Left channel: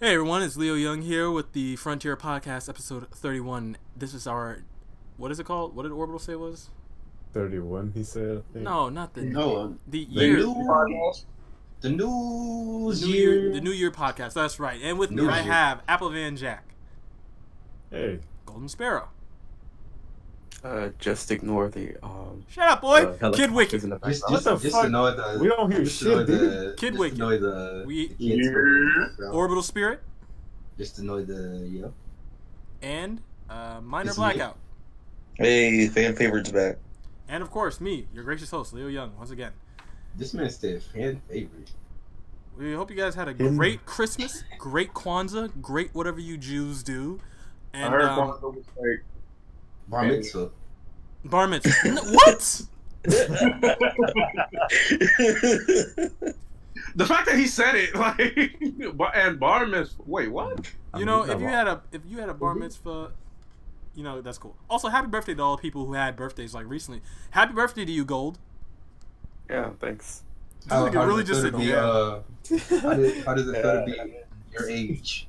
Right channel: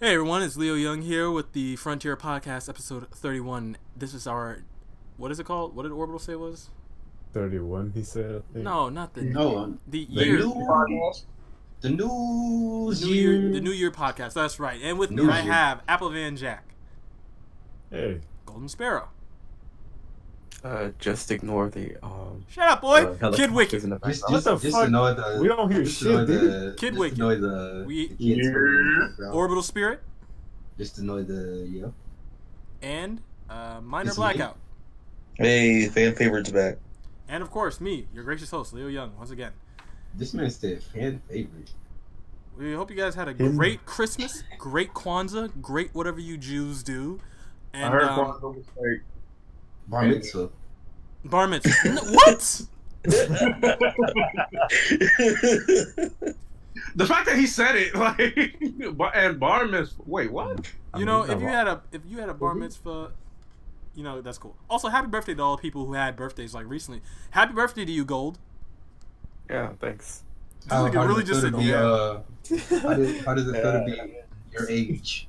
Hey everyone, it's Leo Young here with the Frontier Podcast, episode 31. This is our, what is it called? What did Orbital say it was? 31, he said, I think. No, not the No, the year. The new The New Year podcast. That's right. And with me, New I Year. have Apple Van Jack, Hey, Golden Sparrow. Just ignore the Shut up, boy. Kid helicopters Wiki. in the Just, background. just, the just fuck? to know the. We don't hear just to shit, know dude. the. Kid just Wiki. to know the. We- the kids from the background. Orbital Spirit Just to know the. Yeah. and Minor This is Blackout. Hey, fan favorites back. And of course, me, your gracious host, Leo Young, once again. This man said fan favorite. We hope you guys had a Him. great Christmas, great Kwanzaa, great whatever you Jews do. And I heard Kwanzaa was like, Bar mitzvah. bar mitzvah. What? the fact that he said it, like, and bar mitzvah. Wait, what? You know, if you had a bar mitzvah, you know that's cool. Also, happy birthday to all the people who had birthdays like recently. Happy birthday to you, Gold. Yeah, thanks. This nigga really just said yeah. How does it feel to be your age?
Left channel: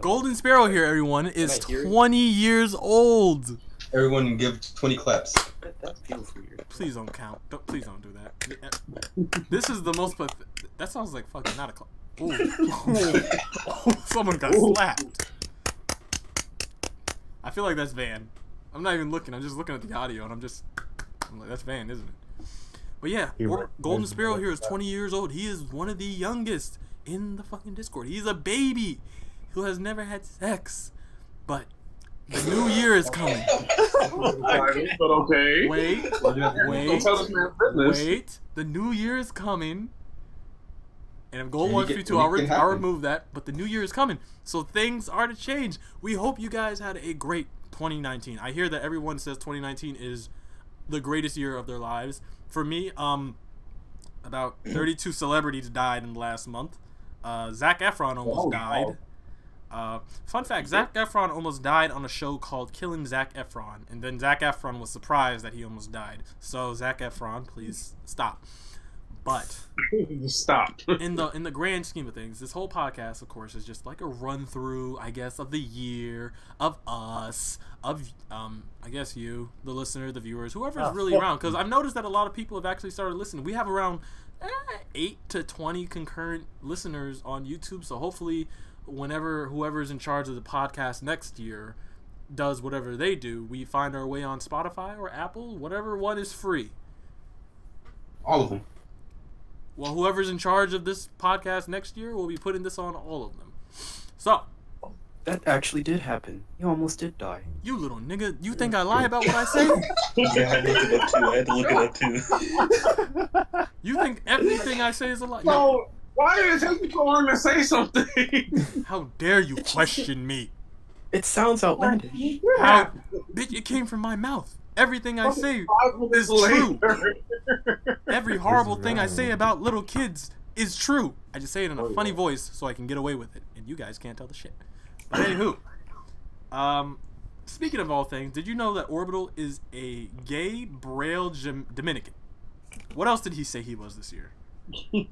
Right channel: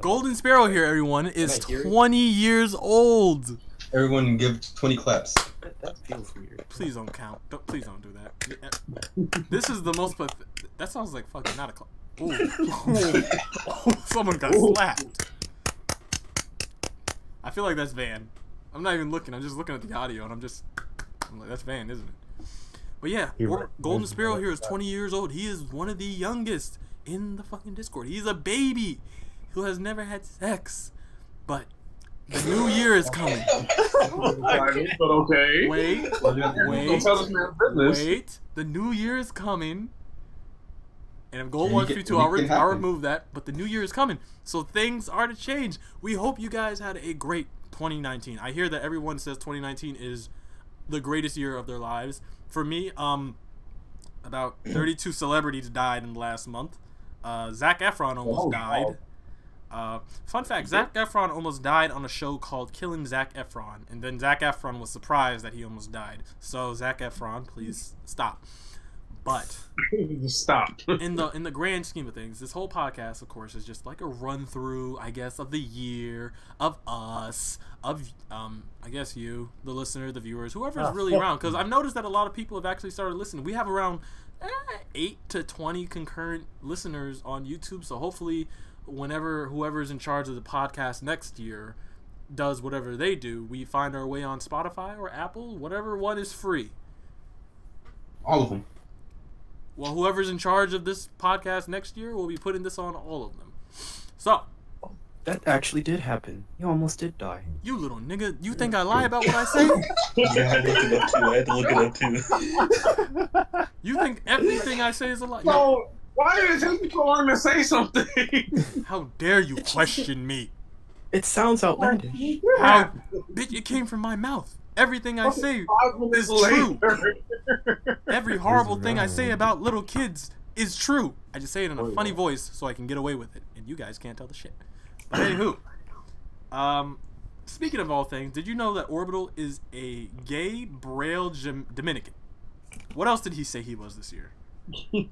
Golden Sparrow here, everyone, is Can I hear it? 20 years old. Everyone give 20 claps. That feels weird. Please don't count. Please don't do that. This is the most. That sounds like fucking not a clap. Ooh. Someone got slapped. I feel like that's Van. I'm not even looking. I'm just looking at the audio, and I'm like, that's Van, isn't it? But yeah, Golden Sparrow here is 20 years old. He is one of the youngest in the fucking Discord. He's a baby who has never had sex. But the new year is coming. But okay. Wait. Don't tell this man business. Wait. The new year is coming. And if Gold Yeah, wants you me can- to, I'll, it can I'll happen. remove that. But the new year is coming. So things are to change. We hope you guys had a great 2019. I hear that everyone says 2019 is the greatest year of their lives. For me, about 32 celebrities died in the last month. Zac Efron almost died. Fun fact, Zac Efron almost died on a show called Killing Zac Efron. And then Zac Efron was surprised that he almost died. So Zac Efron, please stop. But Just stop. in the grand scheme of things, this whole podcast, of course, is just like a run through, I guess, of the year, of us, of I guess you, the listener, the viewers, whoever's really around. Because I've noticed that a lot of people have actually started listening. We have around 8 to 20 concurrent listeners on YouTube. So hopefully, whenever whoever's in charge of the podcast next year does whatever they do, we find our way on Spotify or Apple, whatever one is free. All of them. Well, whoever's in charge of this podcast next year will be putting this on all of them. So, That actually did happen. He almost did die. you little nigga, you think I lie about what I say? Yeah, I had to look it up too. I had to look it up too. You think everything I say is a lie? No. So, why did it take you so long to say something? How dare you question me? It sounds outlandish. How, bitch, it came from my mouth. Everything I say is true. Every horrible thing I say about little kids is true. I just say it in a funny voice so I can get away with it, and you guys can't tell the shit. But anywho, speaking of all things, did you know that Orbital is a gay Braille Dominican? What else did he say he was this year? Wait,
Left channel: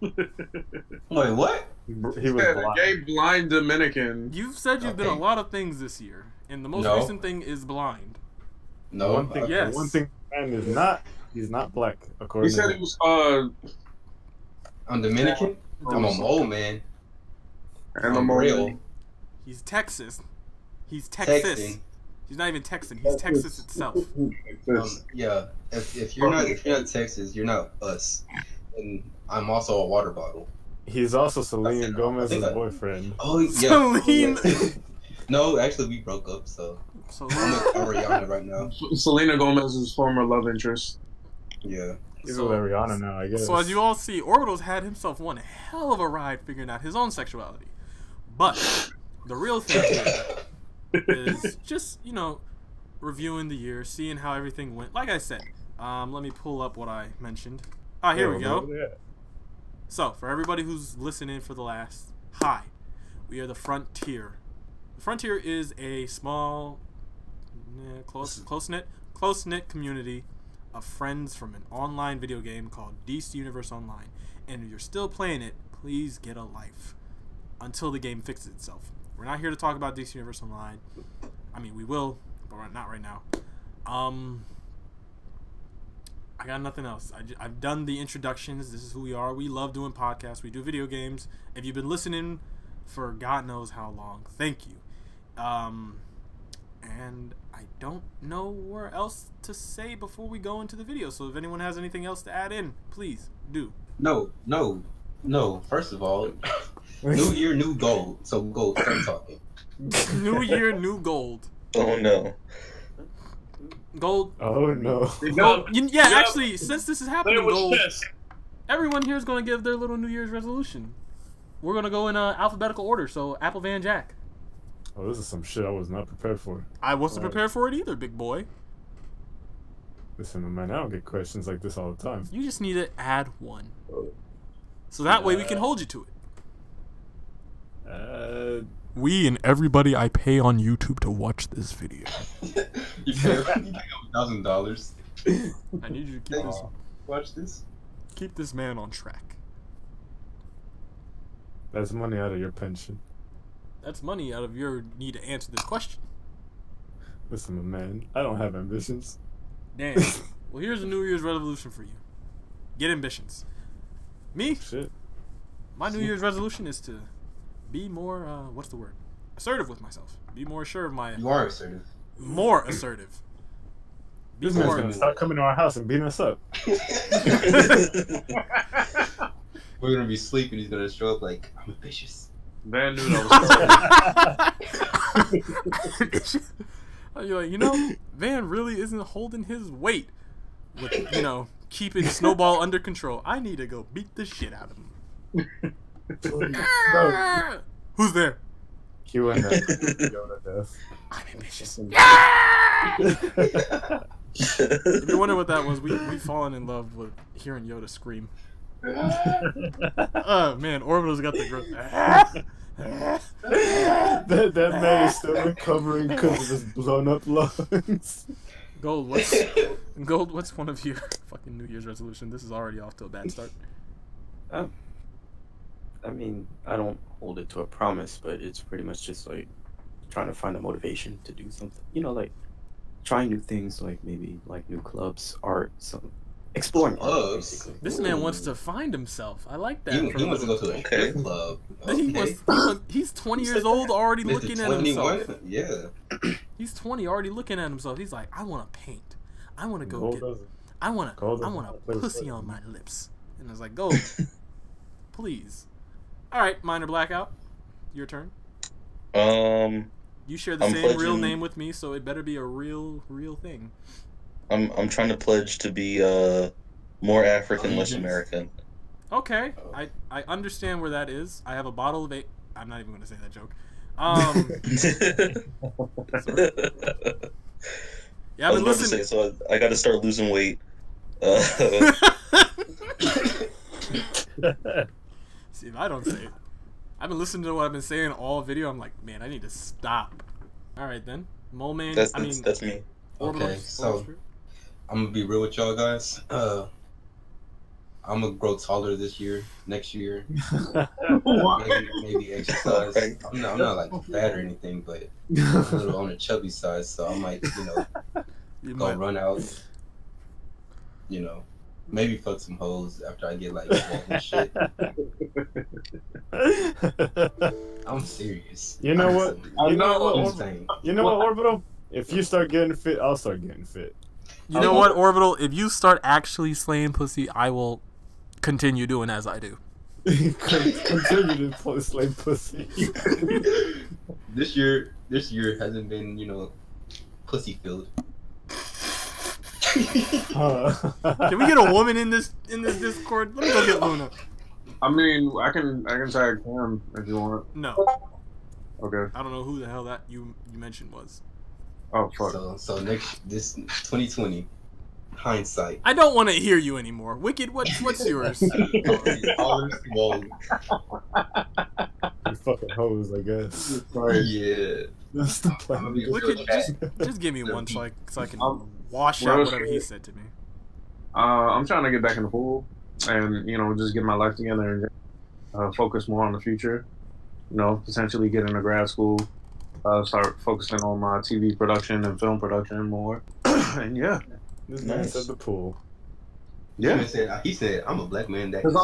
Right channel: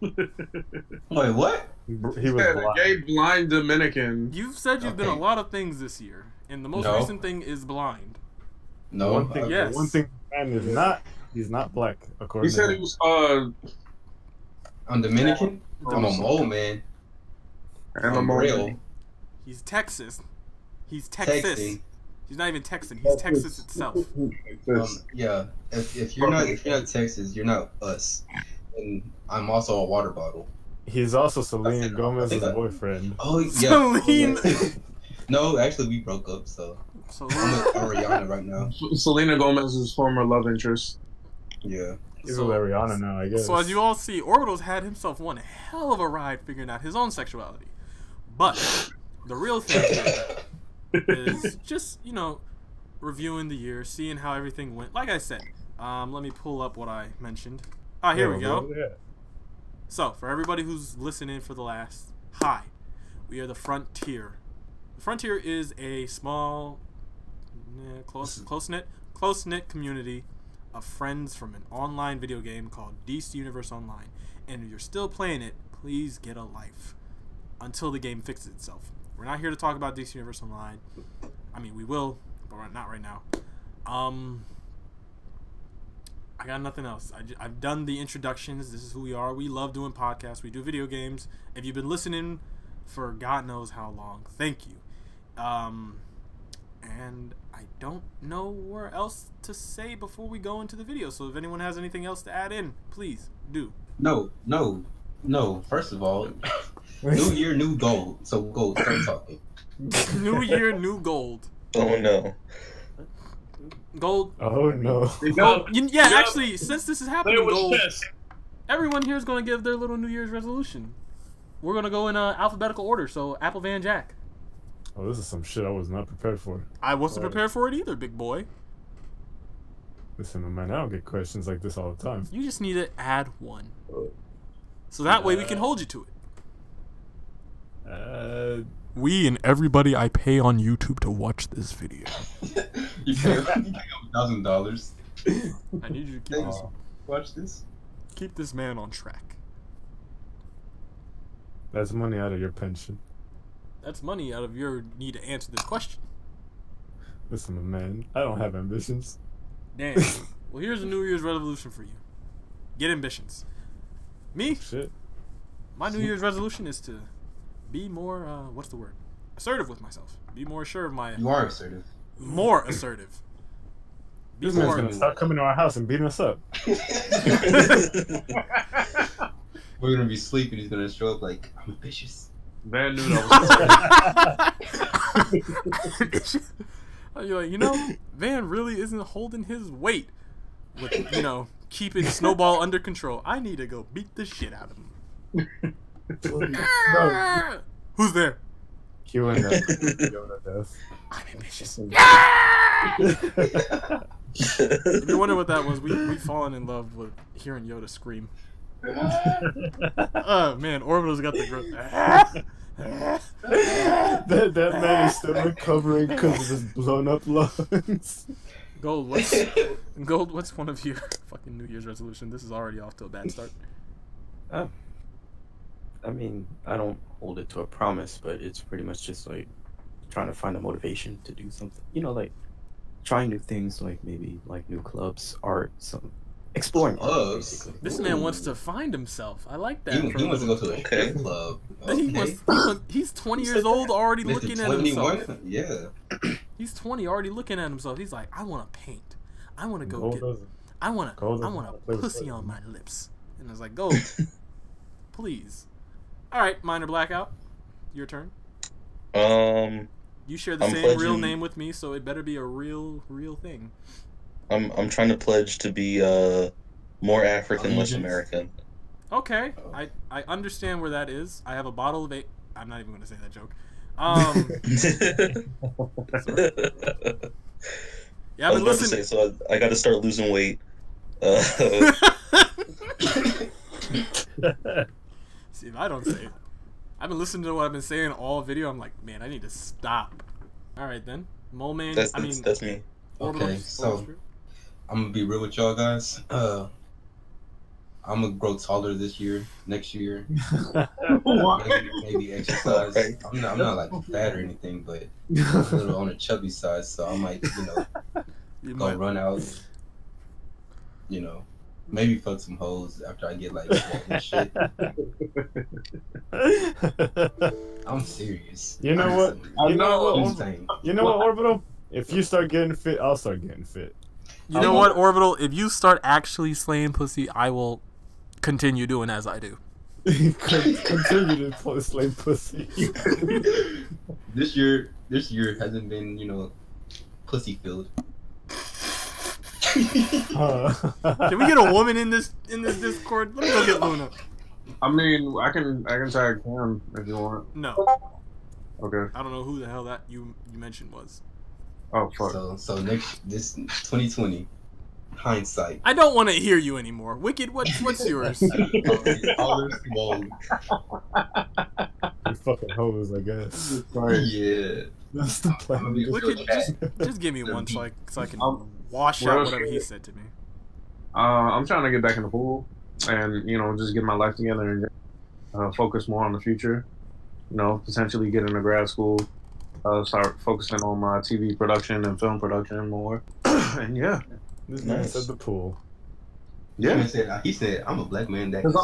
what? He was Yeah, the blind. gay blind Dominican. You've said you've been a Okay. lot of things this year, and the most No. recent thing is blind. No. One thing, Yes. one thing, man, is not. He's not black, He according said to he him. was I'm Dominican. I'm a mole man. I'm real. He's Texas. He's Texas. Texting. He's not even Texan. He's Texas itself. Yeah. If you're not Texas, you're not us. And I'm also a water bottle. He's also Selena Gomez's I- boyfriend. Oh yeah. Celine. No, actually we broke up, so So I'm with Ariana right now. Selena Gomez's former love interest. Yeah. He's So- with Ariana now, I guess. So as you all see, Orbital's had himself one hell of a ride figuring out his own sexuality. But the real thing here is just, reviewing the year, seeing how everything went. Like I said, let me pull up what I mentioned. Ah, here we go. Yeah. So, for everybody who's listening for the last, hi, we are the Frontier. The Frontier is a small, close-knit community of friends from an online video game called DC Universe Online. And if you're still playing it, please get a life. until the game fixes itself. We're not here to talk about DC Universe Online. I mean, we will, but not right now. I got nothing else. I've done the introductions. This is who we are. We love doing podcasts. We do video games. If you've been listening for God knows how long, thank you. And I don't know where else to say before we go into the video. So if anyone has anything else to add in, please do. No. First of all, new year, new gold. So go start talking. New year, new gold. Oh no. Gold. Oh no. Gold. Yeah, actually, since this is happening, Gold, everyone here is going to give their little New Year's resolution. We're going to go in alphabetical order. So, Apple Van Jack. Oh, this is some shit I was not prepared for. I wasn't prepared for it either, big boy. Listen, man, I don't get questions like this all the time. You just need to add one. So that way we can hold you to it. We and everybody I pay on YouTube to watch this video. You pay $1,000. I need you to keep this. Watch this. Keep this man on track. That's money out of your pension. That's money out of your need to answer this question. Listen, man, I don't have ambitions. Damn. Well, here's a New Year's resolution for you. Get ambitions. Me? Shit. My New Year's resolution is to be more, what's the word? Assertive with myself. Be more sure of my... You are assertive. More assertive. Be This man's more... gonna start coming to our house and beating us up. We're gonna be sleeping. He's gonna show up like, I'm ambitious. Van knew that was You're like, you know, Van really isn't holding his weight with, you know, keeping Snowball under control. I need to go beat the shit out of him. No. Who's there? Q and Yoda death. I'm ambitious. If you're wondering what that was, we've fallen in love with hearing Yoda scream. Oh man, Orbital's got the growth. that man is still recovering because of his blown up lungs. Gold, what's one of your fucking New Year's resolution? This is already off to a bad start. Oh. I mean, I don't hold it to a promise, but it's pretty much just like trying to find a motivation to do something. You know, like trying new things, like maybe like new clubs, art, some exploring art, Clubs? basically. This man wants to find himself. I like that. He wants to go to a Okay. strip club. He's 20 years old, already Mr. looking at 21? himself. Yeah. He's 20, already looking at himself. He's like, I want to paint. I want to go Gold get. doesn't- I want Gold doesn't a play pussy football. on my lips. And I was like, go, please. All right, Minor Blackout, your turn. You share the I'm same real pledging- name with me, so it better be a real thing. I'm trying to pledge to be more African, less American. Okay, I understand where that is. I have a bottle of I'm not even going to say that joke. Sorry. Yeah, I've been listening. So I got to start losing weight. See, if I don't say it, I've been listening to what I've been saying all video. I'm like, man, I need to stop. All right then, Mole Man. That's me. Orbital. Okay, so I'm gonna be real with y'all guys. I'm gonna grow taller this year, next year. maybe exercise. Right. I'm not like fat or anything, but a little on the chubby side. So I might, go run out. Maybe fuck some hoes after I get like swole and shit. I'm serious. You know what? I'm what? insane. You know what, Orbital? If you start getting fit, I'll start getting fit. You know what, Orbital? If you start actually slaying pussy, I will continue doing as I do. Continue to slay pussy. This year hasn't been, pussy filled. Can we get a woman in this Discord? Let me go get Luna. I mean, I can tag Cam if you want. No, Okay. I don't know who the hell that you mentioned was. Oh fuck. So this 2020 hindsight. I don't want to hear you anymore. Wicked, what's yours? Taller, swole. You fucking hoes, I guess. Yeah. That's the plan. Wicked, just give me one so I can wash Well, out whatever he said to me. I'm trying to get back in the pool and just get my life together and focus more on the future. potentially get into grad school, start focusing on my TV production and film production more. And yeah. This man said the pool. Yeah. He said, I'm a black man that Because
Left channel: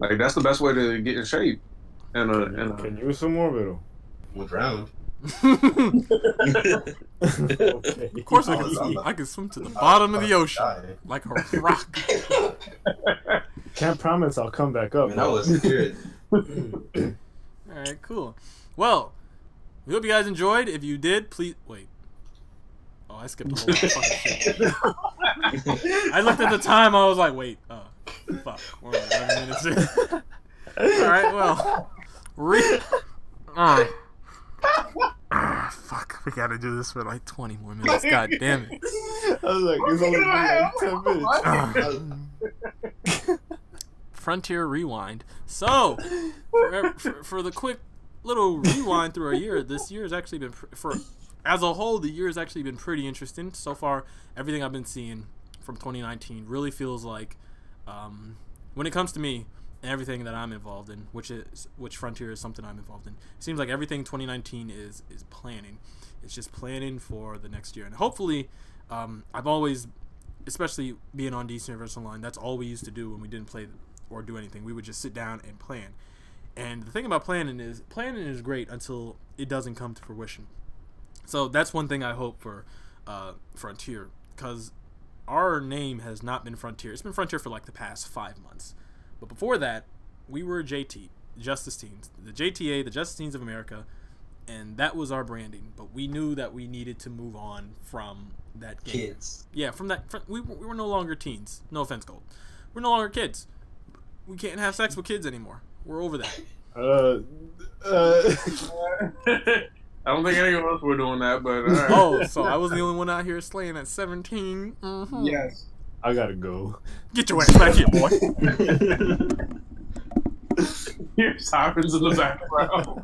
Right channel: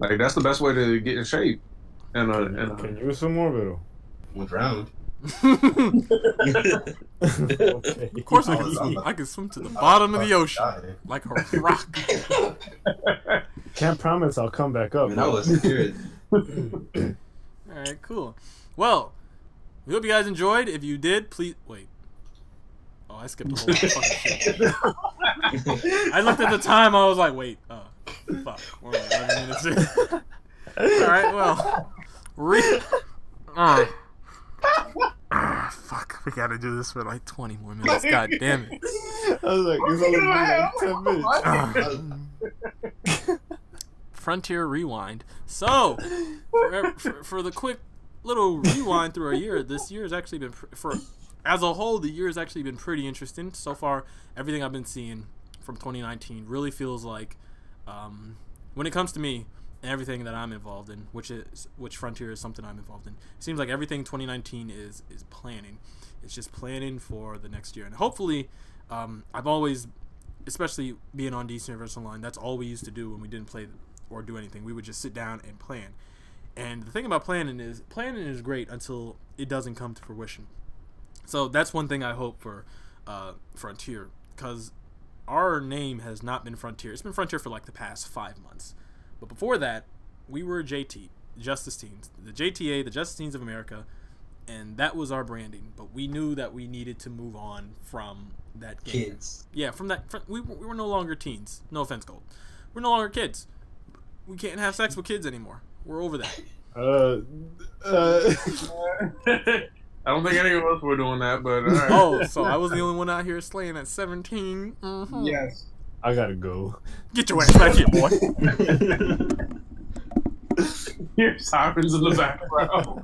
like that's the best way to get in shape. Can you use some more, Vito? went round. Okay. Of course I can swim. I can swim to the bottom of the ocean like a rock. Can't promise I'll come back up. Man, I was scared. Alright, cool. Well, we hope you guys enjoyed. If you did, please wait. Oh, I skipped a whole lot of fucking shit. I looked at the time, I was like, wait, fuck. We're only 11 minutes in. Alright, well. Fuck, we gotta do this for like 20 more minutes. God damn it. I was like, it's only been like 10 minutes. Frontier Rewind. So, for the quick little rewind through our year, this year has actually been, as a whole, the year has actually been pretty interesting. So far, everything I've been seeing from 2019 really feels like, when it comes to me and everything that I'm involved in, which Frontier is something I'm involved in, it seems like everything 2019 is planning. It's just planning for the next year. And hopefully, I've always, especially being on DC Universe Online, that's all we used to do when we didn't play or do anything. We would just sit down and plan. And the thing about planning is great until it doesn't come to fruition. So that's one thing I hope for Frontier, because our name has not been Frontier. It's been Frontier for like the past 5 months. But before that, we were J.T.A, Justice Teams. The J.T.A, the Justice Teams of America, and that was our branding. But we knew that we needed to move on from that game. Kids. Yeah, from that. We were no longer teens. No offense, Gold. We're no longer kids. We can't have sex with kids anymore. We're over that. I don't think any of us were doing that, but all right. Oh, so I was the only one out here slaying at 17. Mm-hmm. Yes. I gotta go. Get your ass back here, boy. Hear sirens in the background.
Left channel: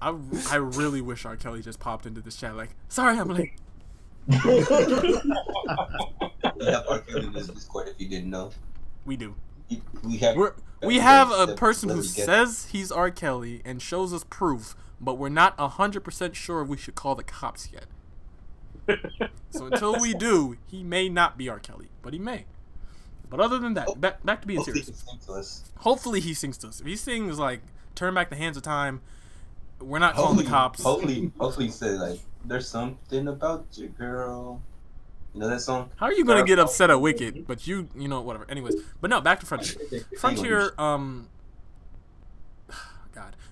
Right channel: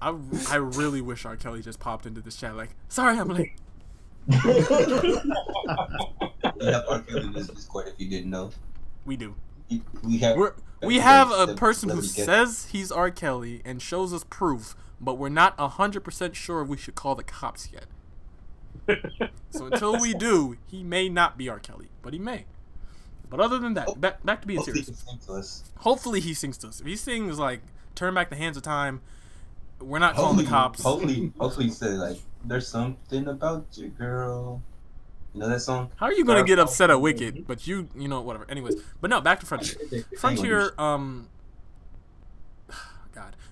I really wish R. Kelly just popped into this chat like, sorry, I'm late. We have R. Kelly in this Discord if you didn't know. We do. We have a person who says he's R. Kelly and shows us proof, but we're not 100% sure if we should call the cops yet. So until we do, he may not be R. Kelly, but he may. But other than that, back to being serious. Hopefully he sings to us. If he sings like "Turn Back the Hands of Time," we're not calling the cops. Hopefully he said like, "There's something about you, girl." You know that song? How are you gonna get upset at Wicked? But you know, whatever. Anyways, but no, back to Frontier. Frontier, God,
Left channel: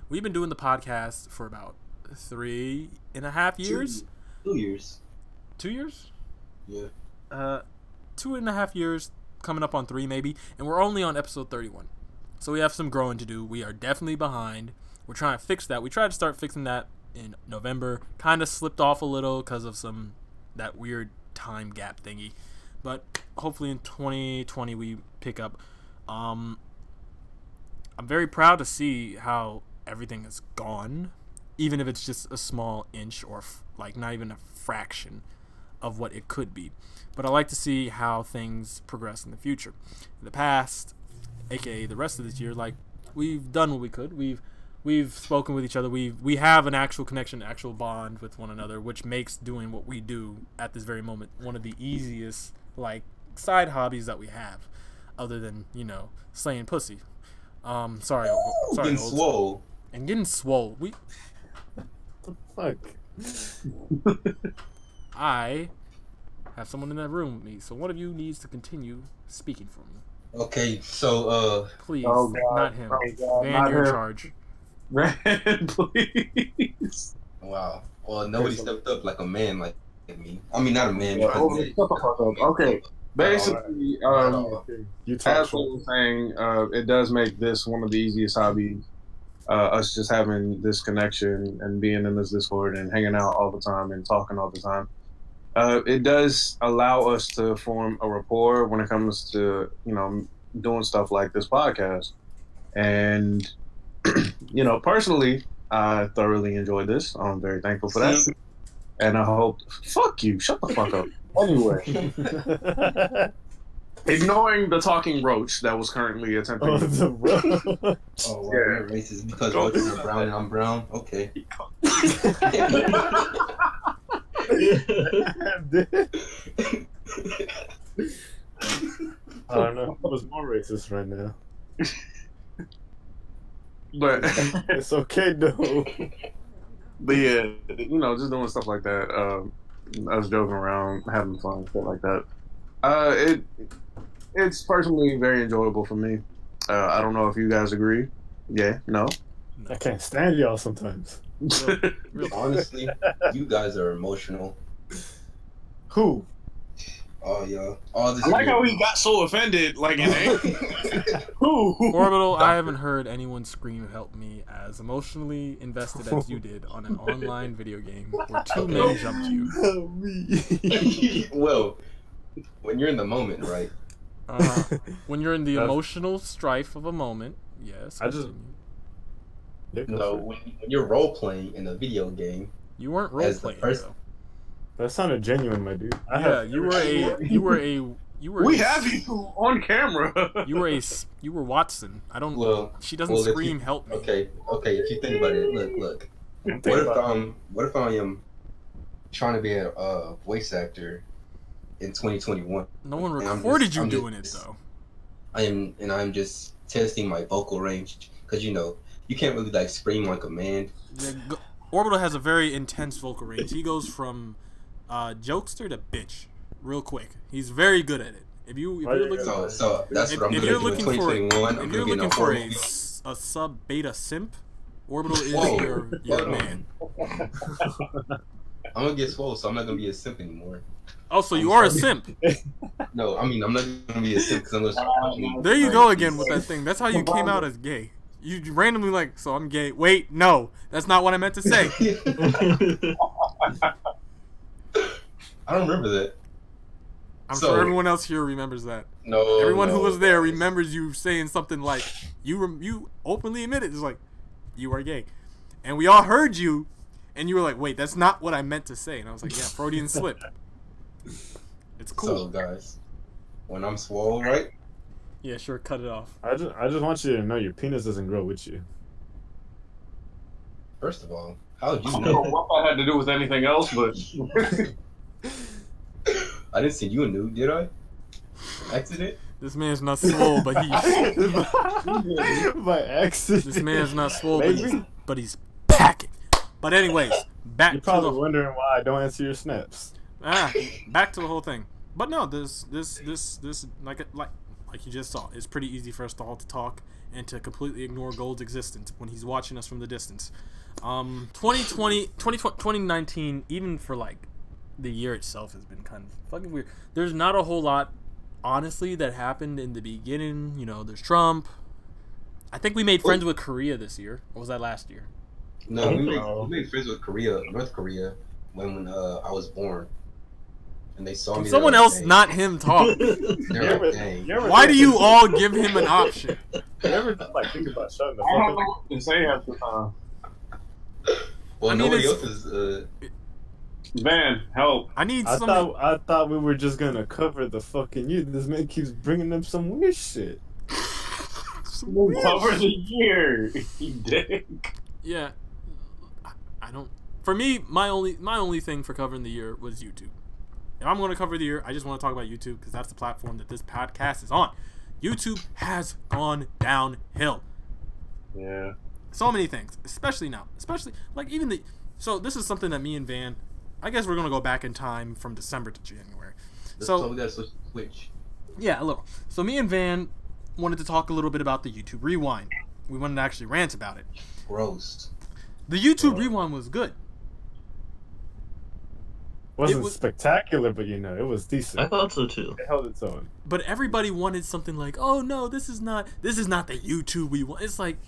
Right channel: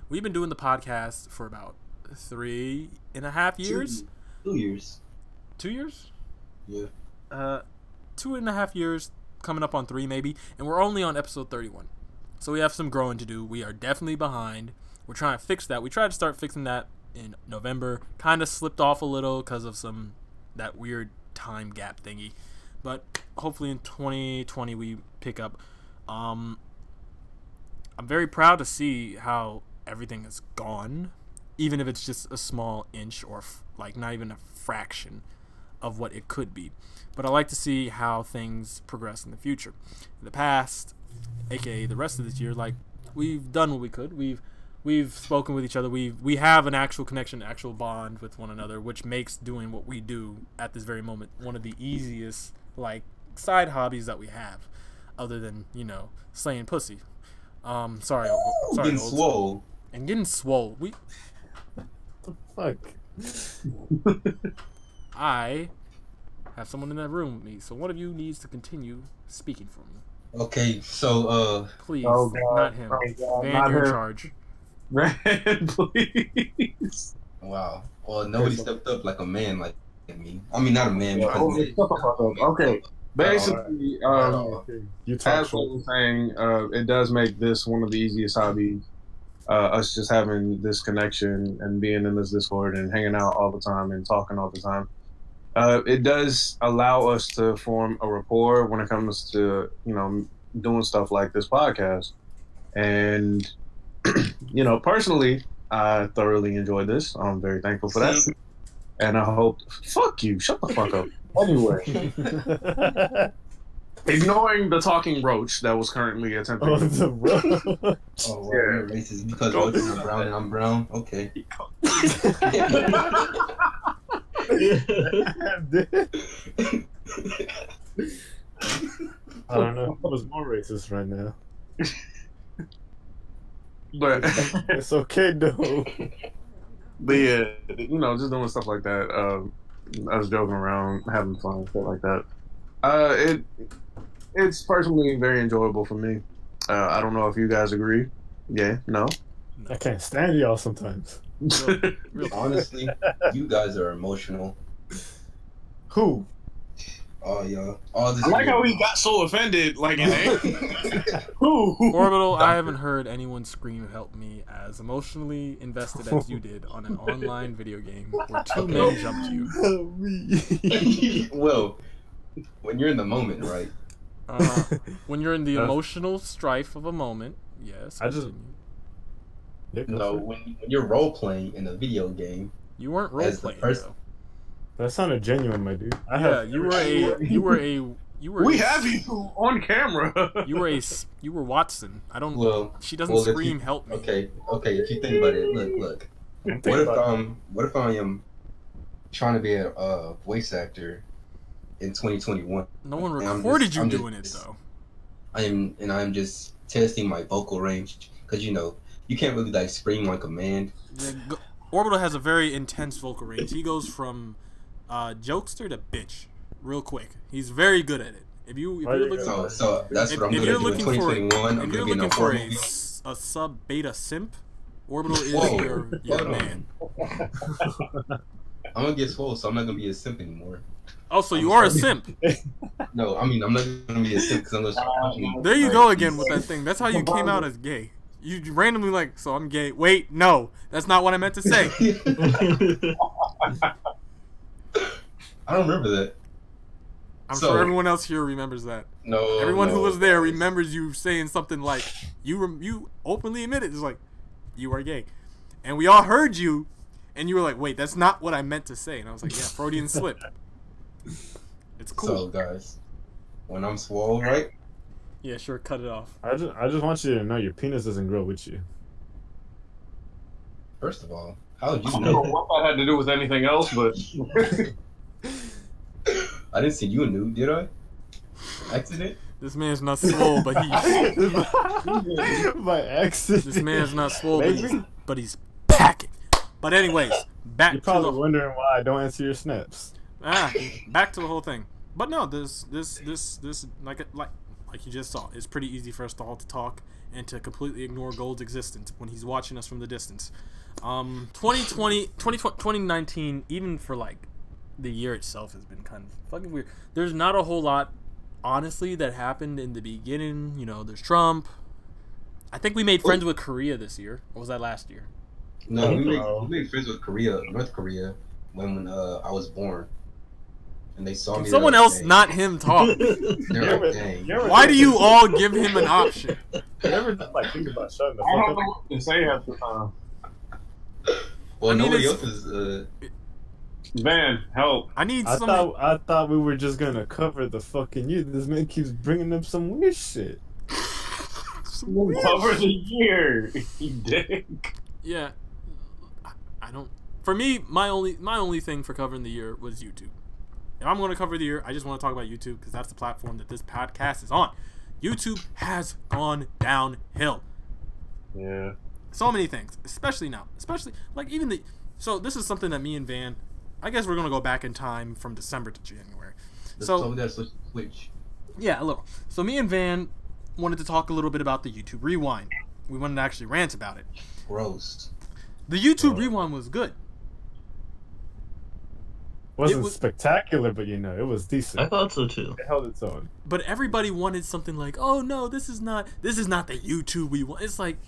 we've been doing the podcast for about 3.5 years. 2 years. 2 years? Yeah. 2.5 years, coming up on 3 maybe, and we're only on episode 31. So we have some growing to do. We are definitely behind. We're trying to fix that. We tried to start fixing that in November. Kind of slipped off a little because of that weird time gap thingy, but hopefully in 2020 we pick up. I'm very proud to see how everything has gone, even if it's just a small inch or like not even a fraction of what it could be. But I like to see how things progress in the future. In the past, aka the rest of this year, like we've done what we could. We've spoken with each other. We have an actual connection, actual bond with one another, which makes doing what we do at this very moment one of the easiest like side hobbies that we have, other than slaying pussy. Sorry, getting swole. And getting swole. Fuck. I have someone in that room with me, so one of you needs to continue speaking for me. Okay, so please, oh God, not him. Van, you're in charge. Man, please. wow. Well, nobody stepped up like a man like me. I mean, not a man. Okay. Basically, You as talk I shit. was saying, it does make this one of the easiest hobbies. Us just having this connection and being in this Discord and hanging out all the time and talking all the time. It does allow us to form a rapport when it comes to, doing stuff like this podcast. And, personally, I thoroughly enjoyed this. I'm very thankful for that. And I hope, fuck you, shut the fuck up. Anyway. Ignoring the talking roach that was currently attempting. Oh, the bro. Oh, wow, you're racist because roaches are brown and I'm brown. Okay. I don't know who was more racist right now. But It's okay though. yeah, just doing stuff like that. Us joking around, having fun, stuff like that. It's personally very enjoyable for me. I don't know if you guys agree. Yeah, no. I can't stand y'all sometimes. Real Honestly, you guys are emotional. Who? Oh, yeah. All this I like how he got so offended, like in Who? Orbital, I haven't heard anyone scream help me as emotionally invested as you did on an online video game where two men jumped you. Help me. Well, when you're in the moment, right? When you're in the emotional strife of a moment, yes. I just- continue. No, when you're role playing in a video game, You weren't role as the playing first- though. That sounded genuine, my dude. Yeah, you were We have you on camera. You were Watson. I don't. well, She doesn't well, if scream you- help me. Okay, if you think about it, look. What if I am trying to be a voice actor in 2021? No one I'm recorded you I'm doing it though. I'm just testing my vocal range because you can't really like scream like a man. Yeah, Orbital has a very intense vocal range. He goes from jokester to bitch real quick. He's very good at it. If you're looking, So that's what I'm if gonna you're do looking in for 2021. if I'm you're gonna looking get for on a sub beta simp, Orbital is Whoa. your man. I'm gonna get swole, so I'm not gonna be a simp anymore. Oh, so you are a simp. No, I mean I'm not gonna be a simp because I'm gonna. There you go again with that thing. That's how you came out as gay. You randomly like, so I'm gay. Wait, no, that's not what I meant to say. I don't remember that. I'm So- sure everyone else here remembers that. No. Everyone who no. was there remembers you saying something like, you openly admitted, it's like, you are gay. And we all heard you, and you were like, wait, that's not what I meant to say. And I was like, yeah, Freudian slip. It's cool. So guys, when I'm swole, right? Yeah, sure, cut it off. I just want you to know your penis doesn't grow with you. First of all, how did I you don't know know? what that had to do with anything else, but I didn't see you knew, did I? Accident? This man's not swole, but he's... By accident. This man's not swole, Maybe. but he's packing. But anyways, back You're to probably the... wondering why I don't answer your snaps. Back to the whole thing. But no, this like you just saw, it's pretty easy for us to all to talk and to completely ignore Gold's existence when he's watching us from the distance. 2019, even for like the year itself, has been kind of fucking weird. There's not a whole lot, honestly, that happened in the beginning. There's Trump. I think we made friends with Korea this year. Or was that last year? No, we made friends with North Korea, when I was born. And they saw Can me. someone they're like, else, "Dang." not him, talk? They're like, dang. Why do you all give him an option? You ever like think about shutting the I don't fuck know up? what to say half the time. Well, I mean, nobody it's- else is. Man, help. I need I somebody. thought we were just gonna cover the fucking youth. This man keeps bringing up some weird shit. Cover the year, you dick. Yeah, I don't. For me, my only thing for covering the year was YouTube. If I'm going to cover the year, I just want to talk about YouTube because that's the platform that this podcast is on. YouTube has gone downhill. Yeah. So many things, especially now, like even the. So this is something that me and Van, I guess we're going to go back in time from December to January. So we gotta switch. Yeah, a little. So me and Van wanted to talk a little bit about the YouTube Rewind. We wanted to actually rant about it. Gross. The YouTube Rewind was good. Wasn't was- spectacular, but it was I decent. thought so too. It held its own. But everybody wanted something like, oh no, this is not the YouTube we want. It's like,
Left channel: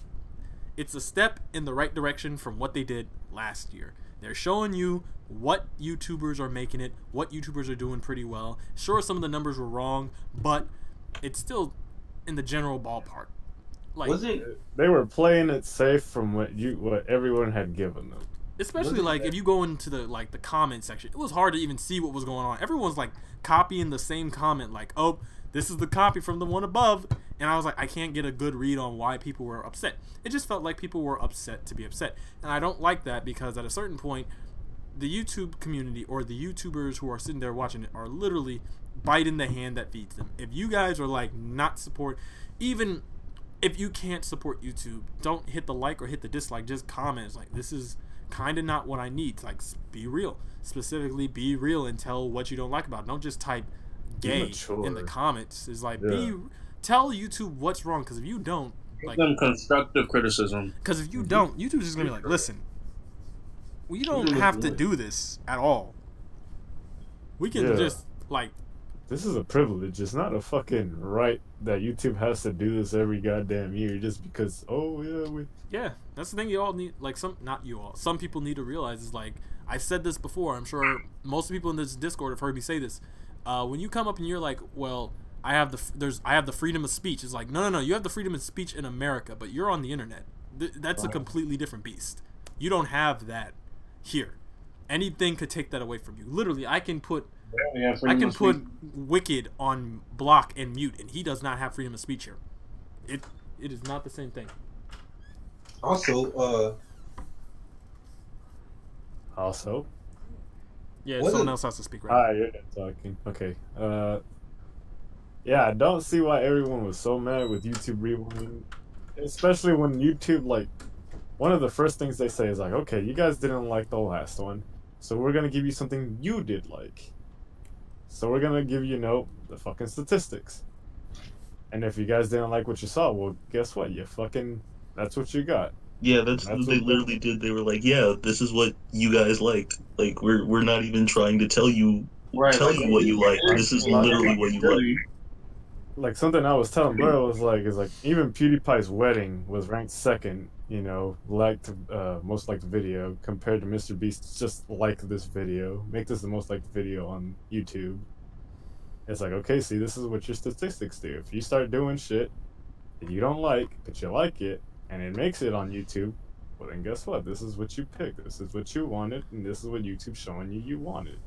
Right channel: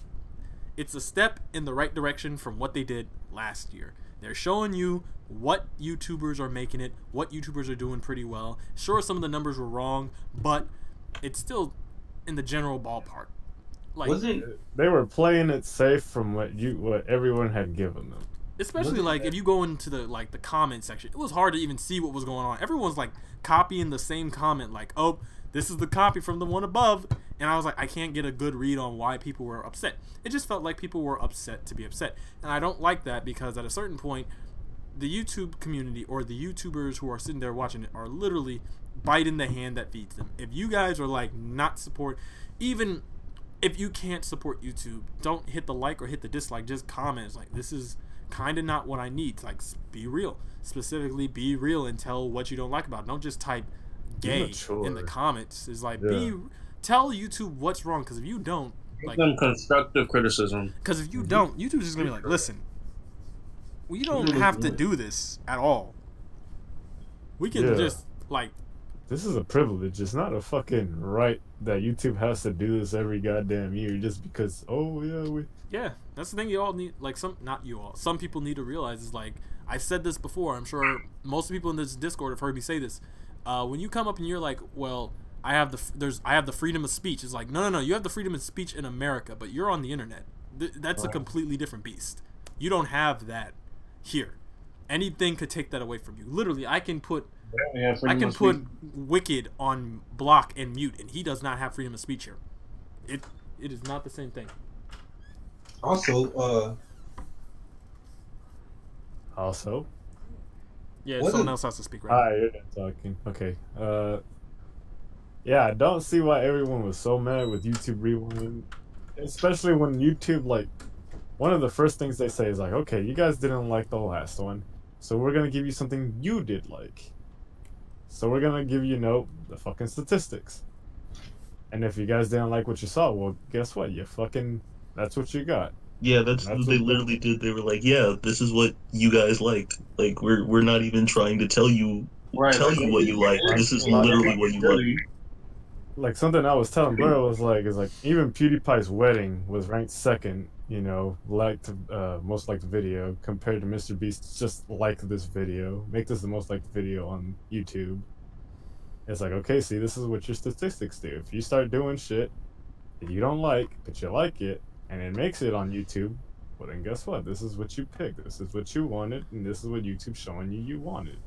it's a step in the right direction from what they did last year. They're showing you what YouTubers are making it, what YouTubers are doing pretty well. Sure, some of the numbers were wrong, but it's still in the general ballpark. Like, Wasn't They were playing it safe from what everyone had given them. especially like if you go into the comment section, it was hard to even see what was going on. Everyone's like copying the same comment, like, oh, this is the copy from the one above. And I was like, I can't get a good read on why people were upset. It just felt like people were upset to be upset. And I don't like that because at a certain point, the YouTube community or the YouTubers who are sitting there watching it are literally biting the hand that feeds them. If you guys are like not support, even if you can't support YouTube, don't hit the like or hit the dislike. Just comment. It's like, this is kind of not what I need. Like, be real. Specifically, be real and tell what you don't like about it. Don't just type gay in the comments. It's like, tell YouTube what's wrong. Because if you don't, like, some constructive criticism. Because if you don't, YouTube's just gonna be like, listen, we don't have to do this at all. We can just like. This is a privilege. It's not a fucking right that YouTube has to do this every goddamn year just because. Oh yeah, yeah. That's the thing you all need. Like not you all. Some people need to realize is like I've said this before. I'm sure most people in this Discord have heard me say this. When you come up and you're like, well, I have the freedom of speech. It's like no. You have the freedom of speech in America, but you're on the internet. That's a completely different beast. You don't have that here. Anything could take that away from you. Literally, I can put Wicked on block and mute, and he does not have freedom of speech here. It is not the same thing. Also, yeah, someone else has to speak right now. You're talking. Okay. Yeah, I don't see why everyone was so mad with YouTube rewinding, especially when YouTube, like, one of the first things they say is like, okay, you guys didn't like the last one, so we're gonna give you something you did like. So we're gonna give you, the fucking statistics. And if you guys didn't like what you saw, well, guess what? That's what you got. Yeah, that's what they literally did. They were like, yeah, this is what you guys like. Like, we're not even trying to tell you what you like. This is literally what you like. Like, something I was telling Blair was like, even PewDiePie's wedding was ranked second, most liked video compared to Mr. Beast. Just like this video, make this the most liked video on YouTube. It's like, okay, see, this is what your statistics do. If you start doing shit that you don't like, but you like it, and it makes it on YouTube, well, then guess what? This is what you picked. This is what you wanted, and this is what YouTube's showing you wanted.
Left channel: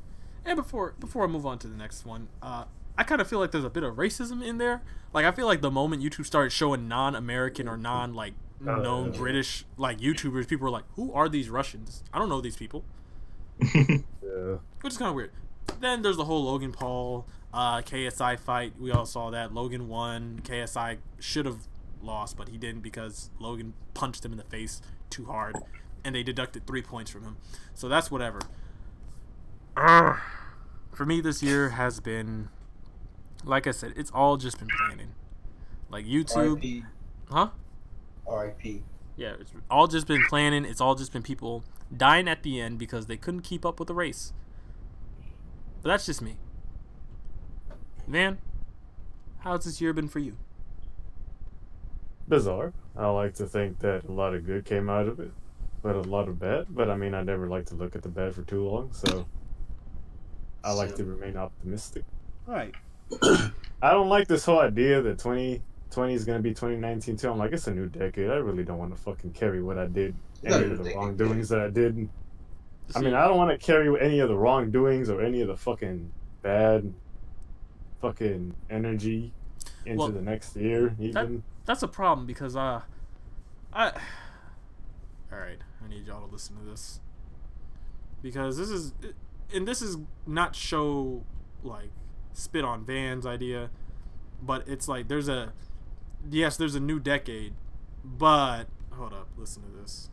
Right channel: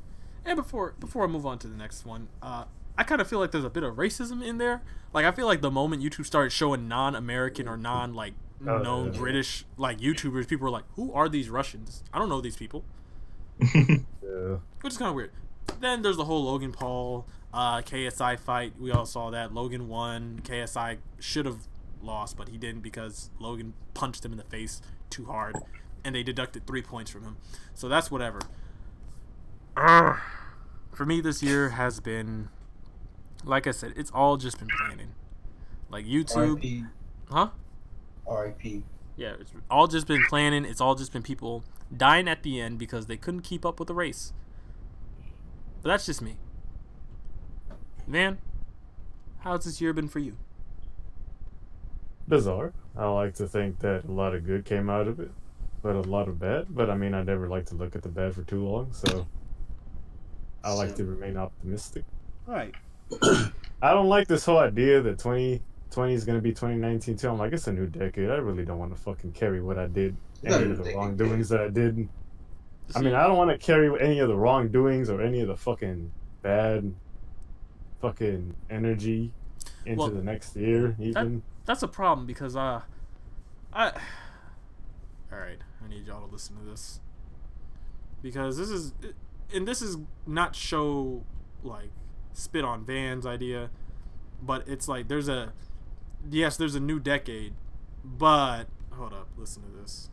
And before I move on to the next one, I kind of feel like there's a bit of racism in there. Like, I feel like the moment YouTube started showing non-American or known British YouTubers, people were like, who are these Russians? I don't know these people. Yeah. Which is kind of weird. Then there's the whole Logan Paul KSI fight. We all saw that. Logan won. KSI should have lost, but he didn't because Logan punched him in the face too hard, and they deducted 3 points from him. So that's whatever. For me, this year has been, like I said, it's all just been planning. Like YouTube, RIP. huh? RIP. Yeah, it's all just been planning. It's all just been people dying at the end because they couldn't keep up with the race. But that's just me. Man, how's this year been for you? Bizarre. I like to think that a lot of good came out of it, but a lot of bad. But I mean, I never like to look at the bad for too long, so I like to remain optimistic. Right. I don't like this whole idea that 2020 is going to be 2019 too. I'm like, it's a new decade. I really don't want to fucking carry what I did, any of the wrongdoings that I did. I mean, I don't want to carry any of the wrongdoings or any of the fucking bad fucking energy into the next year. Even that's a problem because all right, I need y'all to listen to this because this is not show like spit on Van's idea, but it's like there's a new decade, but hold up, listen to this.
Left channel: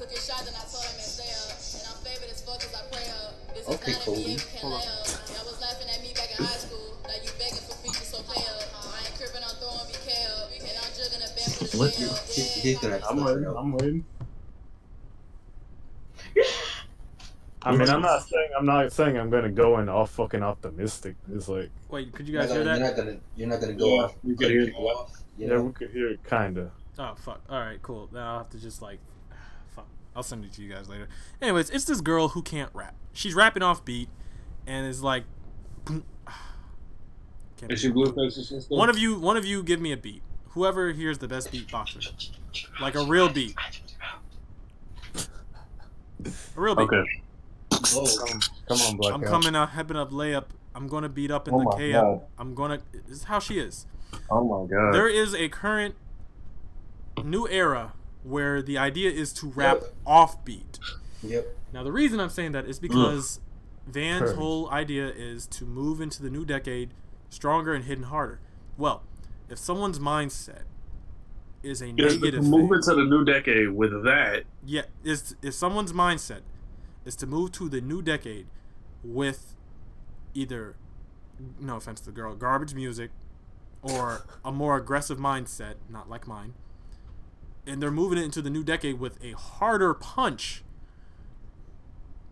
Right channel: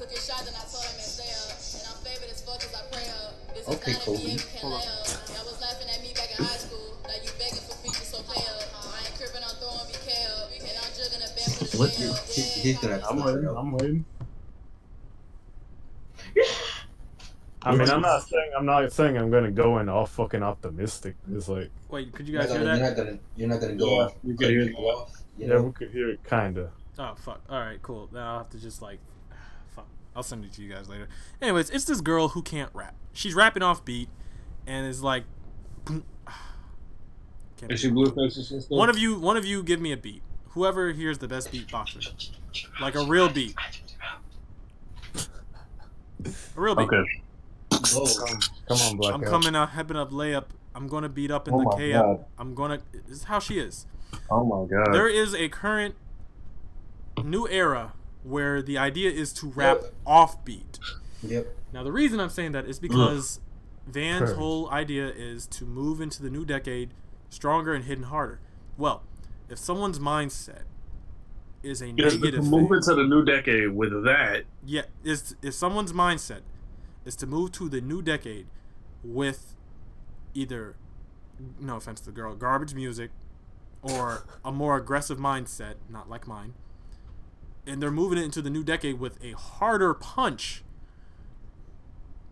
Took his shot and I told him to stay up. And I'm favored as fuck as I pray up. This is Okay, not Kobe. NBA, we can't lay up. Y'all was laughing at me back in high school. Now you begging for features, so play up. I ain't crippin', I'm throwing BK up. And I'm jugging a band for the What? shell. Hit that. I'm waiting. I mean, I'm not saying I'm gonna go in all fucking optimistic. It's like, wait, could you guys hear that? You're not gonna go off. You can hear it. yeah, we could hear it kinda. Oh fuck! All right, cool. Now I'll have to just fuck. I'll send it to you guys later. Anyways, it's this girl who can't rap. She's rapping off beat, and is like, Is she Blueface? one of you, give me a beat. Whoever hears the best beatboxer, like a real beat, a real beat. Okay. Come on, Black. I'm coming out, hepping up layup I'm gonna beat up in Oh the my KO. God. This is how she is. Oh my god. There is a current new era where the idea is to rap offbeat. Yep. Now the reason I'm saying that is because Van's Purge. whole idea is to move into the new decade stronger and hitting harder. Well, if someone's mindset is a Yes, but to negative move thing, into the new decade with that, yeah, if someone's mindset is to move to the new decade with either, no offense to the girl, garbage music, or a more aggressive mindset, not like mine, and they're moving it into the new decade with a harder punch,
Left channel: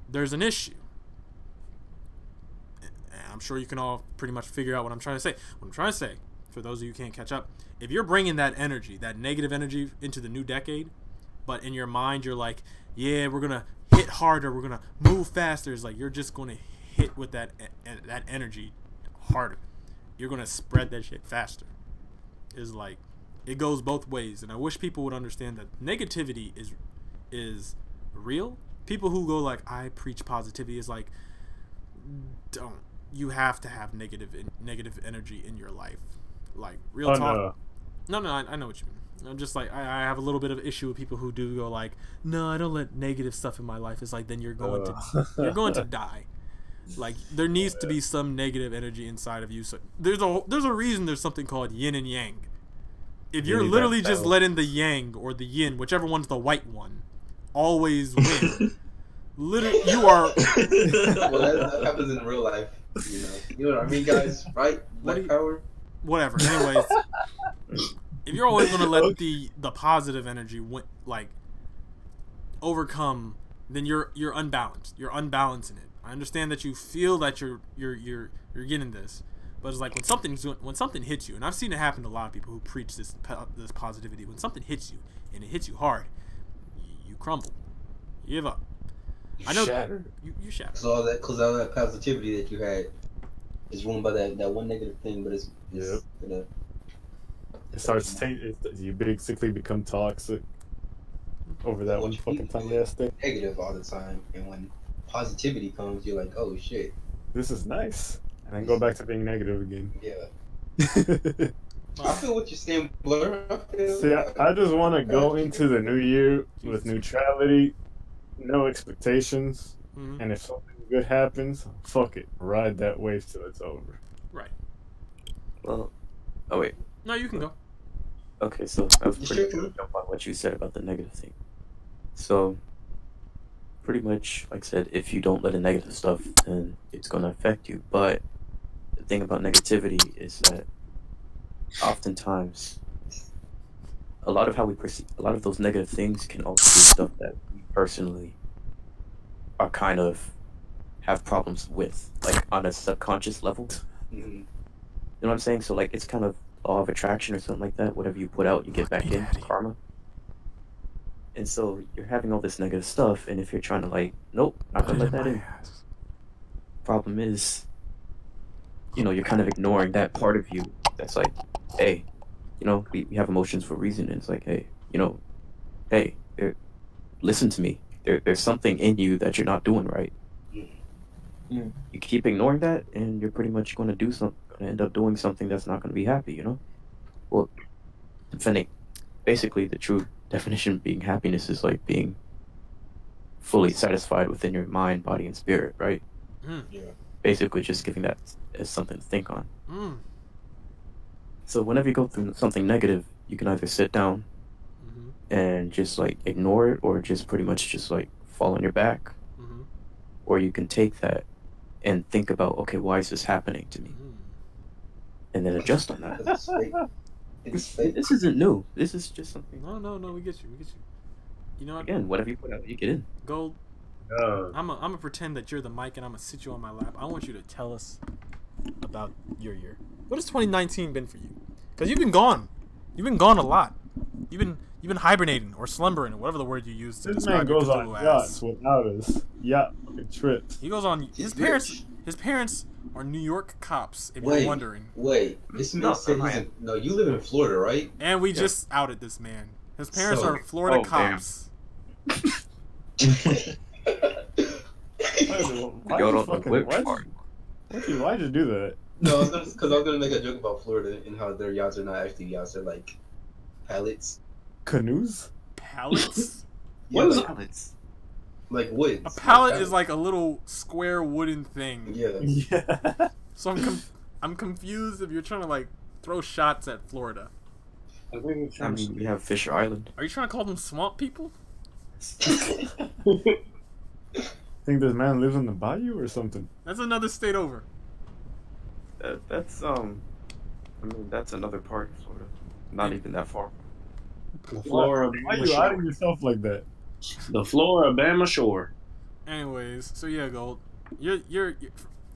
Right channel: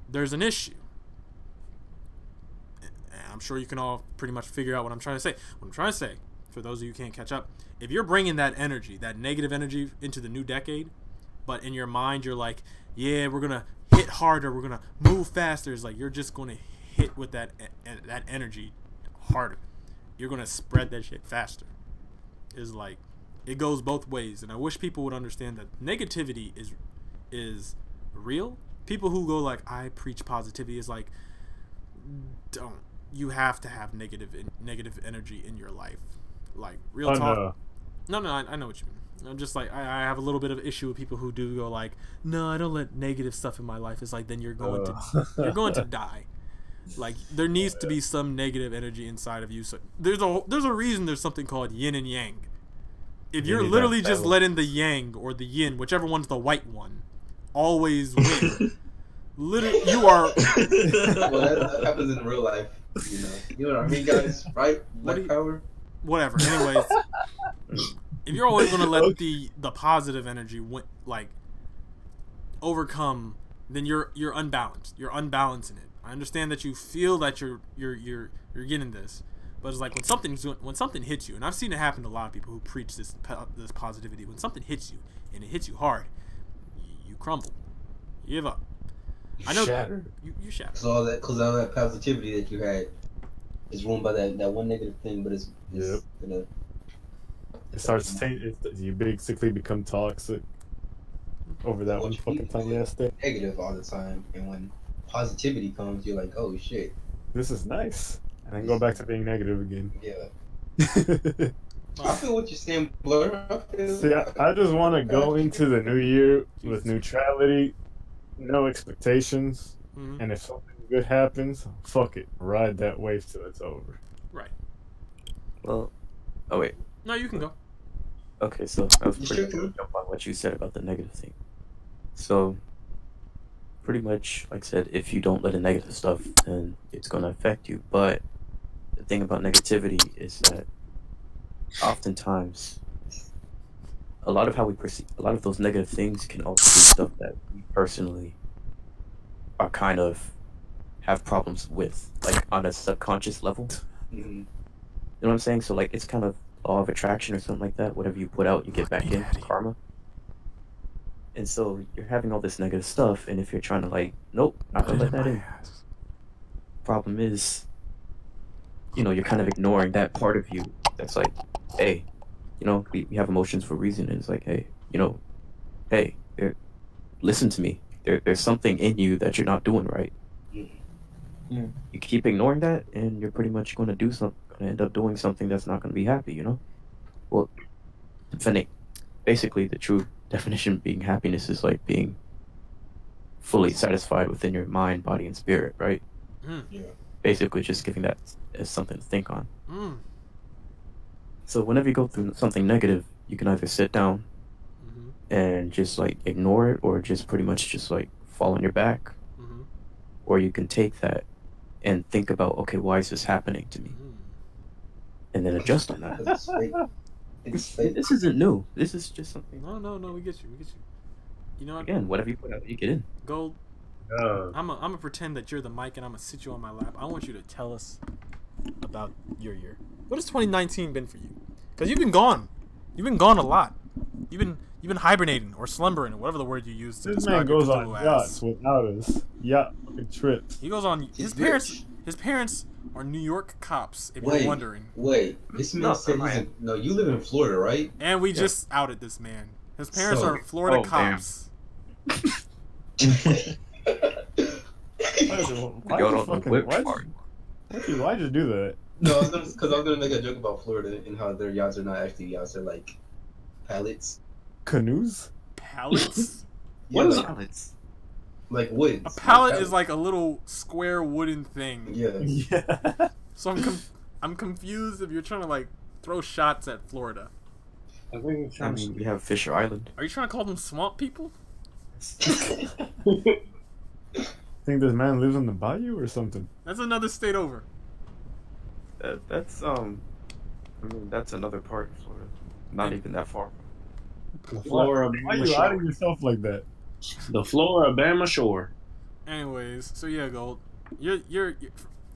there's an issue. And I'm sure you can all pretty much figure out what I'm trying to say. What I'm trying to say, for those of you who can't catch up, if you're bringing that energy, that negative energy into the new decade, but in your mind you're like, yeah, we're going to hit harder, we're going to move faster, it's like you're just going to hit with that energy harder. You're going to spread that shit faster. It's like, it goes both ways, and I wish people would understand that negativity is real. People who go like, I preach positivity, is like, don't. You have to have negative energy in your life. Like, real talk. No, I know what you mean. I'm just like, I have a little bit of issue with people who do go like, no, I don't let negative stuff in my life. It's like, then you're going to die. Like, there needs to be some negative energy inside of you. So there's a reason there's something called yin and yang. If you're literally just letting the yang or the yin, whichever one's the white one, always win, literally, you are. Well, that happens in real life. You know what I mean, guys, right? Black power. Whatever. Anyways, if you're always gonna let the positive energy overcome, then you're unbalanced. You're unbalancing it. I understand that you feel that you're getting this, but it's like when something hits you, and I've seen it happen to a lot of people who preach this positivity. When something hits you and it hits you hard, you crumble, you give up. I know you shatter. So all that positivity that you had is ruined by that one negative thing, but it's gonna. It starts you basically become toxic over that one fucking tiny ass thing. Negative all the time, and when positivity comes, you're like, oh shit, this is nice, and then go back to being negative again. Yeah. I feel what you're saying, Blur. See, I just want to go into the new year with neutrality, no expectations, and if something good happens, fuck it, ride that wave till it's over. Right. Well, oh wait. No, you can go. Okay, so I was pretty good jump on what you said about the negative thing. So, pretty much, like I said, if you don't let the negative stuff, then it's going to affect you. But the thing about negativity is that oftentimes, a lot of how we perceive, a lot of those negative things can also be stuff that we personally are kind of have problems with, like on a subconscious level. You know what I'm saying? So like it's kind of law of attraction or something like that. Whatever you put out, you get back in, karma. And so you're having all this negative stuff, and if you're trying to like, nope, not gonna let that in. Problem is, you're kind of ignoring that part of you that's like, hey, we have emotions for a reason, and it's like, hey, hey, listen to me. There's something in you that you're not doing right. You keep ignoring that, and you're pretty much going to end up doing something that's not going to be happy. Well, basically, the true definition of being happiness is like being fully satisfied within your mind, body, and spirit, right? Yeah. Basically, just giving that as something to think on. So whenever you go through something negative, you can either sit down and just like ignore it, or just pretty much just like fall on your back, or you can take that and think about, okay, why is this happening to me, and then adjust on that. This isn't new. This is just something. No, we get you. You know what? Again, whatever you put out, you get in. Gold. I'm gonna pretend that you're the mic, and I'm gonna sit you on my lap. I want you to tell us about your year. What has 2019 been for you? Because you've been gone. You've been gone a lot. You've been hibernating or slumbering, or whatever the word you use to describe your Cthulhu ass. Yachts without us. Yacht trips. He goes on. His parents are New York cops. If you're wondering. Wait, this man said no. You live in Florida, right? And we just outed this man. His parents are Florida cops. Actually, why'd you do that? No, because I was gonna make a joke about Florida and how their yachts are not actually yachts; they're like pallets. Canoes? Pallets? Yeah, What is like, Pallets. like woods. A pallet Like is like a little square wooden thing. Yeah. Yeah. So I'm confused if you're trying to like throw shots at Florida. I think I mean, we have Fisher Island. Are you trying to call them swamp people? Think this man lives on the bayou or something? That's another state over. That's I mean, that's another part of Florida. Not even that far. the Florida Why Bama you shore. outing yourself like that? The Florida Bama shore. Anyways, so yeah, Gold, you're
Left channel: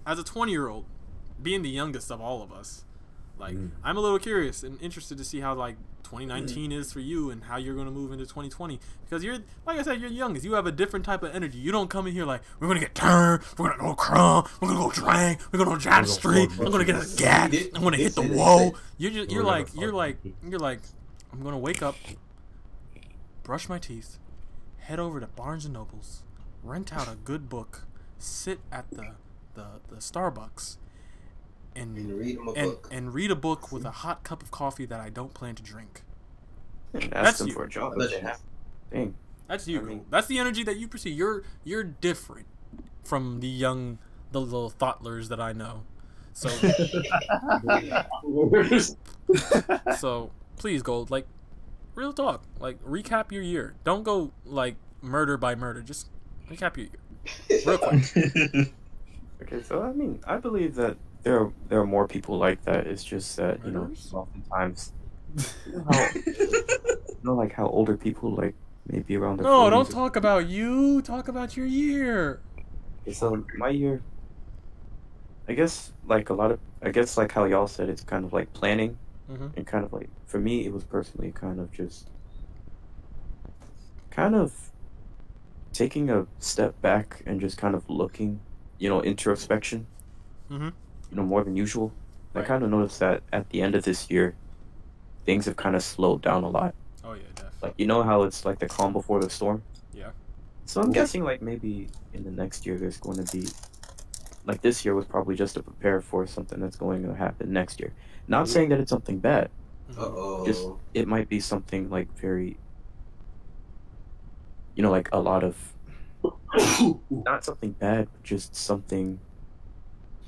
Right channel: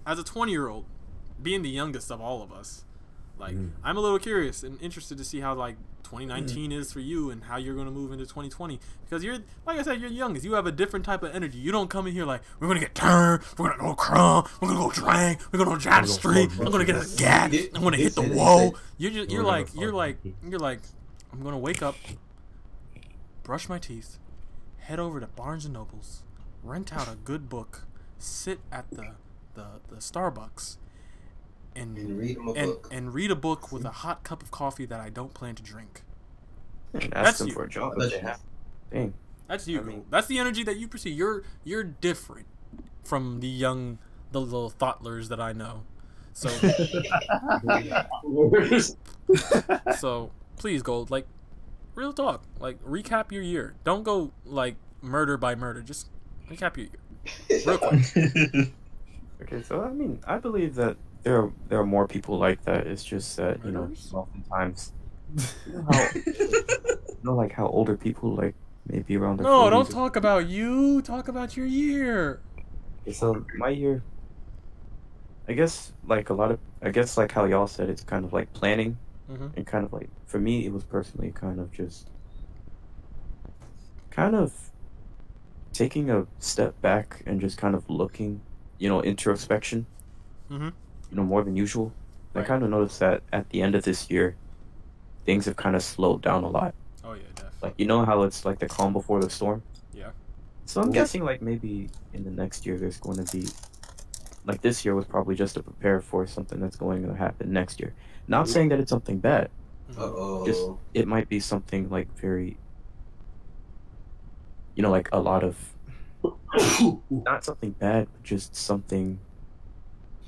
as a 20-year-old, being the youngest of all of us, like I'm a little curious and interested to see how like 2019 is for you and how you're gonna move into 2020 because you're like I said, you're youngest. You have a different type of energy. You don't come in here like we're gonna get turned, we're gonna go crumb, we're gonna go drink, we're gonna go down the street, I'm gonna get a gat, I'm gonna hit the wall. You're like I'm gonna wake up, brush my teeth, head over to Barnes and Nobles, rent out a good book, sit at the Starbucks, and read a book with a hot cup of coffee that I don't plan to drink. And That's ask them you. for a job. Dang. That's you. I mean- That's the energy that you perceive. You're different from the little thoughtlers that I know. So so please, Gold, like real talk. Like recap your year. Don't go like murder by murder. Just recap your year. Real quick. Okay, so I mean, I believe that there are more people like that. It's just that Murderers? oftentimes, like how older people like maybe around their No, 40s don't or- talk about you. Talk about your year. Okay, so my year, I guess like how y'all said, it's kind of like planning, and kind of like for me, it was personally kind of just kind of taking a step back and just kind of looking, introspection, more than usual. Right. I kind of noticed that at the end of this year, things have kind of slowed down a lot. Oh yeah, definitely. Like, you know how it's like the calm before the storm? Yeah. So I'm guessing like maybe in the next year there's going to be, like this year was probably just to prepare for something that's going to happen next year. Not saying that it's something bad. Just it might be something like very, like a lot of, not something bad, but just something,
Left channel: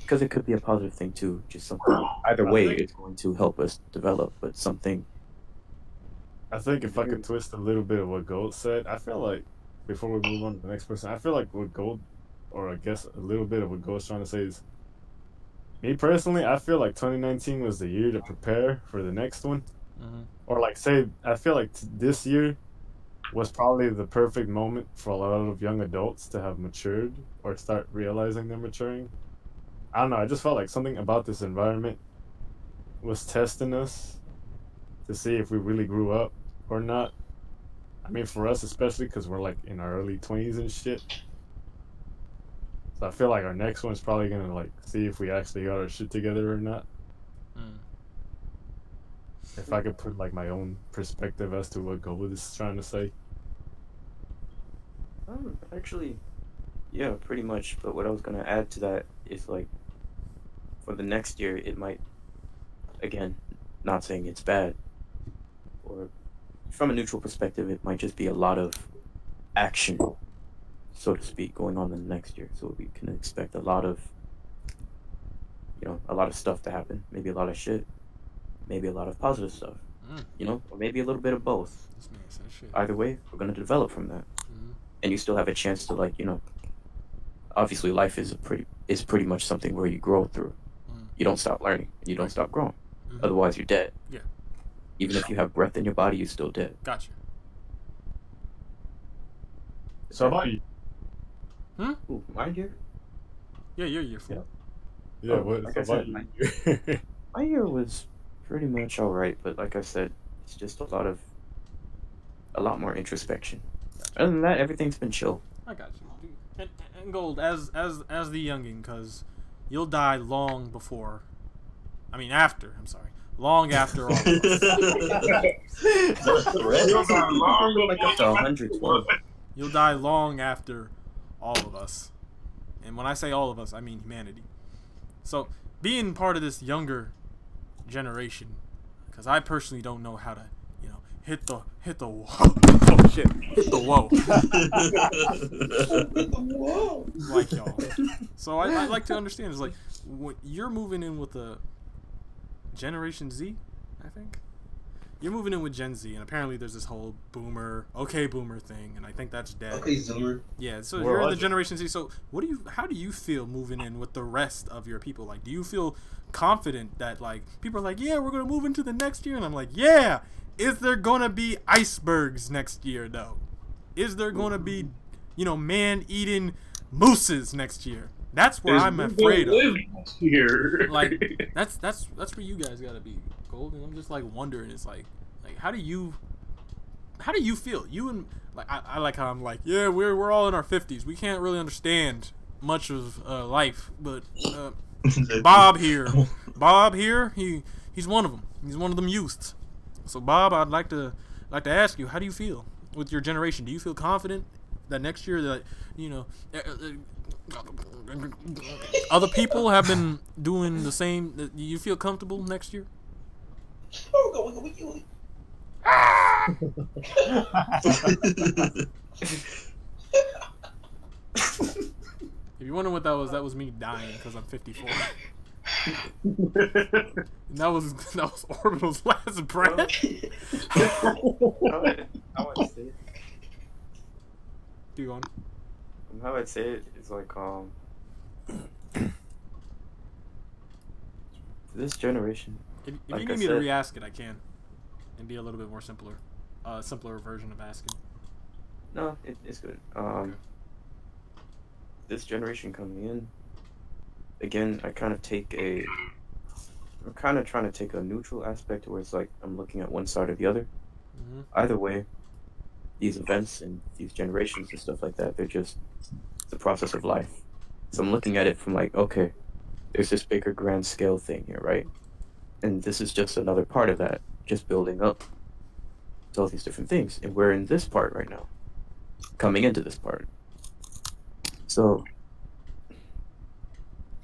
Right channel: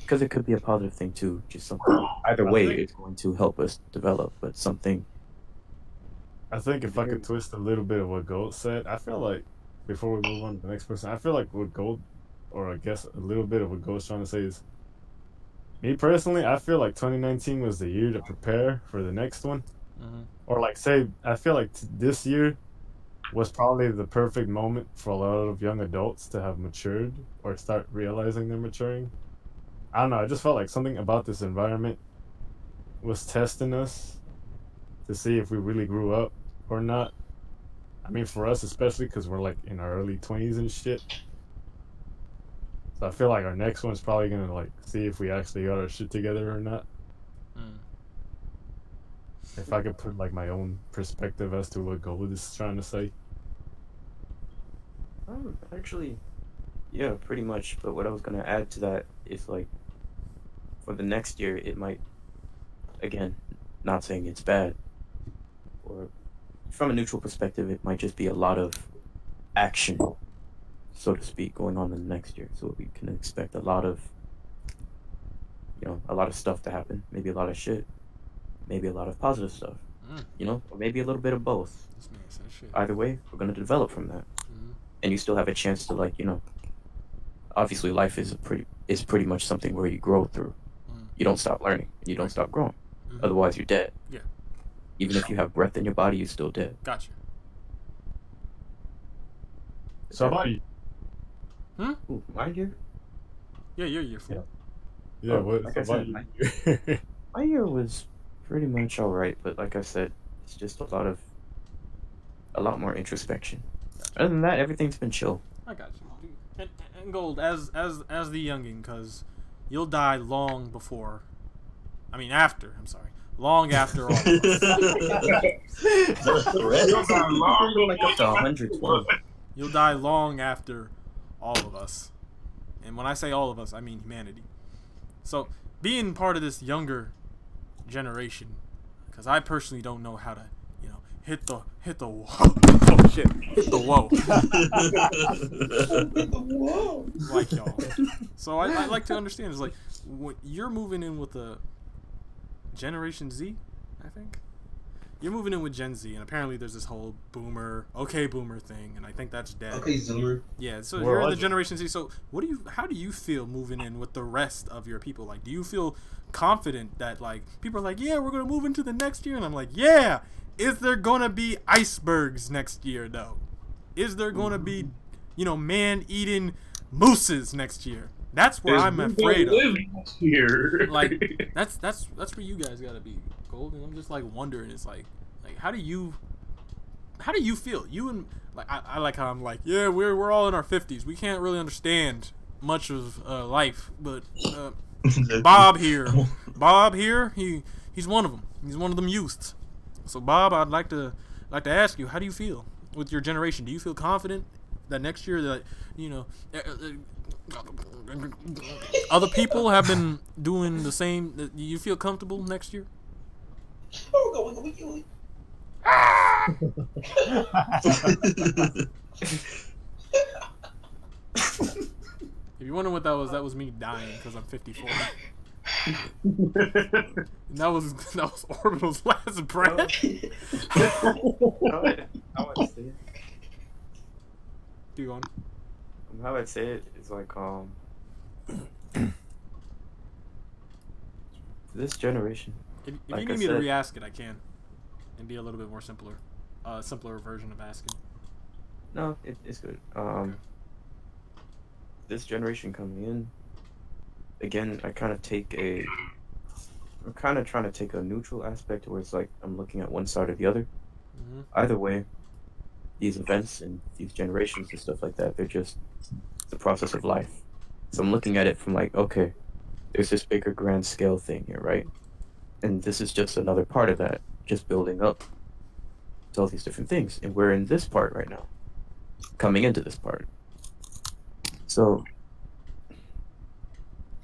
because it could be a positive thing too. Just something. Either way, it's going to help us develop, but something. I think if I could twist a little bit of what Gold said, I feel like, before we move on to the next person, I feel like what Gold, or I guess a little bit of what Gold's trying to say is, me personally, I feel like 2019 was the year to prepare for the next one. Or like say, I feel like this year was probably the perfect moment for a lot of young adults to have matured or start realizing they're maturing. I don't know, I just felt like something about this environment was testing us to see if we really grew up or not. I mean, for us especially, because we're like in our early 20s and shit. So I feel like our next one's probably gonna like see if we actually got our shit together or not. If I could put like my own perspective as to what Gold is trying to say. Actually, yeah, pretty much. But what I was gonna add to that is like, for the next year, it might, again, not saying it's bad, or from a neutral perspective, it might just be a lot of action, so to speak, going on in the next year. So we can expect a lot of, a lot of stuff to happen. Maybe a lot of shit. Maybe a lot of positive stuff. Or maybe a little bit of both. This man said shit. Either way, we're gonna develop from that, and you still have a chance to like, obviously life is pretty much something where you grow through. You don't stop learning. You don't stop growing. Otherwise, you're dead. Yeah. Even if you have breath in your body, you're still dead. Gotcha. So how about you? Ooh, my year? Yeah, you're your fool. Yeah, what like I about said, you? My year was pretty much alright, but like I said, it's just a lot more introspection. Other than that, everything's been chill. I got you. And Gold, as the youngin, because you'll die long before. I mean, after. I'm sorry. Long after all of us. Like up to 120. You'll die long after all of us. And when I say all of us, I mean humanity. So, being part of this younger generation, because I personally don't know how to, you know, hit the wall. Oh shit, hit the wall. Like y'all. So I like to understand. It's like when you're moving in with a Generation Z, I think. You're moving in with Gen Z, and apparently there's this whole boomer thing, and I think that's dead. Okay, Zoomer. Yeah, so you're in the Generation Z. So how do you feel moving in with the rest of your people? Like, do you feel confident that, like, people are like, yeah, we're gonna move into the next year, and I'm like, yeah. Is there gonna be icebergs next year though? Is there gonna be, you know, man-eating mooses next year? That's where I'm afraid of. Here. Like, that's where you guys gotta be, Golden. I'm just like wondering. It's like how do you feel? You and like I like how I'm like, yeah, we're all in our 50s. We can't really understand much of life, but Bob here, he's one of them. He's one of them youths. So Bob, I'd like to ask you, how do you feel with your generation? Do you feel confident that next year that, you know, other people have been doing the same? Do you feel comfortable next year? If you're wondering what that was me dying because I'm 54. And that was Orbital's last breath. I would say it. Keep going. How I'd say it is like this generation. If like you need me to re-ask it, I can, and be a little bit more simpler version of asking. No, it's good. Okay. This generation coming in, again, I'm kind of trying to take a neutral aspect where it's like I'm looking at one side or the other. Mm-hmm. Either way, these events and these generations and stuff like that, they're just the process of life. So I'm looking at it from like, okay, there's this bigger grand scale thing here, right? And this is just another part of that, just building up to all these different things. And we're in this part right now, coming into this part. So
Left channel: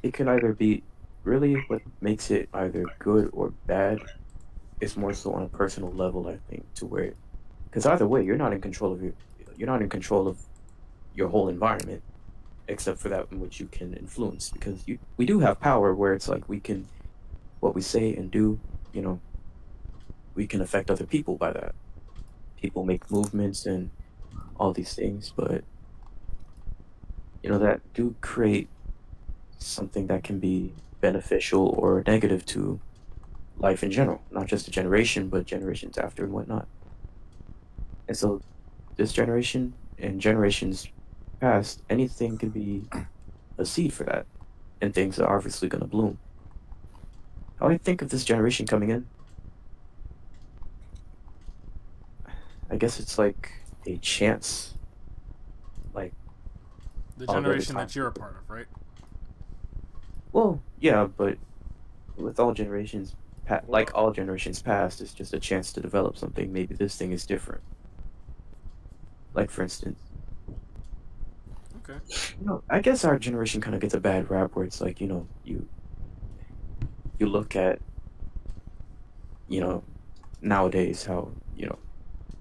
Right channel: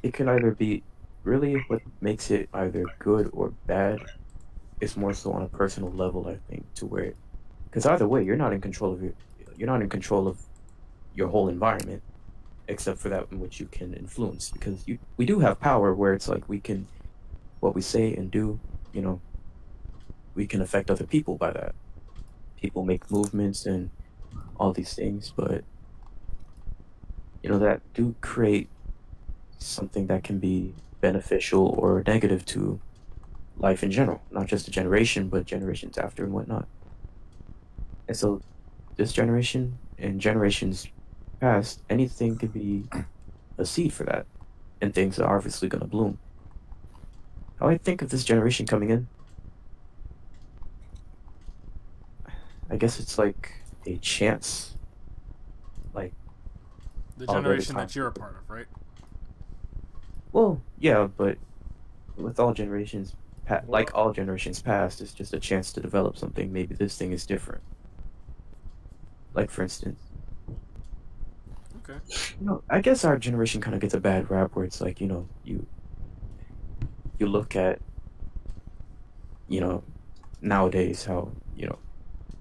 it can either be really what makes it either good or bad. It's more so on a personal level, I think, to where, because either way, you're not in control of your whole environment, except for that in which you can influence. Because we do have power where it's like we can, what we say and do, you know, we can affect other people by that. People make movements and all these things, but you know, that do create something that can be beneficial or negative to life in general, not just a generation, but generations after and whatnot. And so this generation and generations past, anything could be a seed for that, and things are obviously going to bloom. How I think of this generation coming in, I guess it's like a chance, like the generation that you're a part of, right? Well, yeah, but with all generations, like all generations past, it's just a chance to develop something. Maybe this thing is different. Like, for instance, okay, you know, I guess our generation kind of gets a bad rap where it's like, you know, you look at, you know, nowadays how, you know,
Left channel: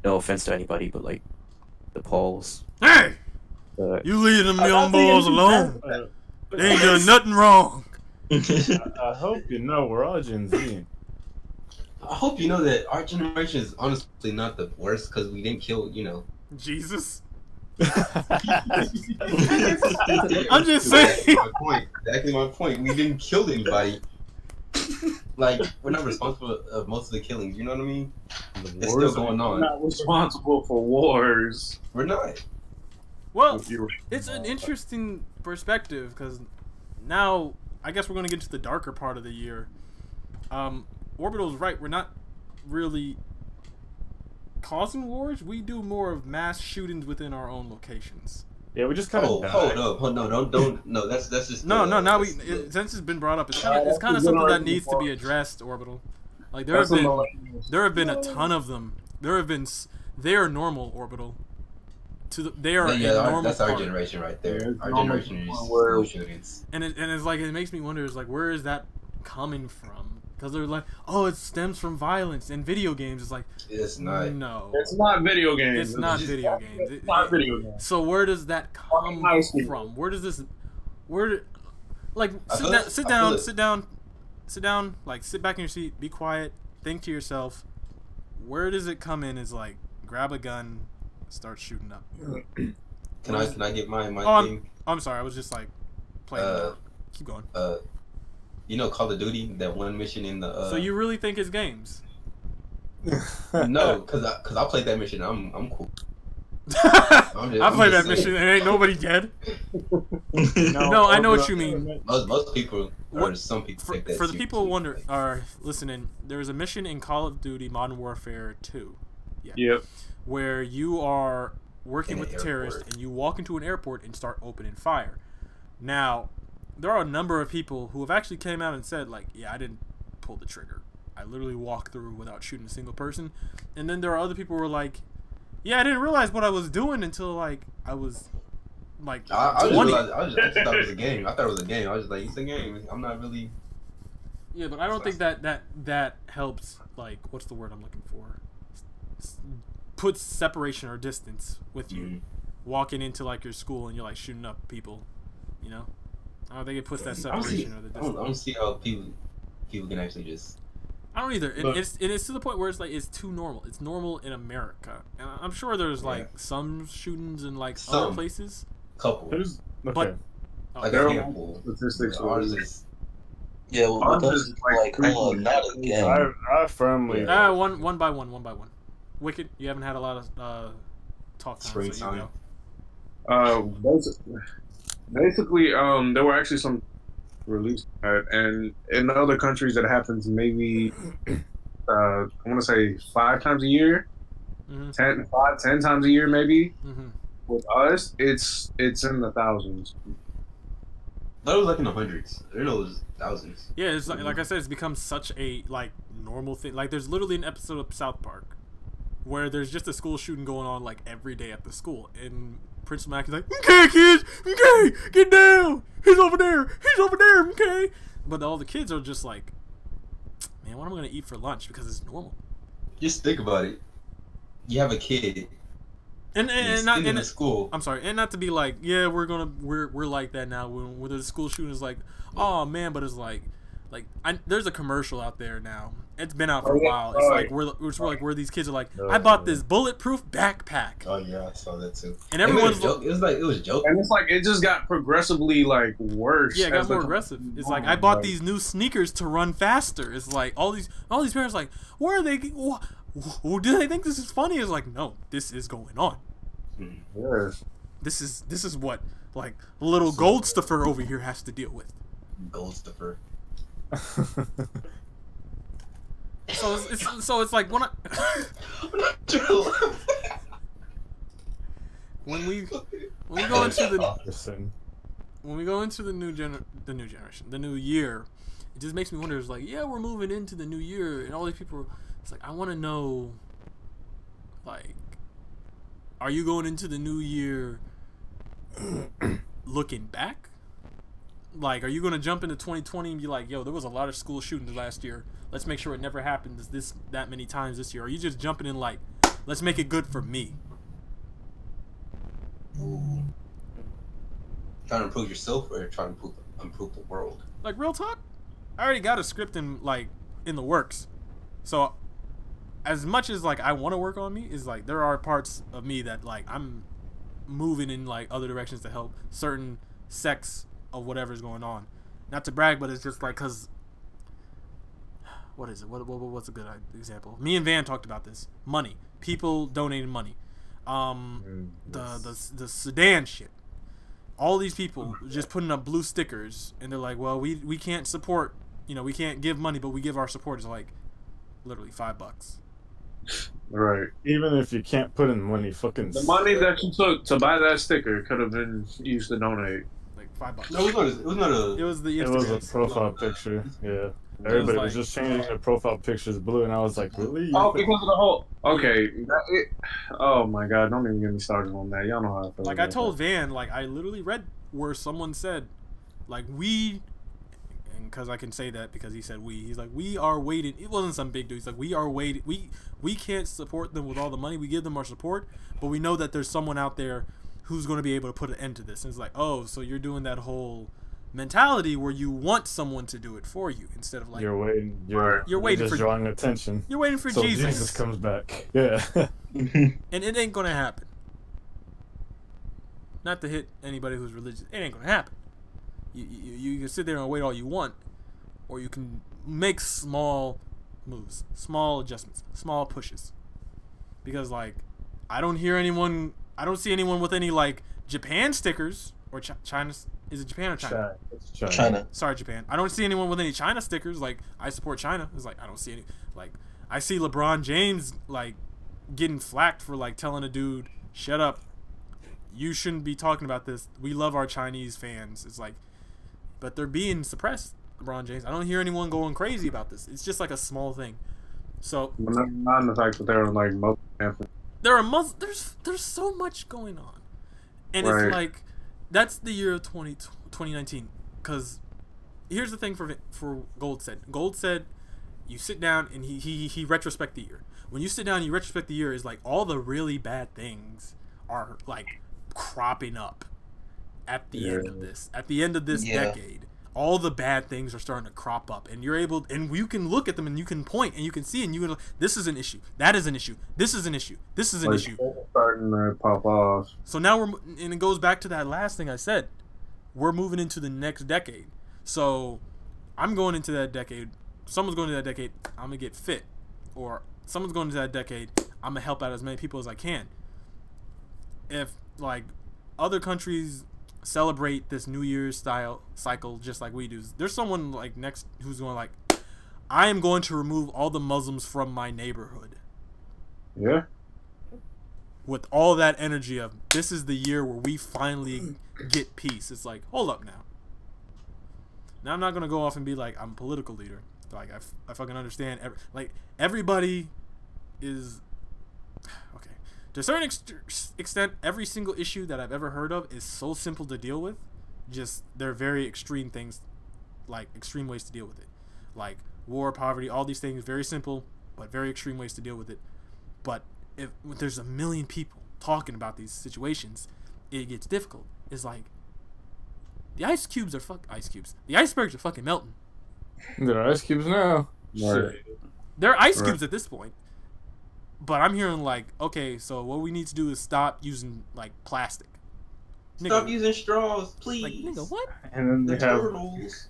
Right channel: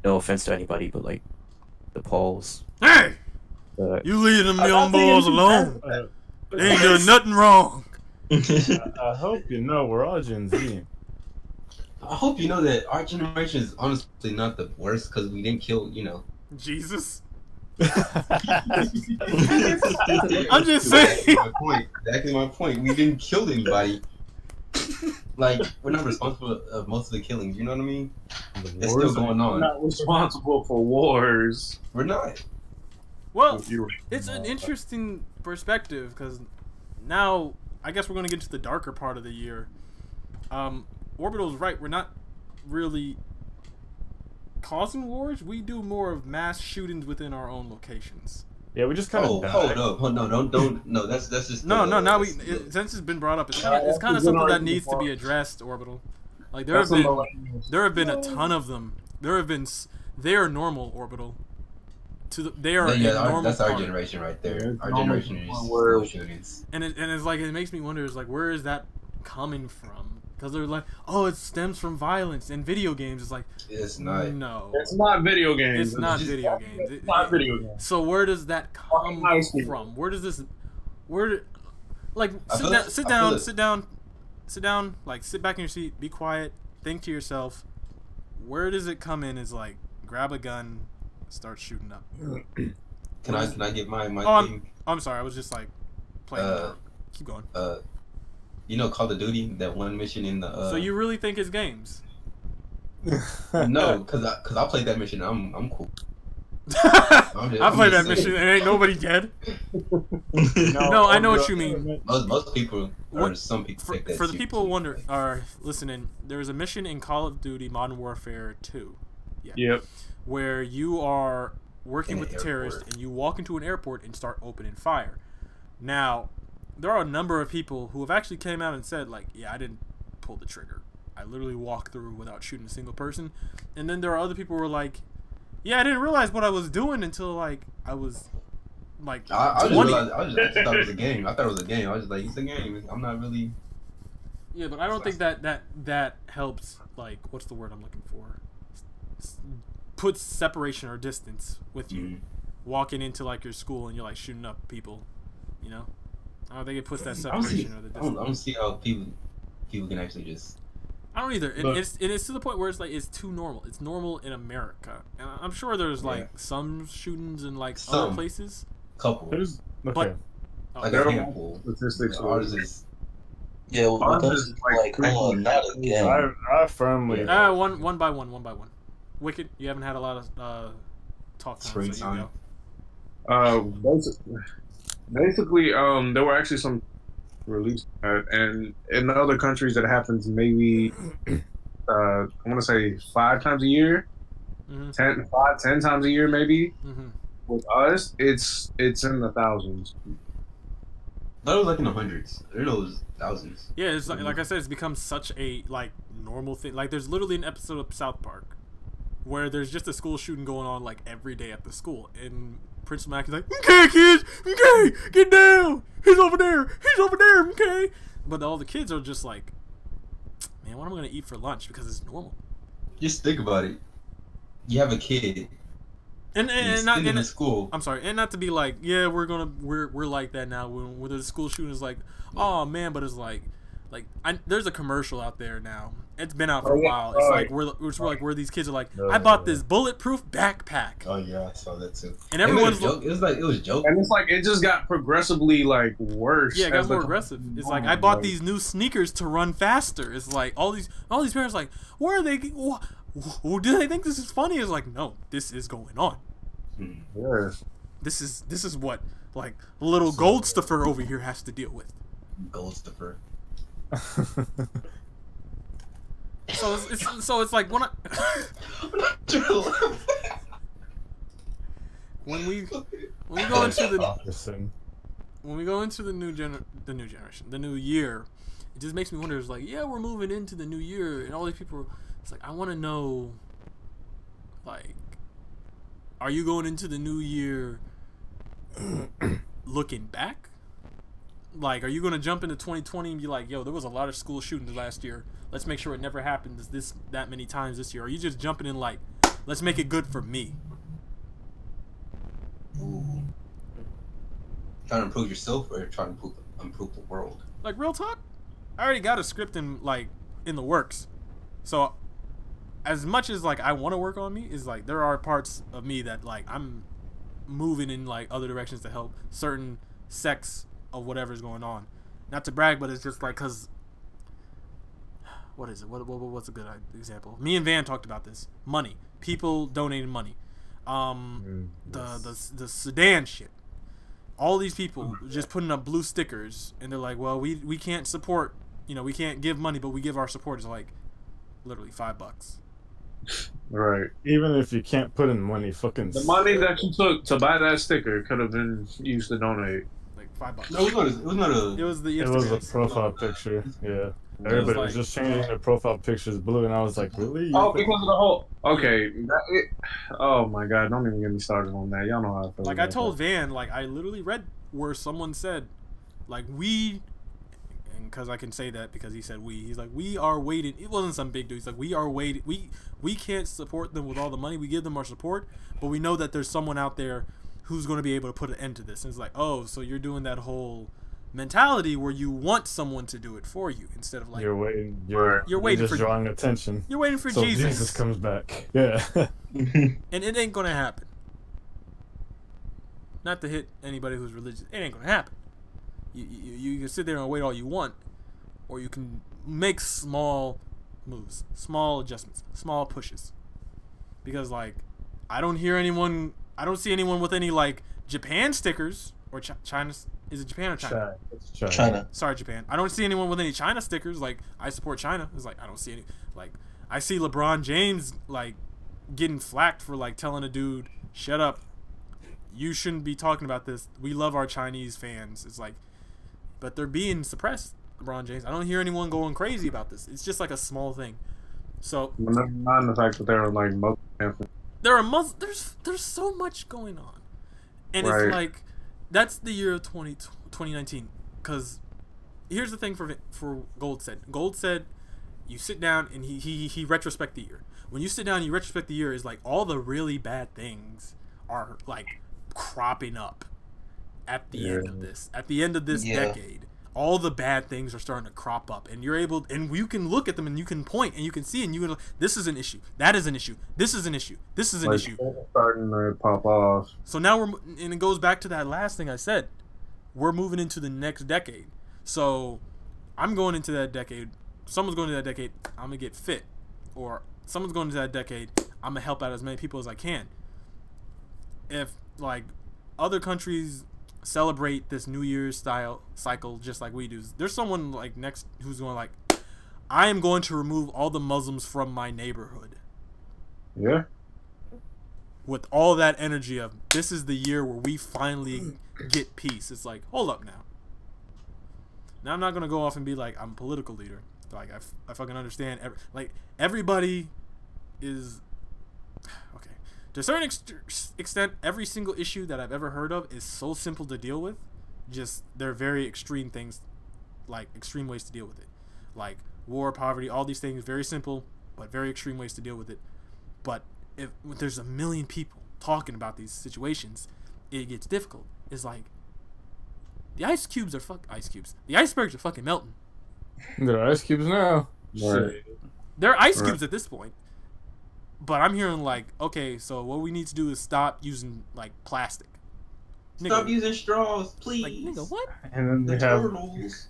no offense to anybody, but like the Pauls. Hey, you leave them young boys alone. They ain't doing nothing wrong. I hope you know we're all Gen Z. I hope you know that our generation is honestly not the worst because we didn't kill, you know. Jesus. I'm just saying. Exactly my point. We didn't kill anybody. Like, we're not responsible of most of the killings. You know what I mean? It's still going on. We're not responsible for wars. We're not. Well, it's an interesting perspective because now I guess we're going to get to the darker part of the year. Orbital's right. We're not really causing wars. We do more of mass shootings within our own locations. Yeah, we just kind of. Hold up! No, that's just no. Now since it's been brought up, it's kind of something that needs to be addressed. Orbital, like there have been a ton of them. They are normal, Orbital. they are a normal that's our part. generation right there. Yeah, Our normal generation is where- school shootings. And it's like it makes me wonder is like where is that coming from? Because they're like, oh, it stems from violence and video games. It's like It's not. no, It's not video games. it's not just- video games. It's not video games. So where does that come High school. from? Where does this? Where? Like I sit feel down, it- sit I down, feel it. sit down, sit down. Like sit back in your seat, be quiet, think to yourself. Where does it come in? Is like grab a gun, start shooting up. Can I get my Oh, thing? I'm sorry. I was just like playing. Keep going. You know Call of Duty, that one mission in the. So you really think it's games? No, cause I played that mission. I'm cool. I played that mission and ain't nobody dead. No, I know what you mean. Most people, or What- some people, For, take that for the serious. people who wonder are listening, there was a mission in Call of Duty Modern Warfare 2. Yep. Where you are working In with an the terrorists airport. and you walk into an airport and start opening fire. Now, there are a number of people who have actually came out and said, like, yeah, I didn't pull the trigger. I literally walked through without shooting a single person. And then there are other people who were like, yeah, I didn't realize what I was doing until, like, I was, like, I 20. just thought it was a game. I thought it was a game. I was just like, it's a game. I'm not really. Yeah, but I don't think that helps, like, what's the word I'm looking for? Puts separation or distance with you. Mhm. Walking into, like, your school and you're, like, shooting up people, you know? I don't think it puts that I don't see- separation or the I distance. don't see how people can actually just. I don't either. And But- it's to the point where it's like it's too normal. It's normal in America. And I'm sure there's like Yeah. some shootings in like other Some. places. Couple. There's okay. But oh, Like There a are handful. statistics. Ours is. Yeah, well, Ours that's is like like, hold on, not again. I firmly. one by one. Wicked, you haven't had a lot of talk time, Screen so you time. go. Basically, there were actually some released, and in other countries that happens maybe, I want to say 5 times a year, Mm-hmm. 10 times a year maybe. Mm-hmm. With us, it's in the thousands. I thought it was like in the hundreds. I didn't know it was thousands. Yeah, it's like I said, it's become such a like normal thing. Like there's literally an episode of South Park where there's just a school shooting going on like every day at the school, and Prince Mac is like, "Okay, kids, okay, get down. He's over there. Okay." But all the kids are just like, "Man, what am I gonna eat for lunch?" Because it's normal. Just think about it. You have a kid. And he's not in and school. I'm sorry, and not to be like, yeah, we're like that now. When the school shooting is like, oh man, but it's like there's a commercial out there now. It's been out for a while. It's like where these kids are like, I bought this bulletproof backpack, Oh yeah, I saw that too. and everyone's it was joke. And it's like it just got progressively like worse. yeah, it got as more the- aggressive. It's like I bought these new sneakers to run faster. It's like all these parents like, where are they? Do they think this is funny? It's like, no, this is going on. Yeah. This is what like little Goldstuffer over here has to deal with. Goldstuffer. So it's like when we go into the new generation, the new year, it just makes me wonder. It's like, yeah, we're moving into the new year, and all these people. It's like I want to know, like, are you going into the new year looking back? Like, are you going to jump into 2020 and be like, yo, there was a lot of school shootings last year. Let's make sure it never happens that many times this year. Or are you just jumping in like, let's make it good for me? Ooh. Trying to improve yourself or trying to improve the world? Like, real talk, I already got a script in the works. So as much as like I want to work on me, is like there are parts of me that like I'm moving in like other directions to help certain sects of whatever's going on. Not to brag, but it's just like, cause what is it? What's a good example? Me and Van talked about this. Money, people donating money. The Sudan shit. All these people just putting up blue stickers, and they're like, well, we can't support, we can't give money, but we give our support is like literally $5. Right. Even if you can't put in money, fucking The money that you took to buy that sticker could have been used to donate. Like $5. No, it was not a. It was the it Instagram. was a profile picture. Yeah. Everybody like- was just changing their profile pictures blue, and I was like, really? Oh, because of the whole. Okay. Oh my god! Don't even get me started on that. Y'all know how I feel. Like I told Van, like I literally read where someone said, like we, and because I can say that because he said we, he's like we are waiting. It wasn't some big dude. He's like we are waiting. We can't support them with all the money. We give them our support, but we know that there's someone out there who's going to be able to put an end to this. And it's like, oh, so you're doing that whole mentality where you want someone to do it for you instead of like You're waiting. You're waiting just for drawing attention. You're waiting for so Jesus. Jesus comes back. Yeah. And it ain't gonna happen. Not to hit anybody who's religious, it ain't gonna happen. You can sit there and wait all you want, or you can make small moves, small adjustments, small pushes. Because like, I don't see anyone with any like Japan stickers or China. Is it Japan or China? China. Sorry, Japan. I don't see anyone with any China stickers. Like, I support China. It's like I don't see any. Like, I see LeBron James like getting flacked for like telling a dude, "Shut up. You shouldn't be talking about this. We love our Chinese fans." It's like, but they're being suppressed. LeBron James. I don't hear anyone going crazy about this. It's just like a small thing. So not in the fact that they're like there's so much going on, and right. It's like that's the year of 2019. Because here's the thing for Gold said you sit down and he retrospect the year. When you sit down and you retrospect the year, is like all the really bad things are like cropping up at the end of this. At the end of this decade, all the bad things are starting to crop up, and you can look at them and you can point and you can see and you can, this is an issue, that is an issue, this is an issue, this is an issue. Starting to pop off. So now and it goes back to that last thing I said. We're moving into the next decade. So I'm going into that decade. Someone's going into that decade. I'm gonna get fit, or someone's going into that decade. I'm gonna help out as many people as I can. If like other countries celebrate this New Year's style cycle just like we do, there's someone like next who's going like, I am going to remove all the Muslims from my neighborhood. Yeah. With all that energy of this is the year where we finally get peace. It's like, hold up now. Now I'm not gonna go off and be like I'm a political leader. Like I fucking understand. Everybody is okay. To a certain extent, every single issue that I've ever heard of is so simple to deal with. Just they're very extreme things, like extreme ways to deal with it, like war, poverty, all these things. Very simple, but very extreme ways to deal with it. But if there's a million people talking about these situations, it gets difficult. It's like the ice cubes. The icebergs are fucking melting. There are ice cubes now. Right. They're ice cubes at this point. But I'm hearing like, okay, so what we need to do is stop using like plastic. Stop using straws, please. Like, nigga, what? And then turtles.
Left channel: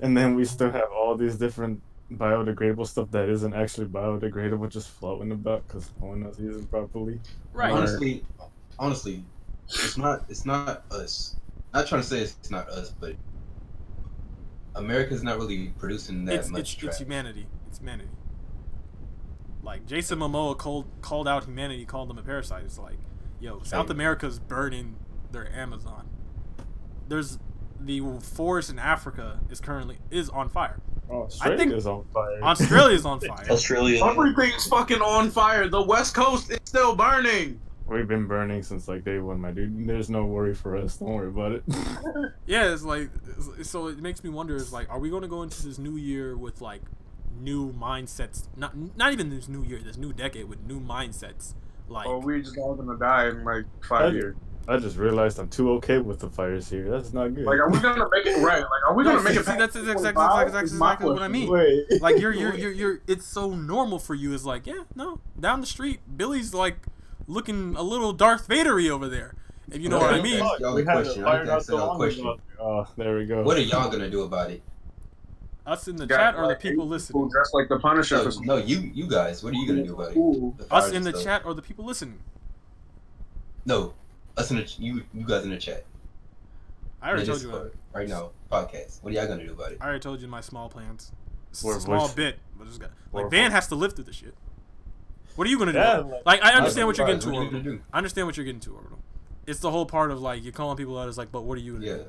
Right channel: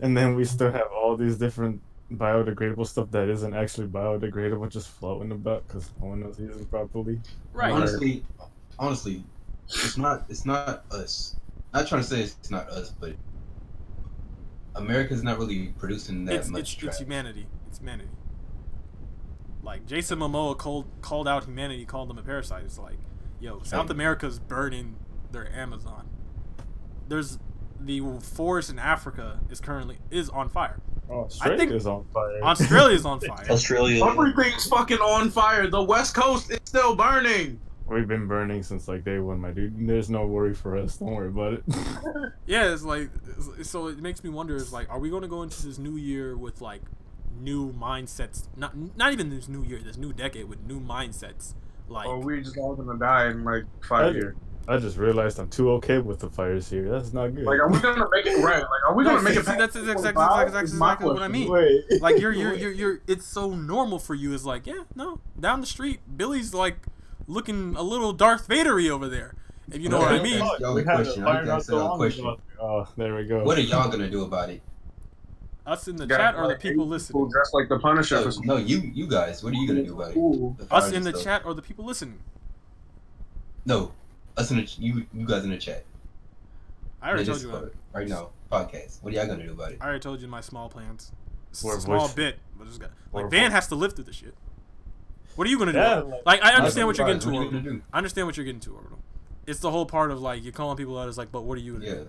And then we still have all these different biodegradable stuff that isn't actually biodegradable just floating about because no one knows to use it properly. Right. Honestly, it's not us. Not trying to say it's not us, but America's not really producing that much trash. It's humanity. It's humanity. Like Jason Momoa called out humanity, called them a parasite. It's like, yo, South America's burning their Amazon. There's the forest in Africa is on fire. Australia's on fire. Australia's on fire. Australia. Everything's fucking on fire. The West Coast is still burning. We've been burning since like day one, my dude. There's no worry for us. Don't worry about it. Yeah, it's like, so it makes me wonder, is like, are we going to go into this new year with like new mindsets? Not even this new year, this new decade with new mindsets. Like, Or we just all gonna die in like 5 years. I just realized I'm too okay with the fires here. That's not good. Like, are we gonna make it right? Like, are we gonna make it? See, that's exactly what I mean. Wait. Like you're it's so normal for you. It's like, yeah, no, down the street, Billy's like looking a little Darth Vader-y over there. If you know what I mean. Y'all a question. I think I said a question. Oh, there we go. What are y'all gonna do about it? Us in the chat or the people listening? Dressed like the Punisher. No, you guys. What are you gonna do about it? Us in the chat or the people listening? No, us in the you guys in the chat. I already told you. Right now, podcast. What are y'all gonna do about it? I already told you my small plans. It's We're a small voice- bit, but it's got like We're Van voice- has to live through the shit. What are you gonna do? Yeah, Like I understand what you're What getting to, are you gonna Orbital. do? I understand what you're getting to, Orbital. It's the whole part of like you're calling people out as like, but what are you gonna do?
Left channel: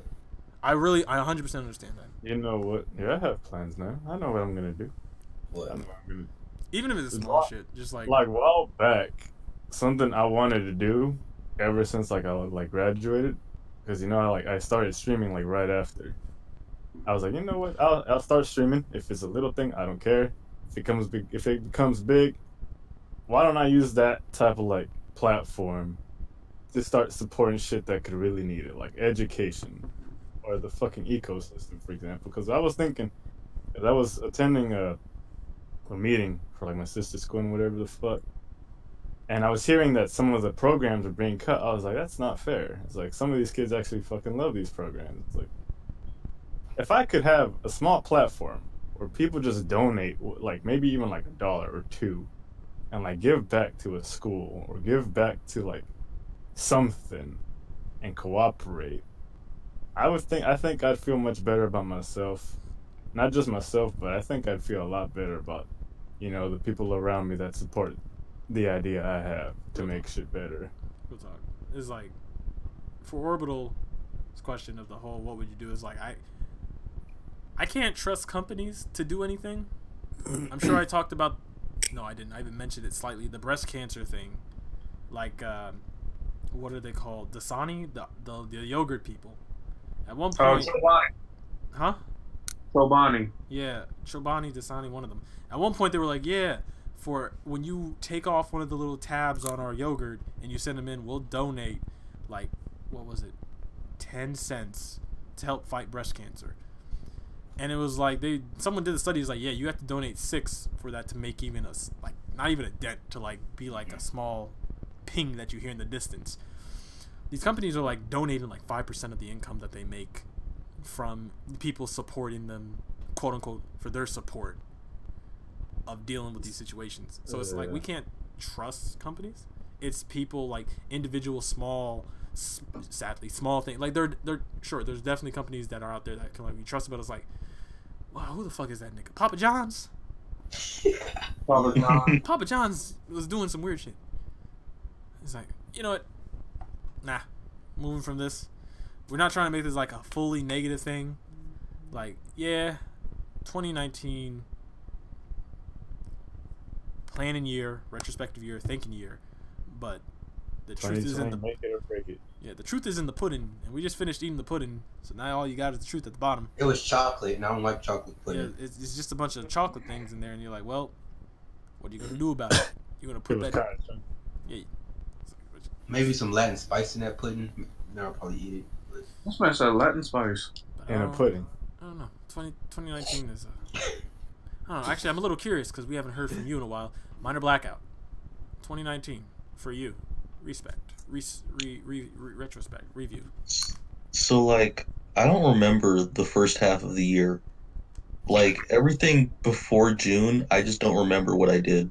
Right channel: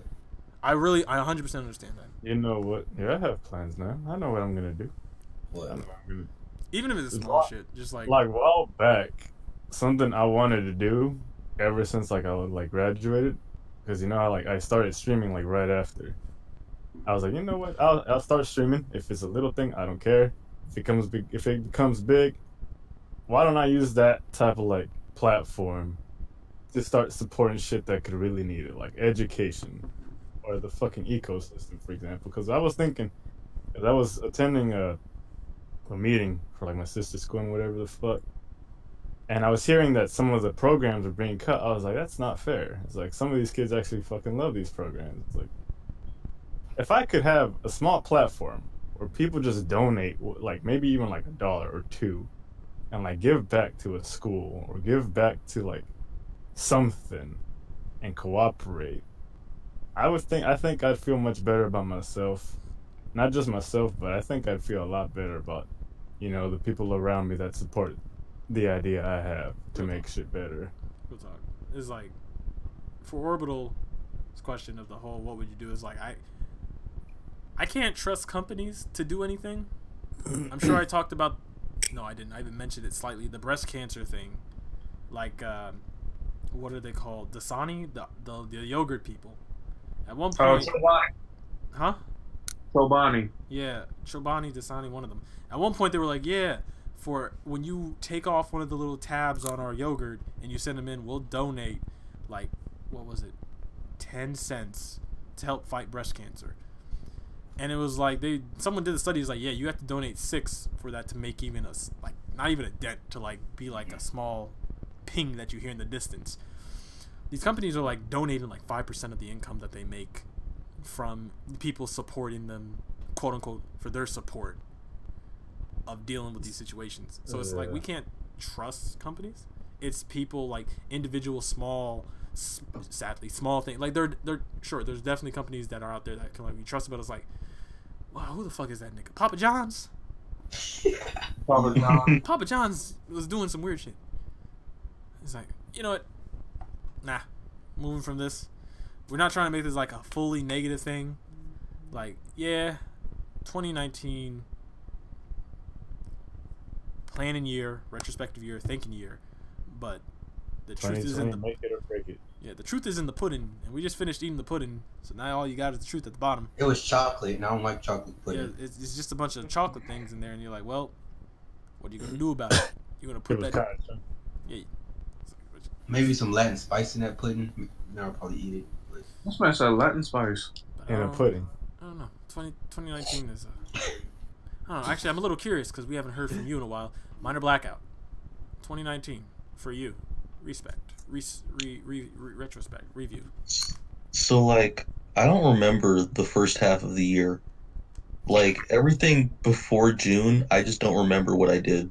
I 100% understand that. You know what? Yeah, I have plans now. I know what I'm gonna do. What? I know what I'm gonna Even if it's small shit, just like a while back, something I wanted to do ever since like I like graduated, because you know I started streaming like right after. I was like, you know what? I'll start streaming. If it's a little thing, I don't care. If it becomes big, why don't I use that type of like platform to start supporting shit that could really need it, like education or the fucking ecosystem, for example. Because I was thinking, 'cause I was attending a meeting for like my sister's school and whatever the fuck, and I was hearing that some of the programs are being cut. I was like, that's not fair. It's like some of these kids actually fucking love these programs. It's like, if I could have a small platform where people just donate, like maybe even like $1 or $2, and like give back to a school or give back to like something and cooperate, I think I'd feel much better about myself. Not just myself, but I think I'd feel a lot better about, the people around me that support the idea I have to make shit better. Real talk. It's like, for Orbital's question of the whole what would you do is like, I can't trust companies to do anything. I'm sure I talked about, no I didn't, I even mentioned it slightly, the breast cancer thing. Like, what are they called? Dasani? The yogurt people. At one point... Huh? Chobani. Yeah, Chobani, Dasani, one of them. At one point they were like, yeah, for when you take off one of the little tabs on our yogurt and you send them in, we'll donate, like, what was it? 10 cents to help fight breast cancer. And it was like, someone did the study, it was like, yeah, you have to donate 6 for that to make even not even a dent, to like be like a small ping that you hear in the distance. These companies are like donating like 5% of the income that they make from people supporting them, quote unquote, for their support of dealing with these situations. So it's like, we can't trust companies. It's people, like individual sadly small things. Like they're sure, there's definitely companies that are out there that can like be trusted, but it's like, wow, who the fuck is that nigga? Papa John's? Papa John's was doing some weird shit. It's like, you know what? Nah. Moving from this. We're not trying to make this like a fully negative thing. Like, yeah, 2019, planning year, retrospective year, thinking year, but the truth is in the make it or break it. Yeah, the truth is in the pudding, and we just finished eating the pudding, so now all you got is the truth at the bottom. It was chocolate, and I don't like chocolate pudding. Yeah, it's just a bunch of chocolate things in there, and you're like, well, what are you gonna do about it? You're gonna put that? Yeah. Maybe some Latin spice in that pudding. Then I'll probably eat it. This man said Latin spice. In a pudding. I don't know. 2019 is. I don't know. Actually, I'm a little curious because we haven't heard from you in a while. Minor blackout. 2019 for you. Respect. Retrospect. Review. So like, I don't remember the first half of the year. Like everything before June, I just don't remember what I did.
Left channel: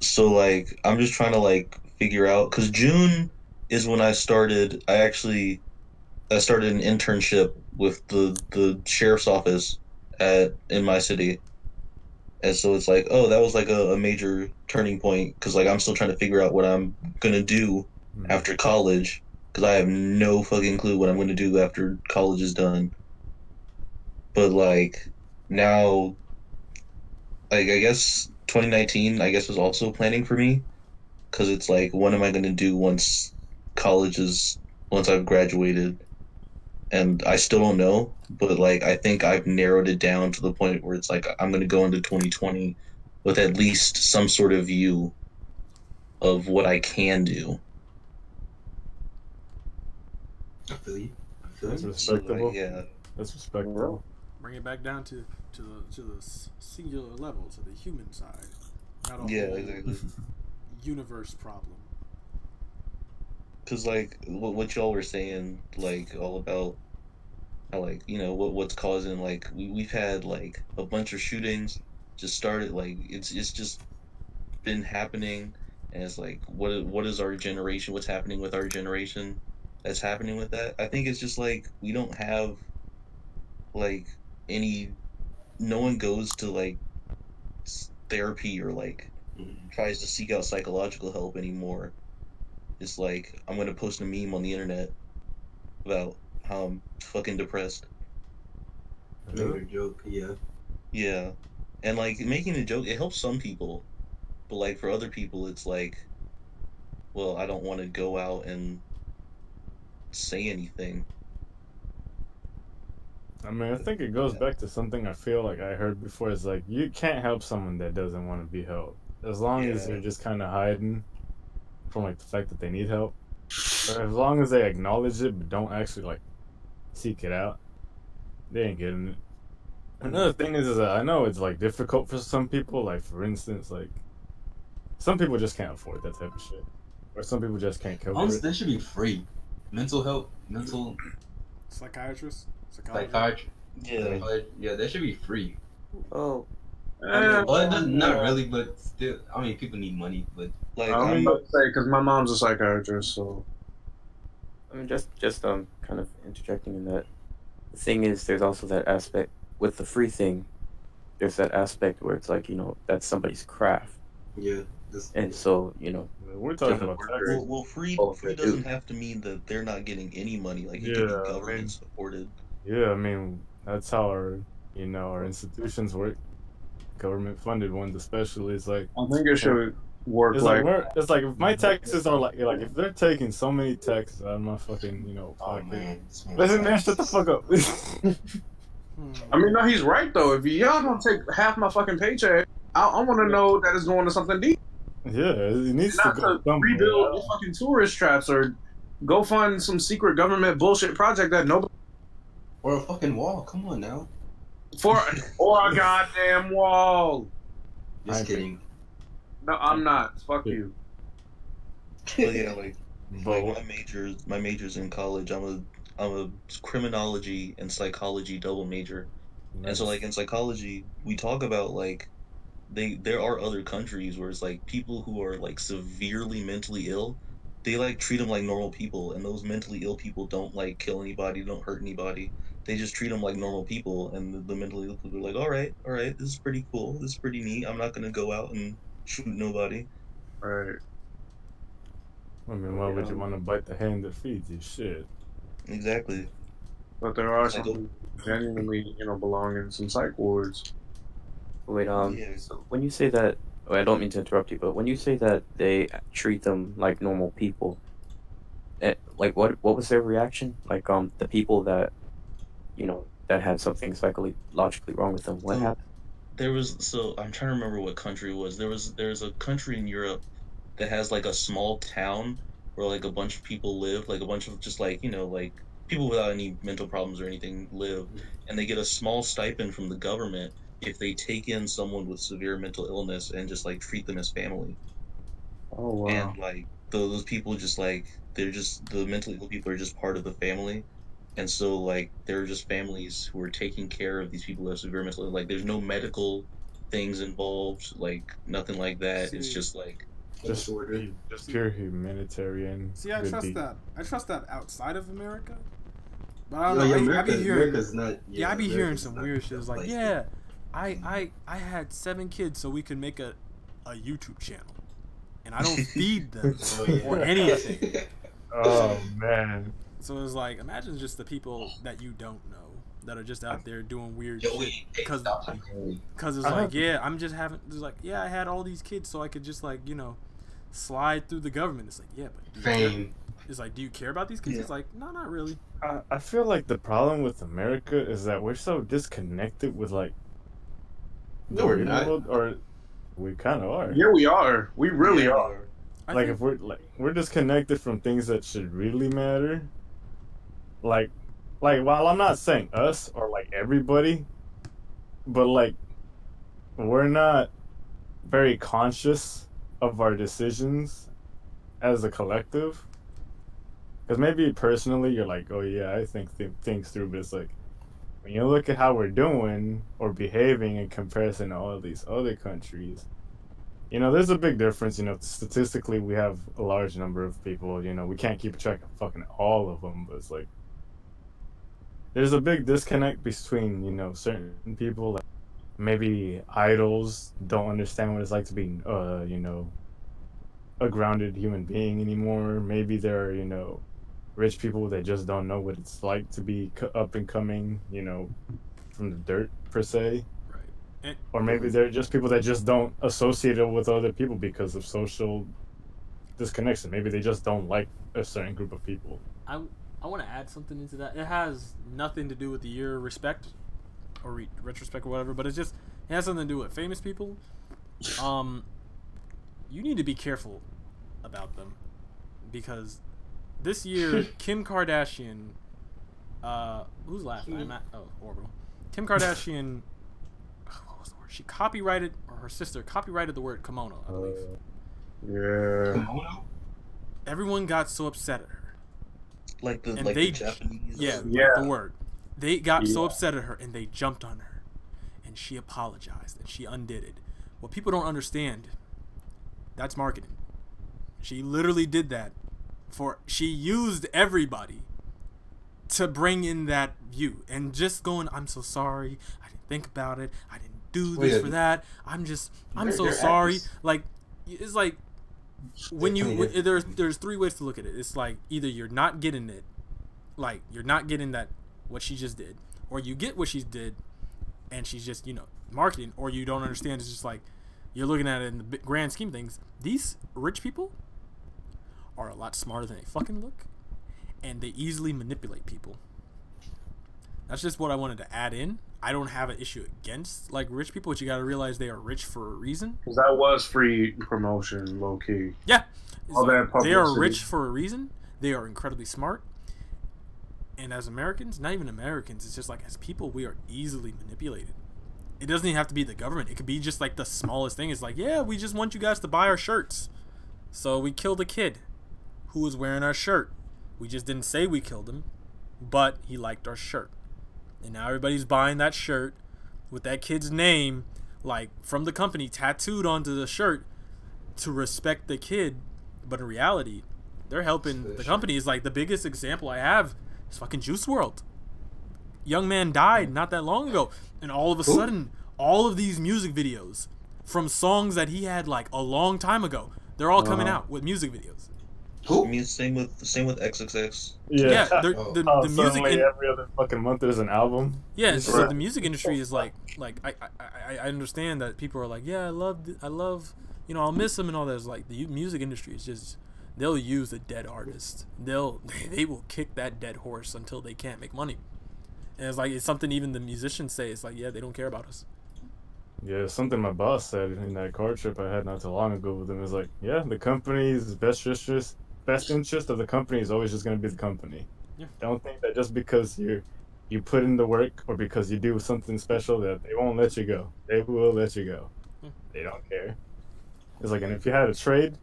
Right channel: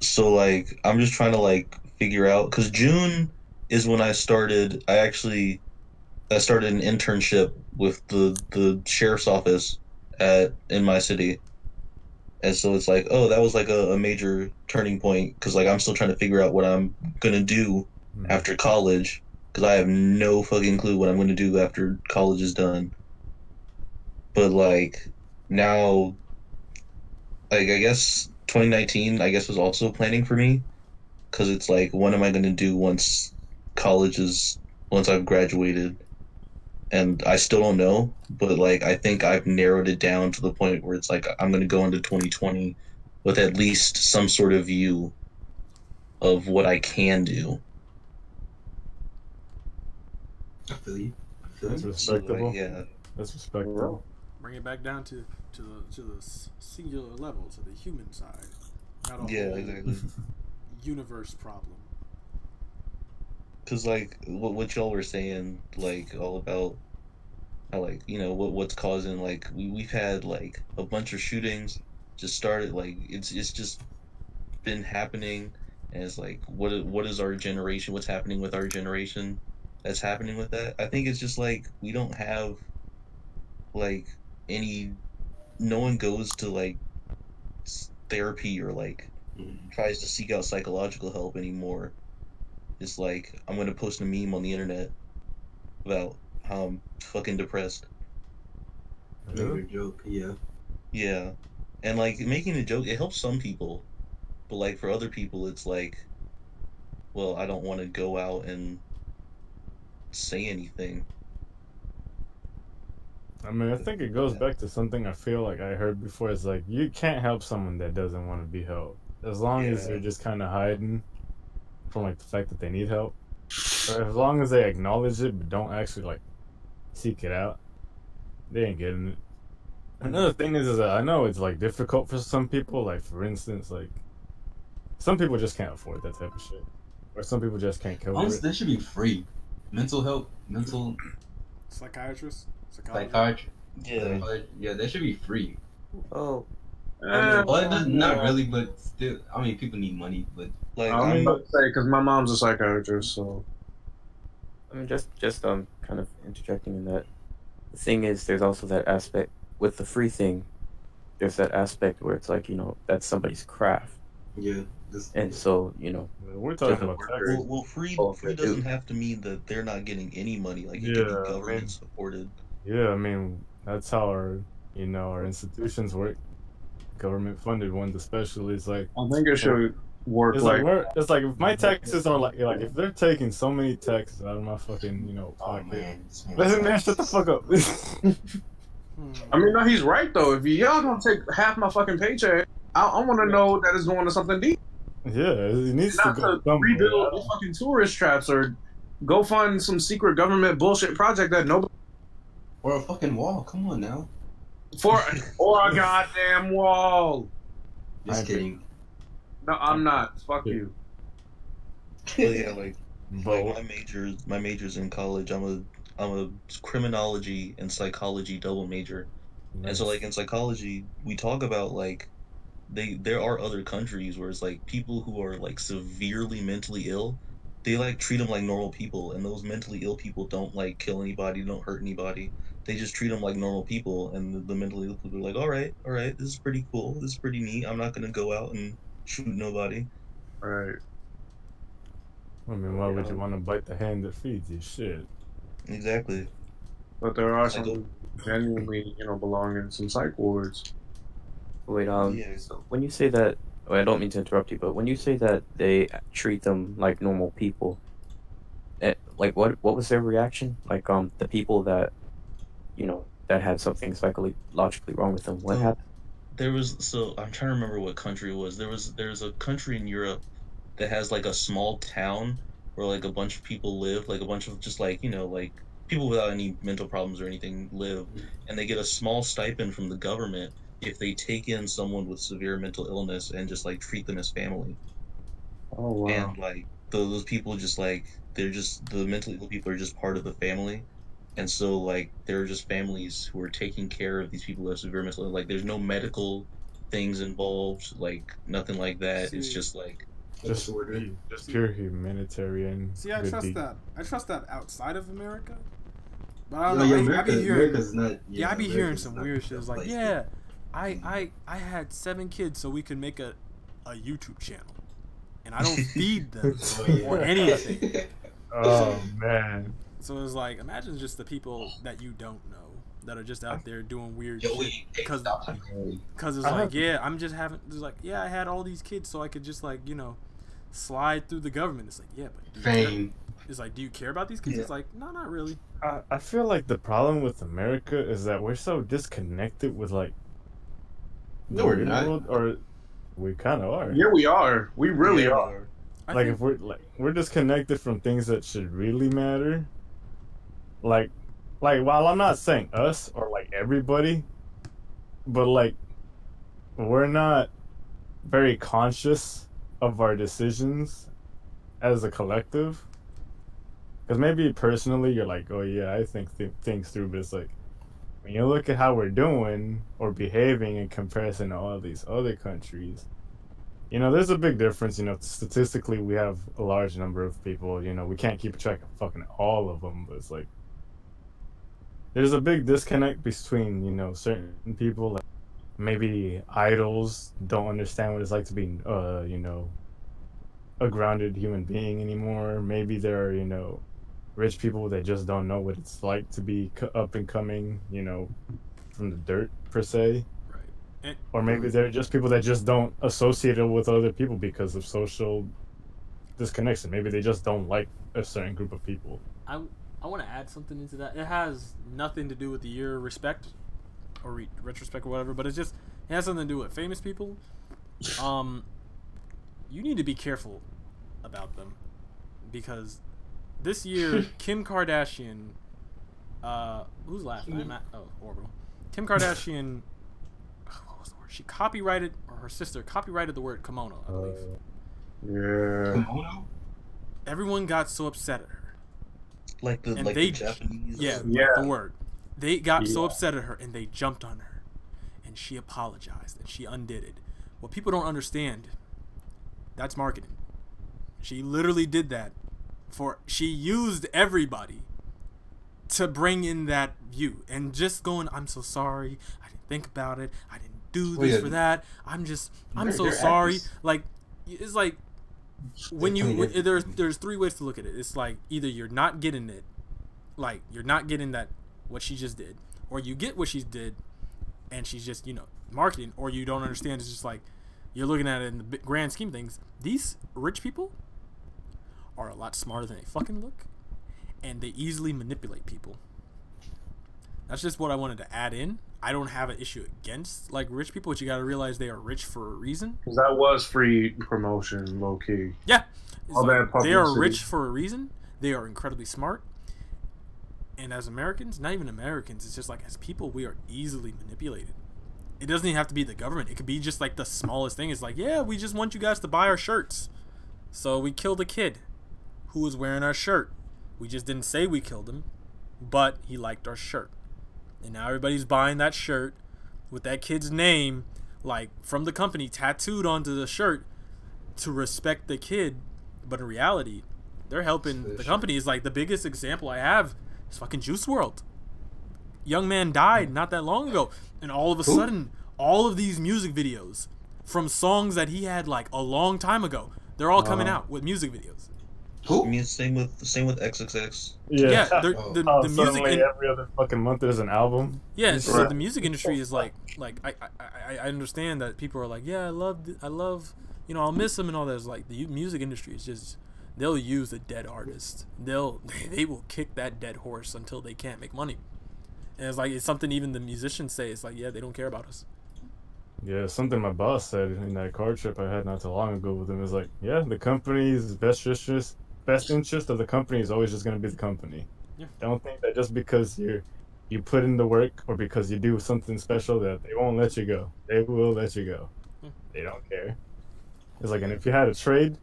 So like, I'm just trying to like figure out, because June is when I started. I started an internship with the sheriff's office in my city, and so it's like, oh, that was like a major turning point, because like I'm still trying to figure out what I'm gonna do after college, because I have no fucking clue what I'm gonna do after college is done. But like now, like I guess 2019 was also planning for me, because it's like, what am I gonna do once I've graduated? And I still don't know, but like I think I've narrowed it down to the point where it's like I'm gonna go into 2020 with at least some sort of view of what I can do. I feel you. That's respectable. So, like, yeah, that's respectable. Bring it back down to the singular level, to the human side, not a whole exactly. universe problem. Because like what y'all were saying, like all about how like, what's causing, like we've had like a bunch of shootings just started, like it's just been happening, and it's like what is our generation, what's happening with our generation that's happening with that. I think it's just like we don't have like no one goes to like therapy or like tries to seek out psychological help anymore. It's like, I'm gonna post a meme on the internet about how I'm fucking depressed. Make a joke, yeah. Yeah. And like making a joke, it helps some people. But like for other people it's like, well, I don't want to go out and say anything. I mean, I think it goes back to something I feel like I heard before. It's like you can't help someone that doesn't want to be helped. As long as Yeah. they're just kind of hiding from like the fact that they need help, or as long as they acknowledge it but don't actually like seek it out, they ain't getting it. Another thing is that I know it's like difficult for some people. Like for instance, like some people just can't afford that type of shit, or some people just can't cover Honestly, it. that should be free. Mental health, Psychiatrist, psychiatry. Yeah. Yeah, that should be free. Oh, But not really, but still, I mean, people need money, but Like I'm about to say because my mom's a psychiatrist, so I mean, just kind of interjecting in that. The thing is, there's also that aspect with the free thing. There's that aspect where it's like, you know, that's somebody's craft, yeah. and so, you know, We're talking Yeah. about taxes. well, free Oh, free they do. doesn't have to mean that they're not getting any money. Like it Yeah, could be I government mean- supported. Yeah, I mean that's how our institutions work. Government funded ones, especially. It's like I think it should work it's like. it's like if my taxes are like if they're taking so many taxes out of my fucking Oh pocket. man, Listen, man, shut the fuck up. I mean, no, he's right though. If y'all gonna take half my fucking paycheck, I want to know that it's going to something deep, Yeah, it needs not to go to somewhere. rebuild the fucking tourist traps or go find some secret government bullshit project that nobody Or a fucking wall. Come on now. or a goddamn wall. Just I kidding. No, I'm not. Fuck Yeah. you. But yeah, like But my majors in college, I'm a criminology and psychology double major. And so like in psychology, we talk about like there are other countries where it's like people who are like severely mentally ill, they like treat them like normal people, and those mentally ill people don't like kill anybody, don't hurt anybody. They just treat them like normal people, and the mentally ill people are like, all right, this is pretty cool, this is pretty neat. I'm not gonna go out and shoot nobody. Right. I mean, why would you want to bite the hand that feeds you? Shit. Exactly. But there are Like, some genuinely, belong in some psych wards. wait, Yeah. so when you say that, oh, I don't mean to interrupt you, but when you say that they treat them like normal people, like what was their reaction? Like the people that, that had something psychologically wrong with them, what So- happened? So I'm trying to remember what country it was. There's a country in Europe that has like a small town where like a bunch of people live, like a bunch of just like, like people without any mental problems or anything live, and they get a small stipend from the government if they take in someone with severe mental illness and just like treat them as family. Oh wow. And like those people just like they're just the mentally ill people are just part of the family. And so like there are just families who are taking care of these people who have severe mental illness. Like there's no medical things involved, like nothing like that. It's See. just like Just Disorder. pure humanitarian. See, I good trust deed. that. I trust that outside of America. But I don't No, know. yeah, I be hearing. America's not, Yeah, I be hearing America's some not weird the shit. It's like, place. yeah, I had 7 kids so we could make a YouTube channel, and I don't feed them Oh, yeah. or anything. Oh man. So it's like, imagine just the people that you don't know that are just out there doing weird Yo, shit wait, hey, because stop. it's like, yeah, I'm just having. It's like, yeah, I had all these kids so I could just like slide through the government. It's like, yeah, but do you care? Fame. It's like, do you care about these kids? Yeah. It's like, no, not really. I feel like the problem with America is that we're so disconnected with like No, we're not. world, or we kind of are. Yeah, we are. We really Yeah, are. I Like think, if we're disconnected from things that should really matter. Like while I'm not saying us or like everybody, but like we're not very conscious of our decisions as a collective. Because maybe personally you're like, oh yeah, I think things through, but it's like when you look at how we're doing or behaving in comparison to all these other countries, there's a big difference. Statistically, we have a large number of people. We can't keep track of fucking all of them, but it's like there's a big disconnect between certain people. Like maybe idols don't understand what it's like to be, a grounded human being anymore. Maybe there are rich people that just don't know what it's like to be up and coming, you know, from the dirt per se. Right. Or maybe they're just people that just don't associate it with other people because of social disconnection. Maybe they just don't like a certain group of people. I want to add something into that. It has nothing to do with the year of respect or retrospect or whatever, but it has something to do with famous people. You need to be careful about them because this year Kim Kardashian, who's laughing? Orbital. Kim Kardashian, what was the word? She copyrighted, or her sister copyrighted the word kimono, I believe. Yeah. Kimono? Everyone got so upset at her. Like the And like they, the Japanese. yeah, Yeah. like the word. They got so upset at her and they jumped on her, and she apologized and she undid it. What people don't understand, that's marketing. She literally did that she used everybody to bring in that view and just going, I'm so sorry, I didn't think about it, I didn't do this for that, I'm so sorry. Like, it's like when there's three ways to look at it. It's like either you're not getting it, like you're not getting that what she just did, or you get what she did and she's just, you know, marketing, or you don't understand. It's just like you're looking at it in the grand scheme of things. These rich people are a lot smarter than they fucking look, and they easily manipulate people. That's just what I wanted to add in. I don't have an issue against like rich people, but you got to realize they are rich for a reason. Because that was free promotion, low key. Yeah, All that they are publicity. rich for a reason. They are incredibly smart. And as Americans, not even Americans, it's just like as people, we are easily manipulated. It doesn't even have to be the government. It could be just like the smallest thing. It's like, yeah, we just want you guys to buy our shirts. So we killed a kid who was wearing our shirt. We just didn't say we killed him, but he liked our shirt. And now everybody's buying that shirt with that kid's name, like, from the company tattooed onto the shirt to respect the kid. But in reality, they're helping the company. Is like the biggest example I have is fucking Juice WRLD. Young man died not that long ago, and all of a sudden, all of these music videos from songs that he had like a long time ago, they're all coming out with music videos. I mean, same with XXX. Yeah, the music every other fucking month there's an album. Yeah, so the music industry is like I understand that people are like, yeah, I love, you know, I'll miss him and all that. It's like the music industry is just, they'll use a dead artist. They will kick that dead horse until they can't make money. And it's like, it's something even the musicians say. It's like, yeah, they don't care about us. Yeah, something my boss said in that car trip I had not too long ago with him is like, yeah, the company's best interest of the company is always just going to be the company. Yeah. Don't think that just because you put in the work or because you do something special that they won't let you go. They will let you go. Yeah. They don't care. It's like, and if you had a trade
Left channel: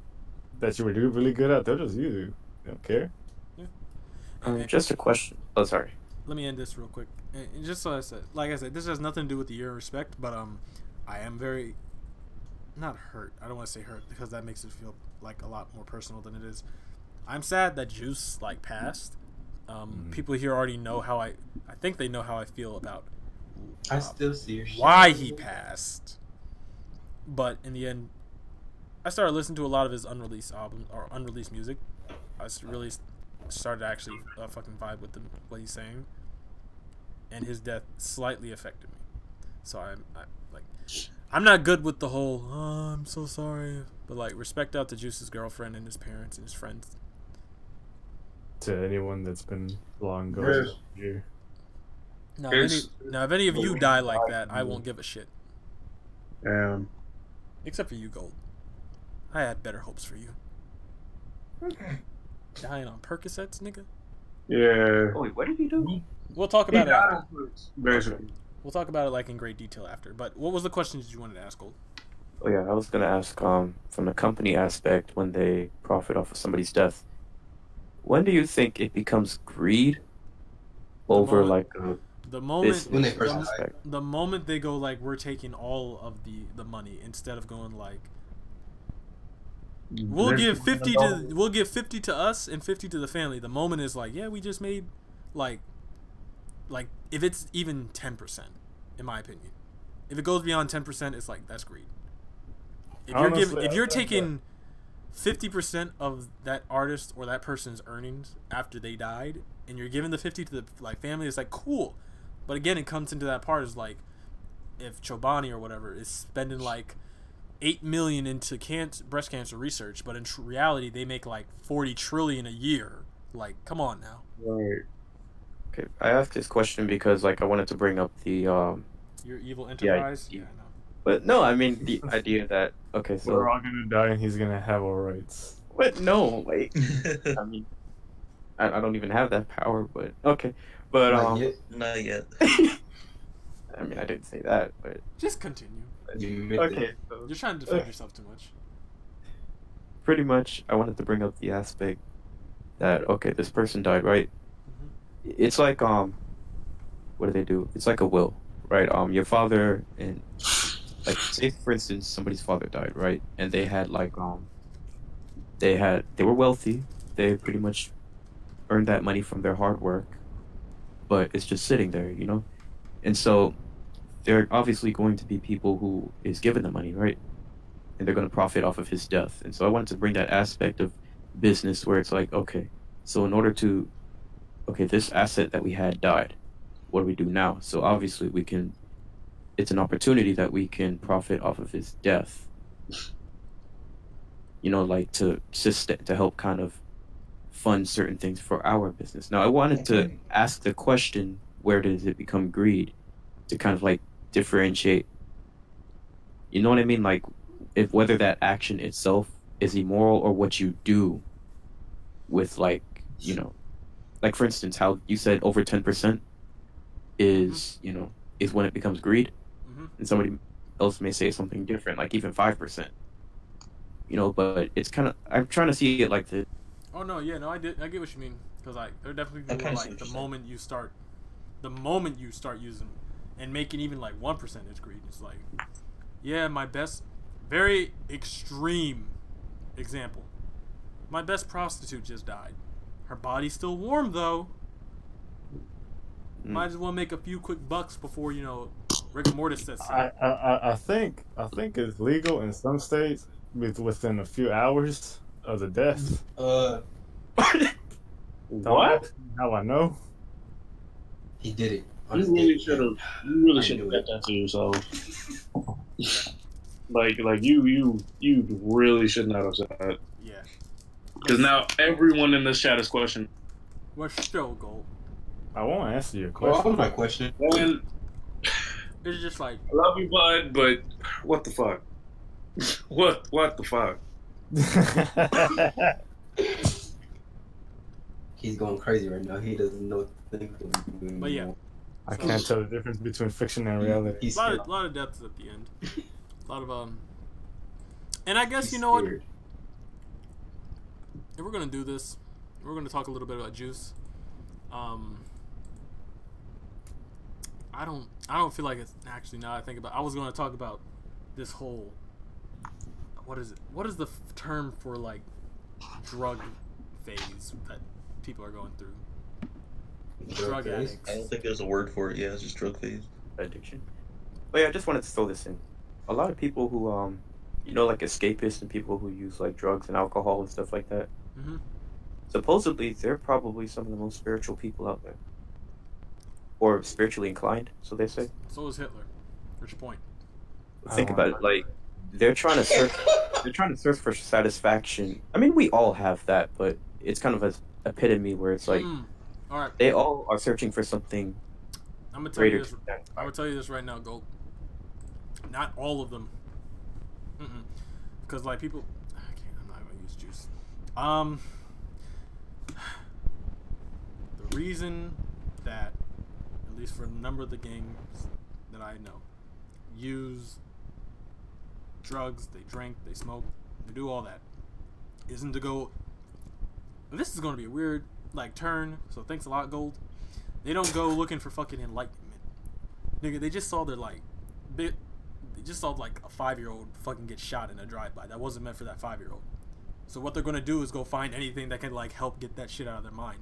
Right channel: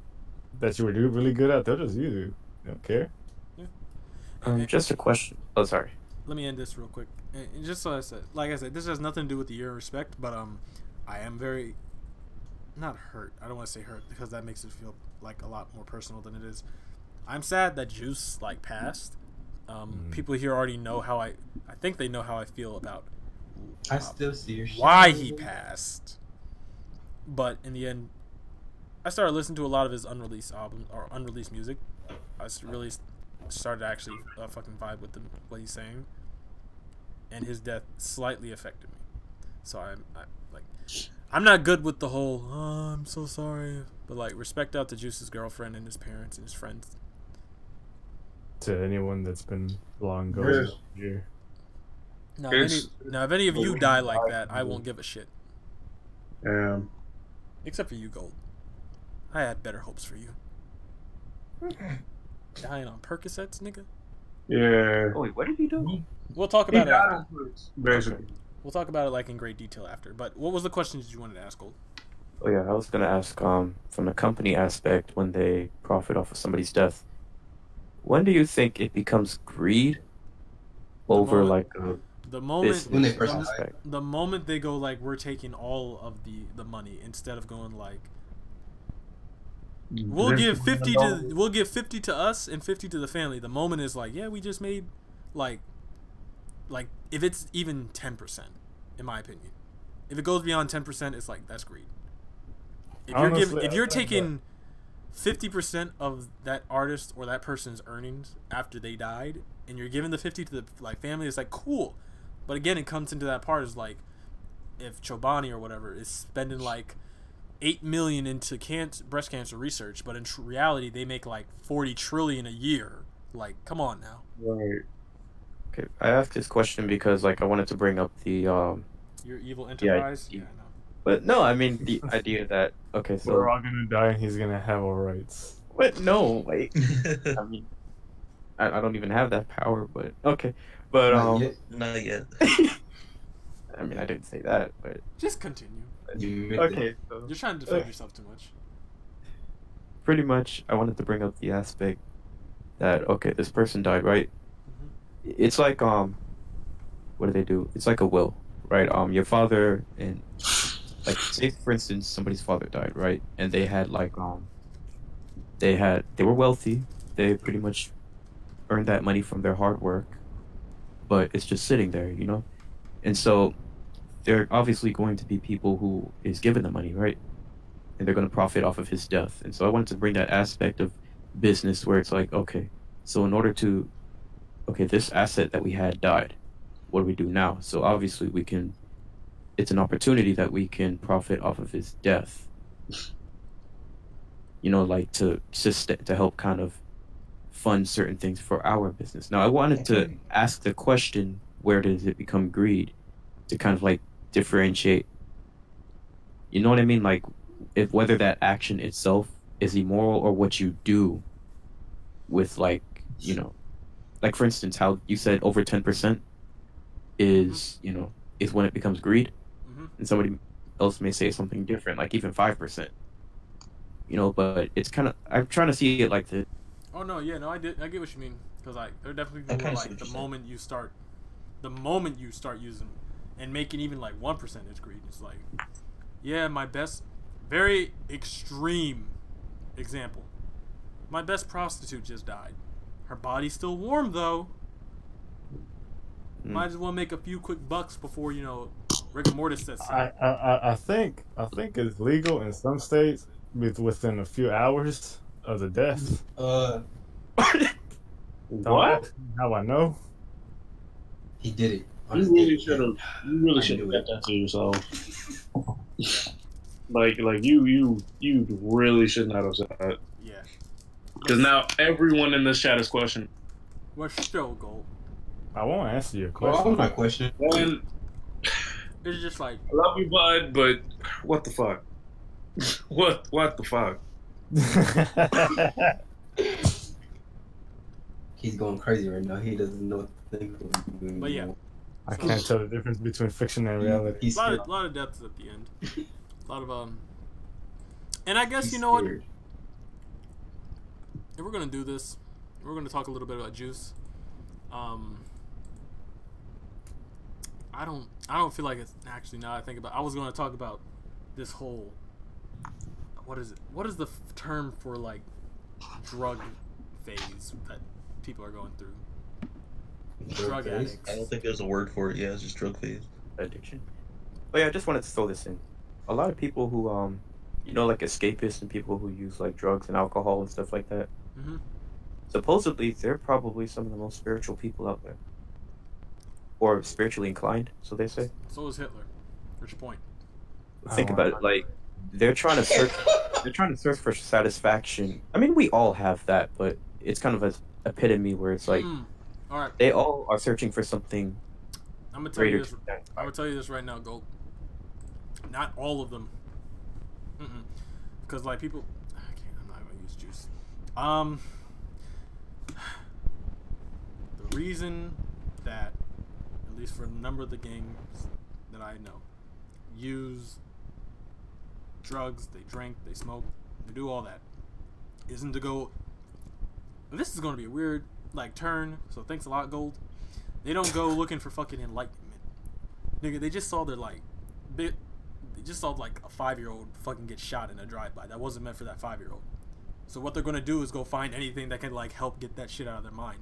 that you were really good at, they'll just use you. They don't care. Yeah. Just a question. Oh, sorry. Let me end this real quick. And just so I said, like I said, this has nothing to do with the year of respect, but I am very, not hurt. I don't want to say hurt because that makes it feel like a lot more personal than it is. I'm sad that Juice like passed. People here already know how I think they know how I feel about I still see your shit. why he passed. But in the end, I started listening to a lot of his unreleased albums or unreleased music. I really started to actually fucking vibe with what he's saying, and his death slightly affected me. So I'm not good with the whole I'm so sorry, but like respect out to Juice's girlfriend and his parents and his friends. To anyone that's been long gone here. Now, if any of you die like that, I won't give a shit. Except for you, Gold. I had better hopes for you. Dying on Percocets, nigga. Yeah. Oh, wait, what did he do? We'll talk about it after. Basically. We'll talk about it like in great detail after. But what was the question that you wanted to ask, Gold? Oh yeah, I was gonna ask from the company aspect, when they profit off of somebody's death, when do you think it becomes greed over the moment when they first the moment they go like, we're taking all of the money, instead of going like, we'll give 50 to us and 50 to the family. The moment is like, yeah, we just made like if it's even 10%, in my opinion. If it goes beyond 10%, it's like, that's greed. If you're taking 50% of that artist or that person's earnings after they died, and you're giving the 50 to the like family. It's like cool, but again, it comes into that part is like if Chobani or whatever is spending like 8 million into breast cancer research, but in reality they make like 40 trillion a year. Like, come on now. Right. Okay, I asked this question because like I wanted to bring up the Your evil enterprise. yeah. Yeah, I know. But no, I mean the idea that okay, so We're all gonna die, and he's gonna have all rights. what? No, like I mean, I don't even have that power, but okay, but Not yet. Not yet. I mean I didn't say that, but Just continue. You admit okay, so You're trying to defend yourself too much. pretty much I wanted to bring up the aspect that okay, this person died, right? It's like what do they do? It's like a will, right? Your father and like say for instance somebody's father died, right? And they had like they were wealthy. They pretty much earned that money from their hard work, but it's just sitting there, you know? And so there are obviously going to be people who is given the money, right? And they're going to profit off of his death. And so I wanted to bring that aspect of business where it's like, okay, so in order to, okay, this asset that we had died. What do we do now? So obviously we can, it's an opportunity that we can profit off of his death. You know, like to help kind of fund certain things for our business. Now I wanted to ask the question, where does it become greed? To kind of like differentiate, you know what I mean? Like if whether that action itself is immoral or what you do with like, you know, like for instance, how you said over 10% is, you know, is when it becomes greed. And somebody else may say something different, like even 5%. You know, but it's kind of, I'm trying to see it like the. Oh no, yeah, no, I get what you mean, because like there are definitely people who are, like the moment you start using and making even like 1% is greed. It's like, yeah, my best, very extreme example. My best prostitute just died. Her body's still warm though. Might as well make a few quick bucks before, you know, rigor mortis sets in. I think it's legal in some states within a few hours of the death. What? Don't ask me how I know. He did it. You really should have. You really should have kept that to yourself. like you really should not have said that. Yeah. Because now everyone in this chat is questioning. What's still gold? I won't answer your Well, question. I'm not questioning. And It's just like, I love you, bud, but what the fuck? What the fuck? He's going crazy right now. He doesn't know what to think. but yeah, I can't tell the difference between fiction and reality. He's a lot of depths at the end. A lot of and I guess you know what? If we're gonna do this, we're gonna talk a little bit about juice. I don't feel like it's actually, now I think about, I was gonna talk about this whole, what is it? What is the term for like drug phase that people are going through? Drug addicts. I don't think there's a word for it. Yeah, it's just drug phase. Addiction. But yeah, I just wanted to throw this in. A lot of people who, you know, like escapists and people who use like drugs and alcohol and stuff like that. Supposedly, they're probably some of the most spiritual people out there, or spiritually inclined, so they say. So is Hitler. What's your point? Think about it, like they're trying to search. They're trying to search for satisfaction. I mean, we all have that, but it's kind of an epitome where it's like, all right, they all are searching for something. I'm gonna tell you this. I'm gonna tell you this right now, Gold. Not all of them. Because like people, I'm not gonna use juice. The reason that, at least for a number of the gangs that I know, use drugs, they drink, they smoke, they do all that, isn't to go. This is gonna be a weird like turn. So thanks a lot, Gold. They don't go looking for fucking enlightenment, nigga. They just saw their like bit. They just saw like a 5-year-old fucking get shot in a drive-by. That wasn't meant for that 5-year-old. So what they're gonna do is go find anything that can like help get that shit out of their mind.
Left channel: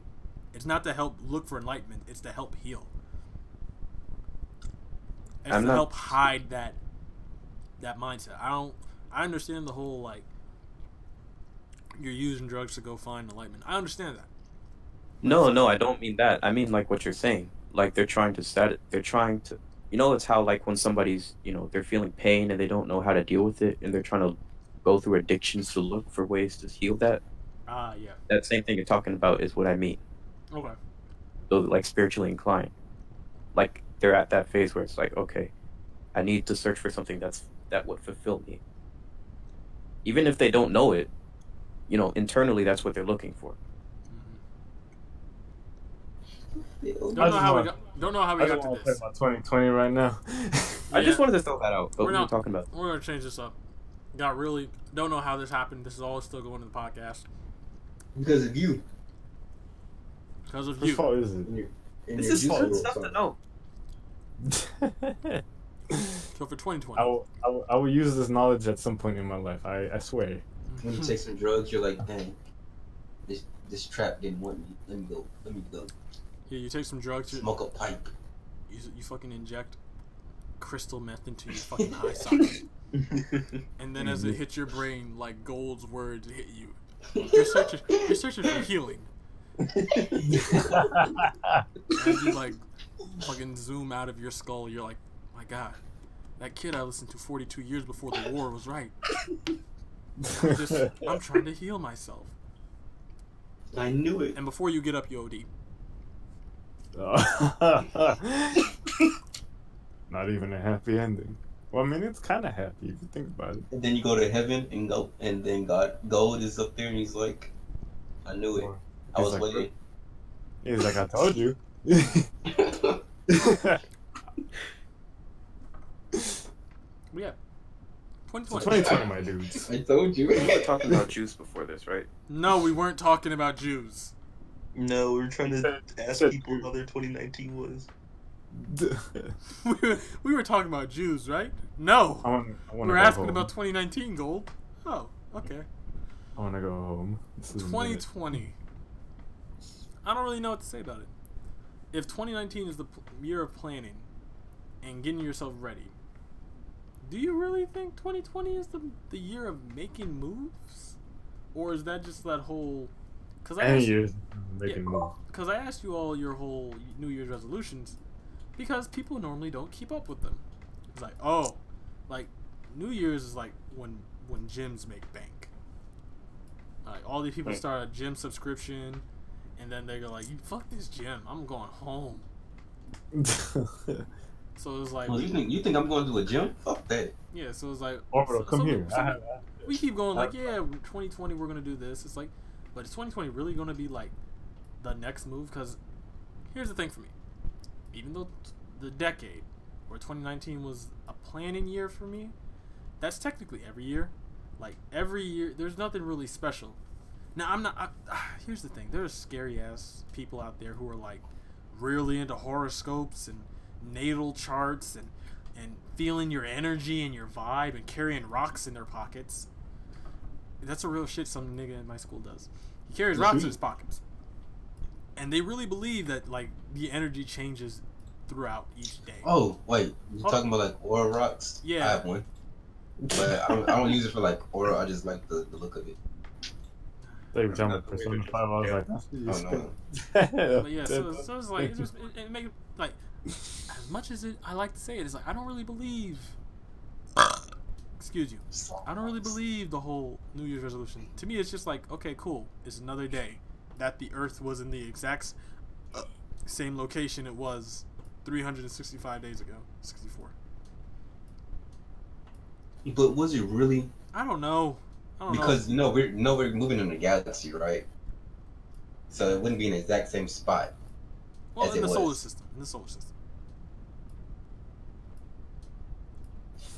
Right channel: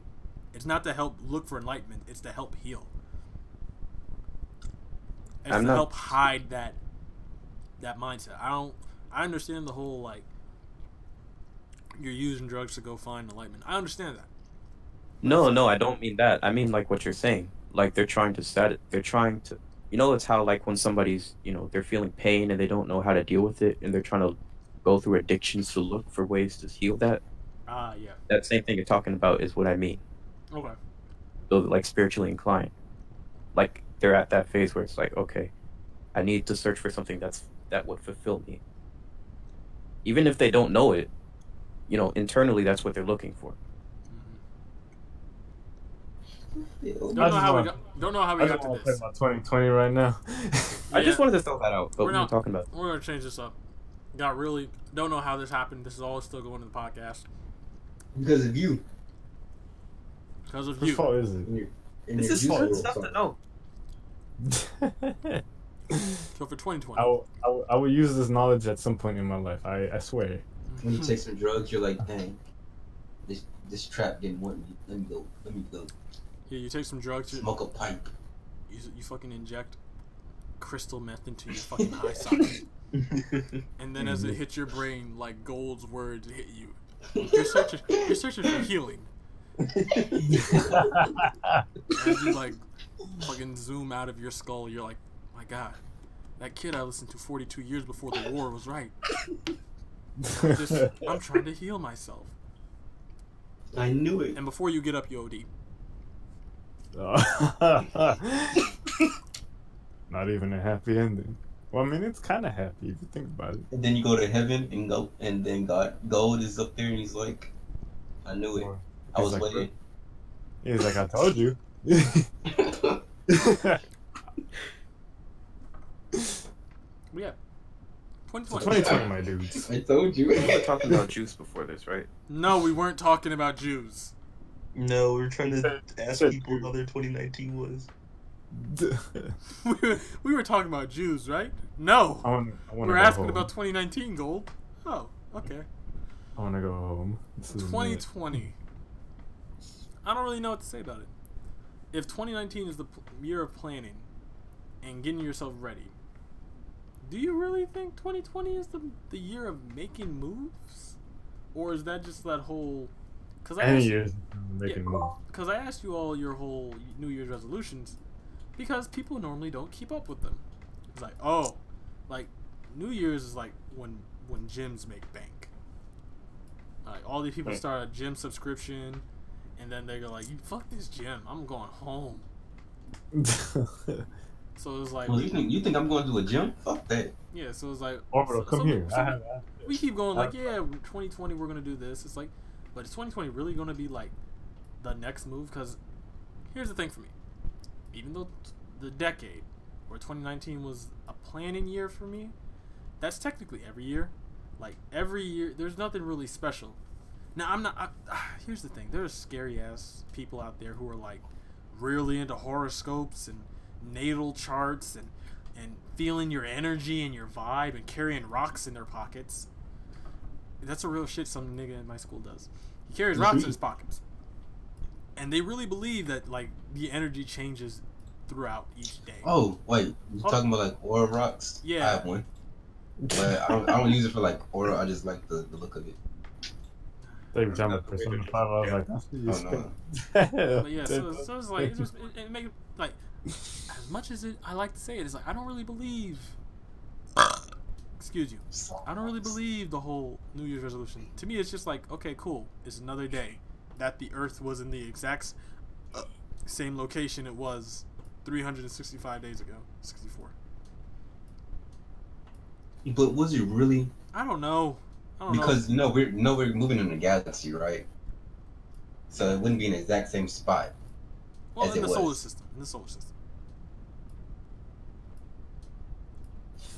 It's not to help look for enlightenment. It's to help heal. It's to help hide that mindset. I understand the whole like you're using drugs to go find enlightenment. I understand that. No, no, I don't mean that. I mean like what you're saying. Like they're trying to you know, it's how like when somebody's, you know, they're feeling pain and they don't know how to deal with it and they're trying to go through addictions to look for ways to heal that. Yeah. That same thing you're talking about is what I mean. Okay. So like spiritually inclined. Like they're at that phase where it's like, okay, I need to search for something that would fulfill me. Even if they don't know it, you know, internally that's what they're looking for. Don't know how we got to play this. my 2020 right now. I just wanted to throw that out. But We're we were not talking about. We're gonna change this up. Don't know how this happened. This is all still going to the podcast Because of you. because of Whose you. fault is it? And This your is juice fun world, stuff so. to know. So for 2020, I will use this knowledge at some point in my life. I swear. When you take some drugs, you're like, dang, this trap didn't want me. Let me go. yeah, you take some drugs. Smoke a pipe. You fucking inject crystal meth into your fucking eye socket, and then as it hits your brain, like Gold's words hit you. You're searching for healing. As you like fucking zoom out of your skull, you're like, my God, that kid I listened to 42 years before the war was right. I'm trying to heal myself. I knew it. And before you get up, you OD. Not even a happy ending. Well, I mean, it's kind of happy if you think about it. And then you go to heaven and then Gold is up there and he's like, I knew it. I was He's like, waiting. He's like, I told you. But yeah, 2020. 2020, my dudes. I told you. We were talking about juice before this, right? No, we weren't talking about Jews. No, we were trying to ask said people how their 2019 was. We were talking about Jews, right? No. I wanna We were go asking home. about 2019, Gold. Oh, okay. I want to go home. This is 2020. I don't really know what to say about it. If 2019 is the year of planning and getting yourself ready, do you really think 2020 is the year of making moves? Or is that just that whole... Because Any years making moves. Because I asked you all your whole New Year's resolutions because people normally don't keep up with them. It's like, oh, like New Year's is like when gyms make bank. Like all these people start a gym subscription, and then they go like, "You fuck this gym, I'm going home." So it's like, Well, you think I'm going to a gym? Fuck that. yeah. So it's like, Orbital, come here. we keep going like, yeah, 2020 we're gonna do this. It's like, but is 2020 really gonna be like the next move? Because here's the thing for me. Even though the decade where 2019 was a planning year for me, that's technically every year. Like every year, there's nothing really special. Now I'm not. Here's the thing: there's scary ass people out there who are like really into horoscopes and natal charts and feeling your energy and your vibe and carrying rocks in their pockets. That's a real shit some nigga in my school does. He carries rocks in his pockets. And they really believe that like the energy changes throughout each day. Oh, wait. You're talking about like aura rocks? Yeah. I have one. But I don't use it for like aura. I just like the look of it. Every time I Persona 5, I was like, that's what you Oh, no. But yeah, so it's like it make like as much as I like to say it, it's like I don't really believe. Excuse you. I don't really believe the whole New Year's resolution. To me, it's just like, okay, cool. It's another day that the Earth was in the exact same location it was 365 days ago. 64. But was it really? I don't know. Because we're moving in a galaxy, right? So it wouldn't be in the exact same spot. Well, as in it the solar was. system.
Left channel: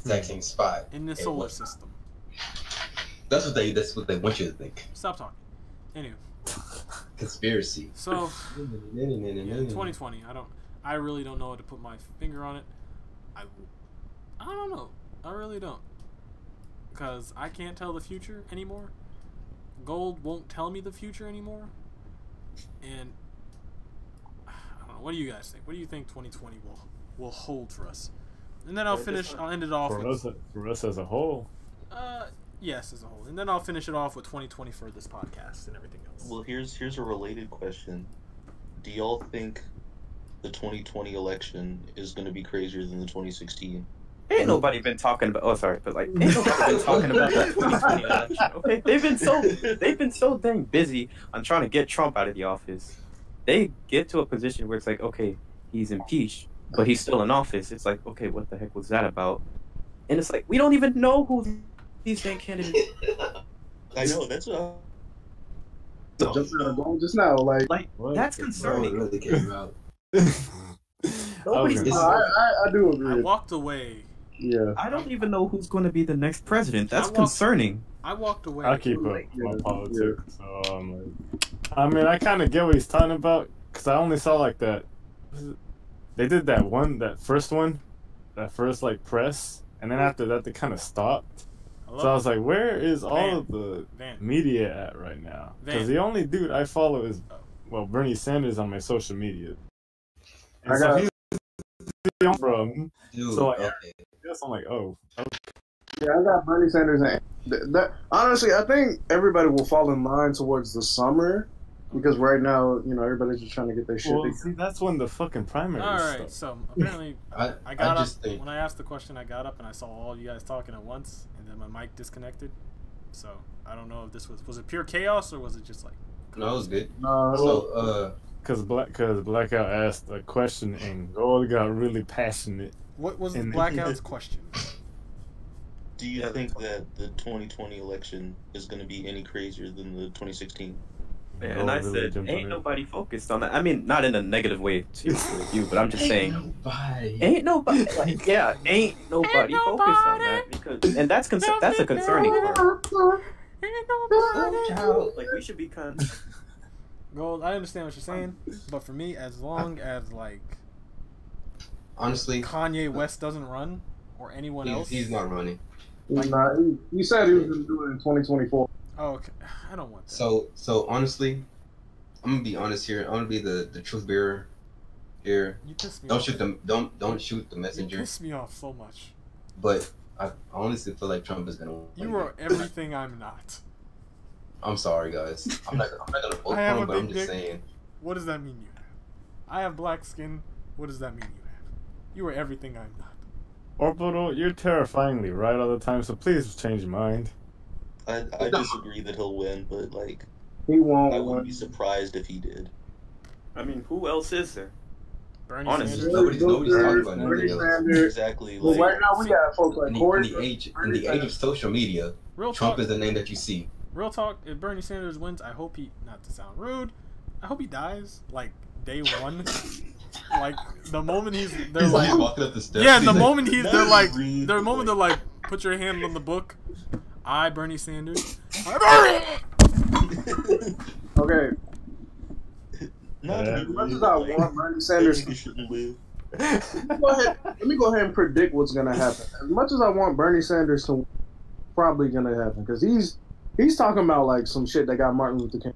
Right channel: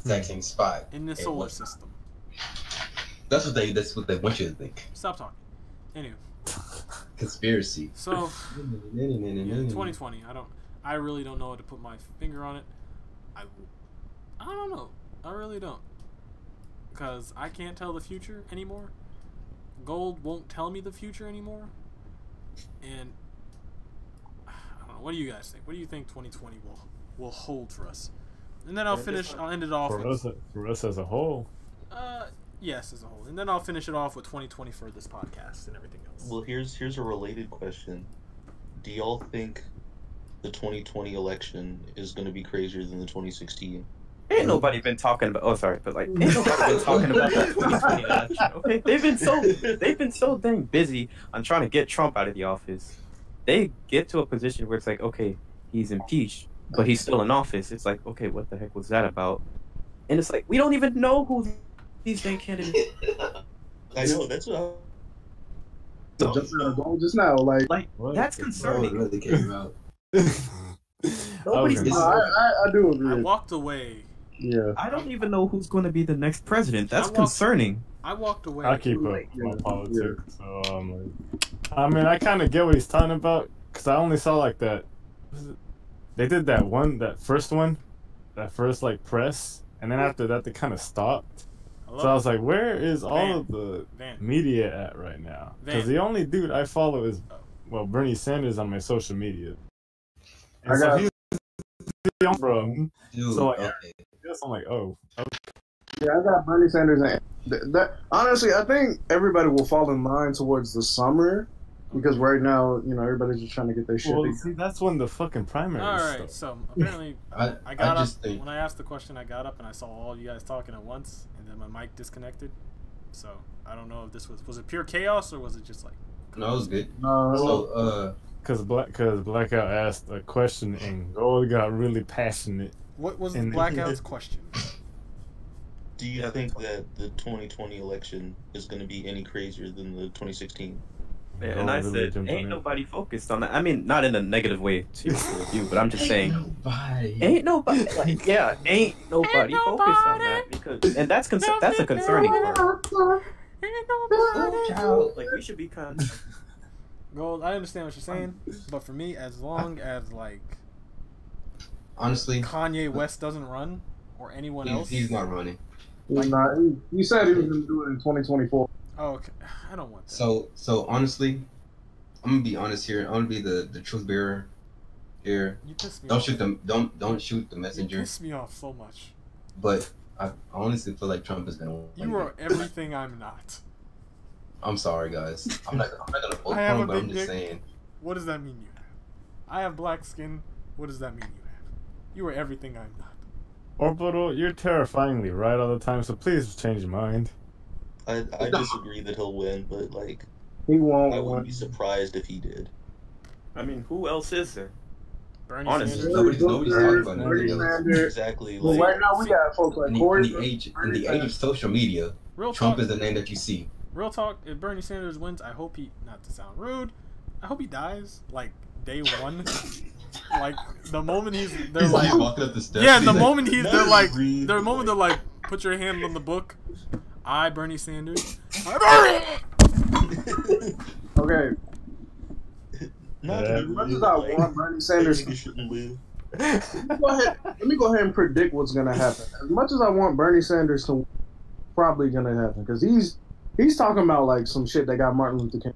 Exact same spot. In the It solar was. system. That's what they want you to think. Stop talking. Anyway, Conspiracy. so yeah, 2020. I really don't know how to put my finger on it. I don't know. I really don't. Because I can't tell the future anymore. Gold won't tell me the future anymore. And I don't know. What do you guys think? What do you think 2020 will hold for us? And then I'll end it off for with us as a whole. Yes, as a whole. And then I'll finish it off with 2020 for this podcast and everything else. Well, here's a related question. Do y'all think the 2020 election is going to be crazier than the 2016? Ain't nobody been talking about. Oh, sorry, but like, ain't nobody been talking about that 2020 election. Okay, they've been so dang busy on trying to get Trump out of the office. They get to a position where it's like, okay, he's impeached, but he's still in office. It's like, okay, what the heck was that about? And it's like, we don't even know who these dang candidates. I know, that's what. Just now, like that's concerning. Really came out. Nobody's. I do agree. I walked away. Yeah. I don't even know who's going to be the next president. That's concerning. I walked away. I keep up my politics. So, I mean, I kind of get what he's talking about because I only saw like that. They did that first like press, and then after that they kind of stopped. So I was like, where is all of the media at right now? Because the only dude I follow is, Bernie Sanders on my social media. And so he's from. Dude, so like, okay. I'm like, oh. Okay. Yeah, I got Bernie Sanders. That honestly, I think everybody will fall in line towards the summer because right now, everybody's just trying to get their shit. Well, see, that's when the fucking primary. All right, so apparently, I got up when I asked the question. I got up and I saw all you guys talking at once, and then my mic disconnected. So I don't know if this was it pure chaos or was it just like? No, it was good. So, because Blackout asked a question and Gold got really passionate. What was the Blackout's question? Do you think that the 2020 election is going to be any crazier than the 2016? Yeah, and I said, ain't nobody focused on that. I mean, not in a negative way to you, but I'm just saying, ain't nobody like, yeah, ain't nobody focused on that because, and that's a concerning part. Ain't nobody. Like we should be kind of. Gold, I understand what you're saying, but for me, as long as like, honestly, Kanye West doesn't run or anyone else, he's not running. He said he was going to do it in 2024. Oh, okay. I don't want that. So honestly, I'm gonna be honest here. I'm gonna be the truth bearer here. You piss me don't off. Shoot them. Don't shoot the messenger. You piss me off so much. But I honestly feel like Trump is gonna win. You are everything I'm not. I'm sorry, guys. I'm not gonna vote I have for a him, but big I'm just dick. saying. What does that mean you have? I have black skin. What does that mean you have? You are everything I'm not. Orbital, you're terrifyingly right all the time, so please change your mind. I disagree that he'll win, but like He won't. I wouldn't be surprised if he did. I mean, who else is there? Bernie Honestly. Sanders. Nobody's talking about Bernie anything else. Sanders. Exactly. Well, Like, right now we got folks like In Corey. the age of social media, Real Trump talk. is the name that you see. Real talk. If Bernie Sanders wins, I hope he. Not to sound rude, I hope he dies like day one. Like the moment they're like, walking up the steps. yeah, he's the like, moment they're like, breathe. the moment they're like, put your hand on the book. I, Bernie Sanders. Okay. not Yeah. As much as I want Bernie Sanders he shouldn't live. let me go ahead and predict what's gonna happen. As much as I want Bernie Sanders to, probably gonna happen because he's talking about like some shit that got Martin Luther King,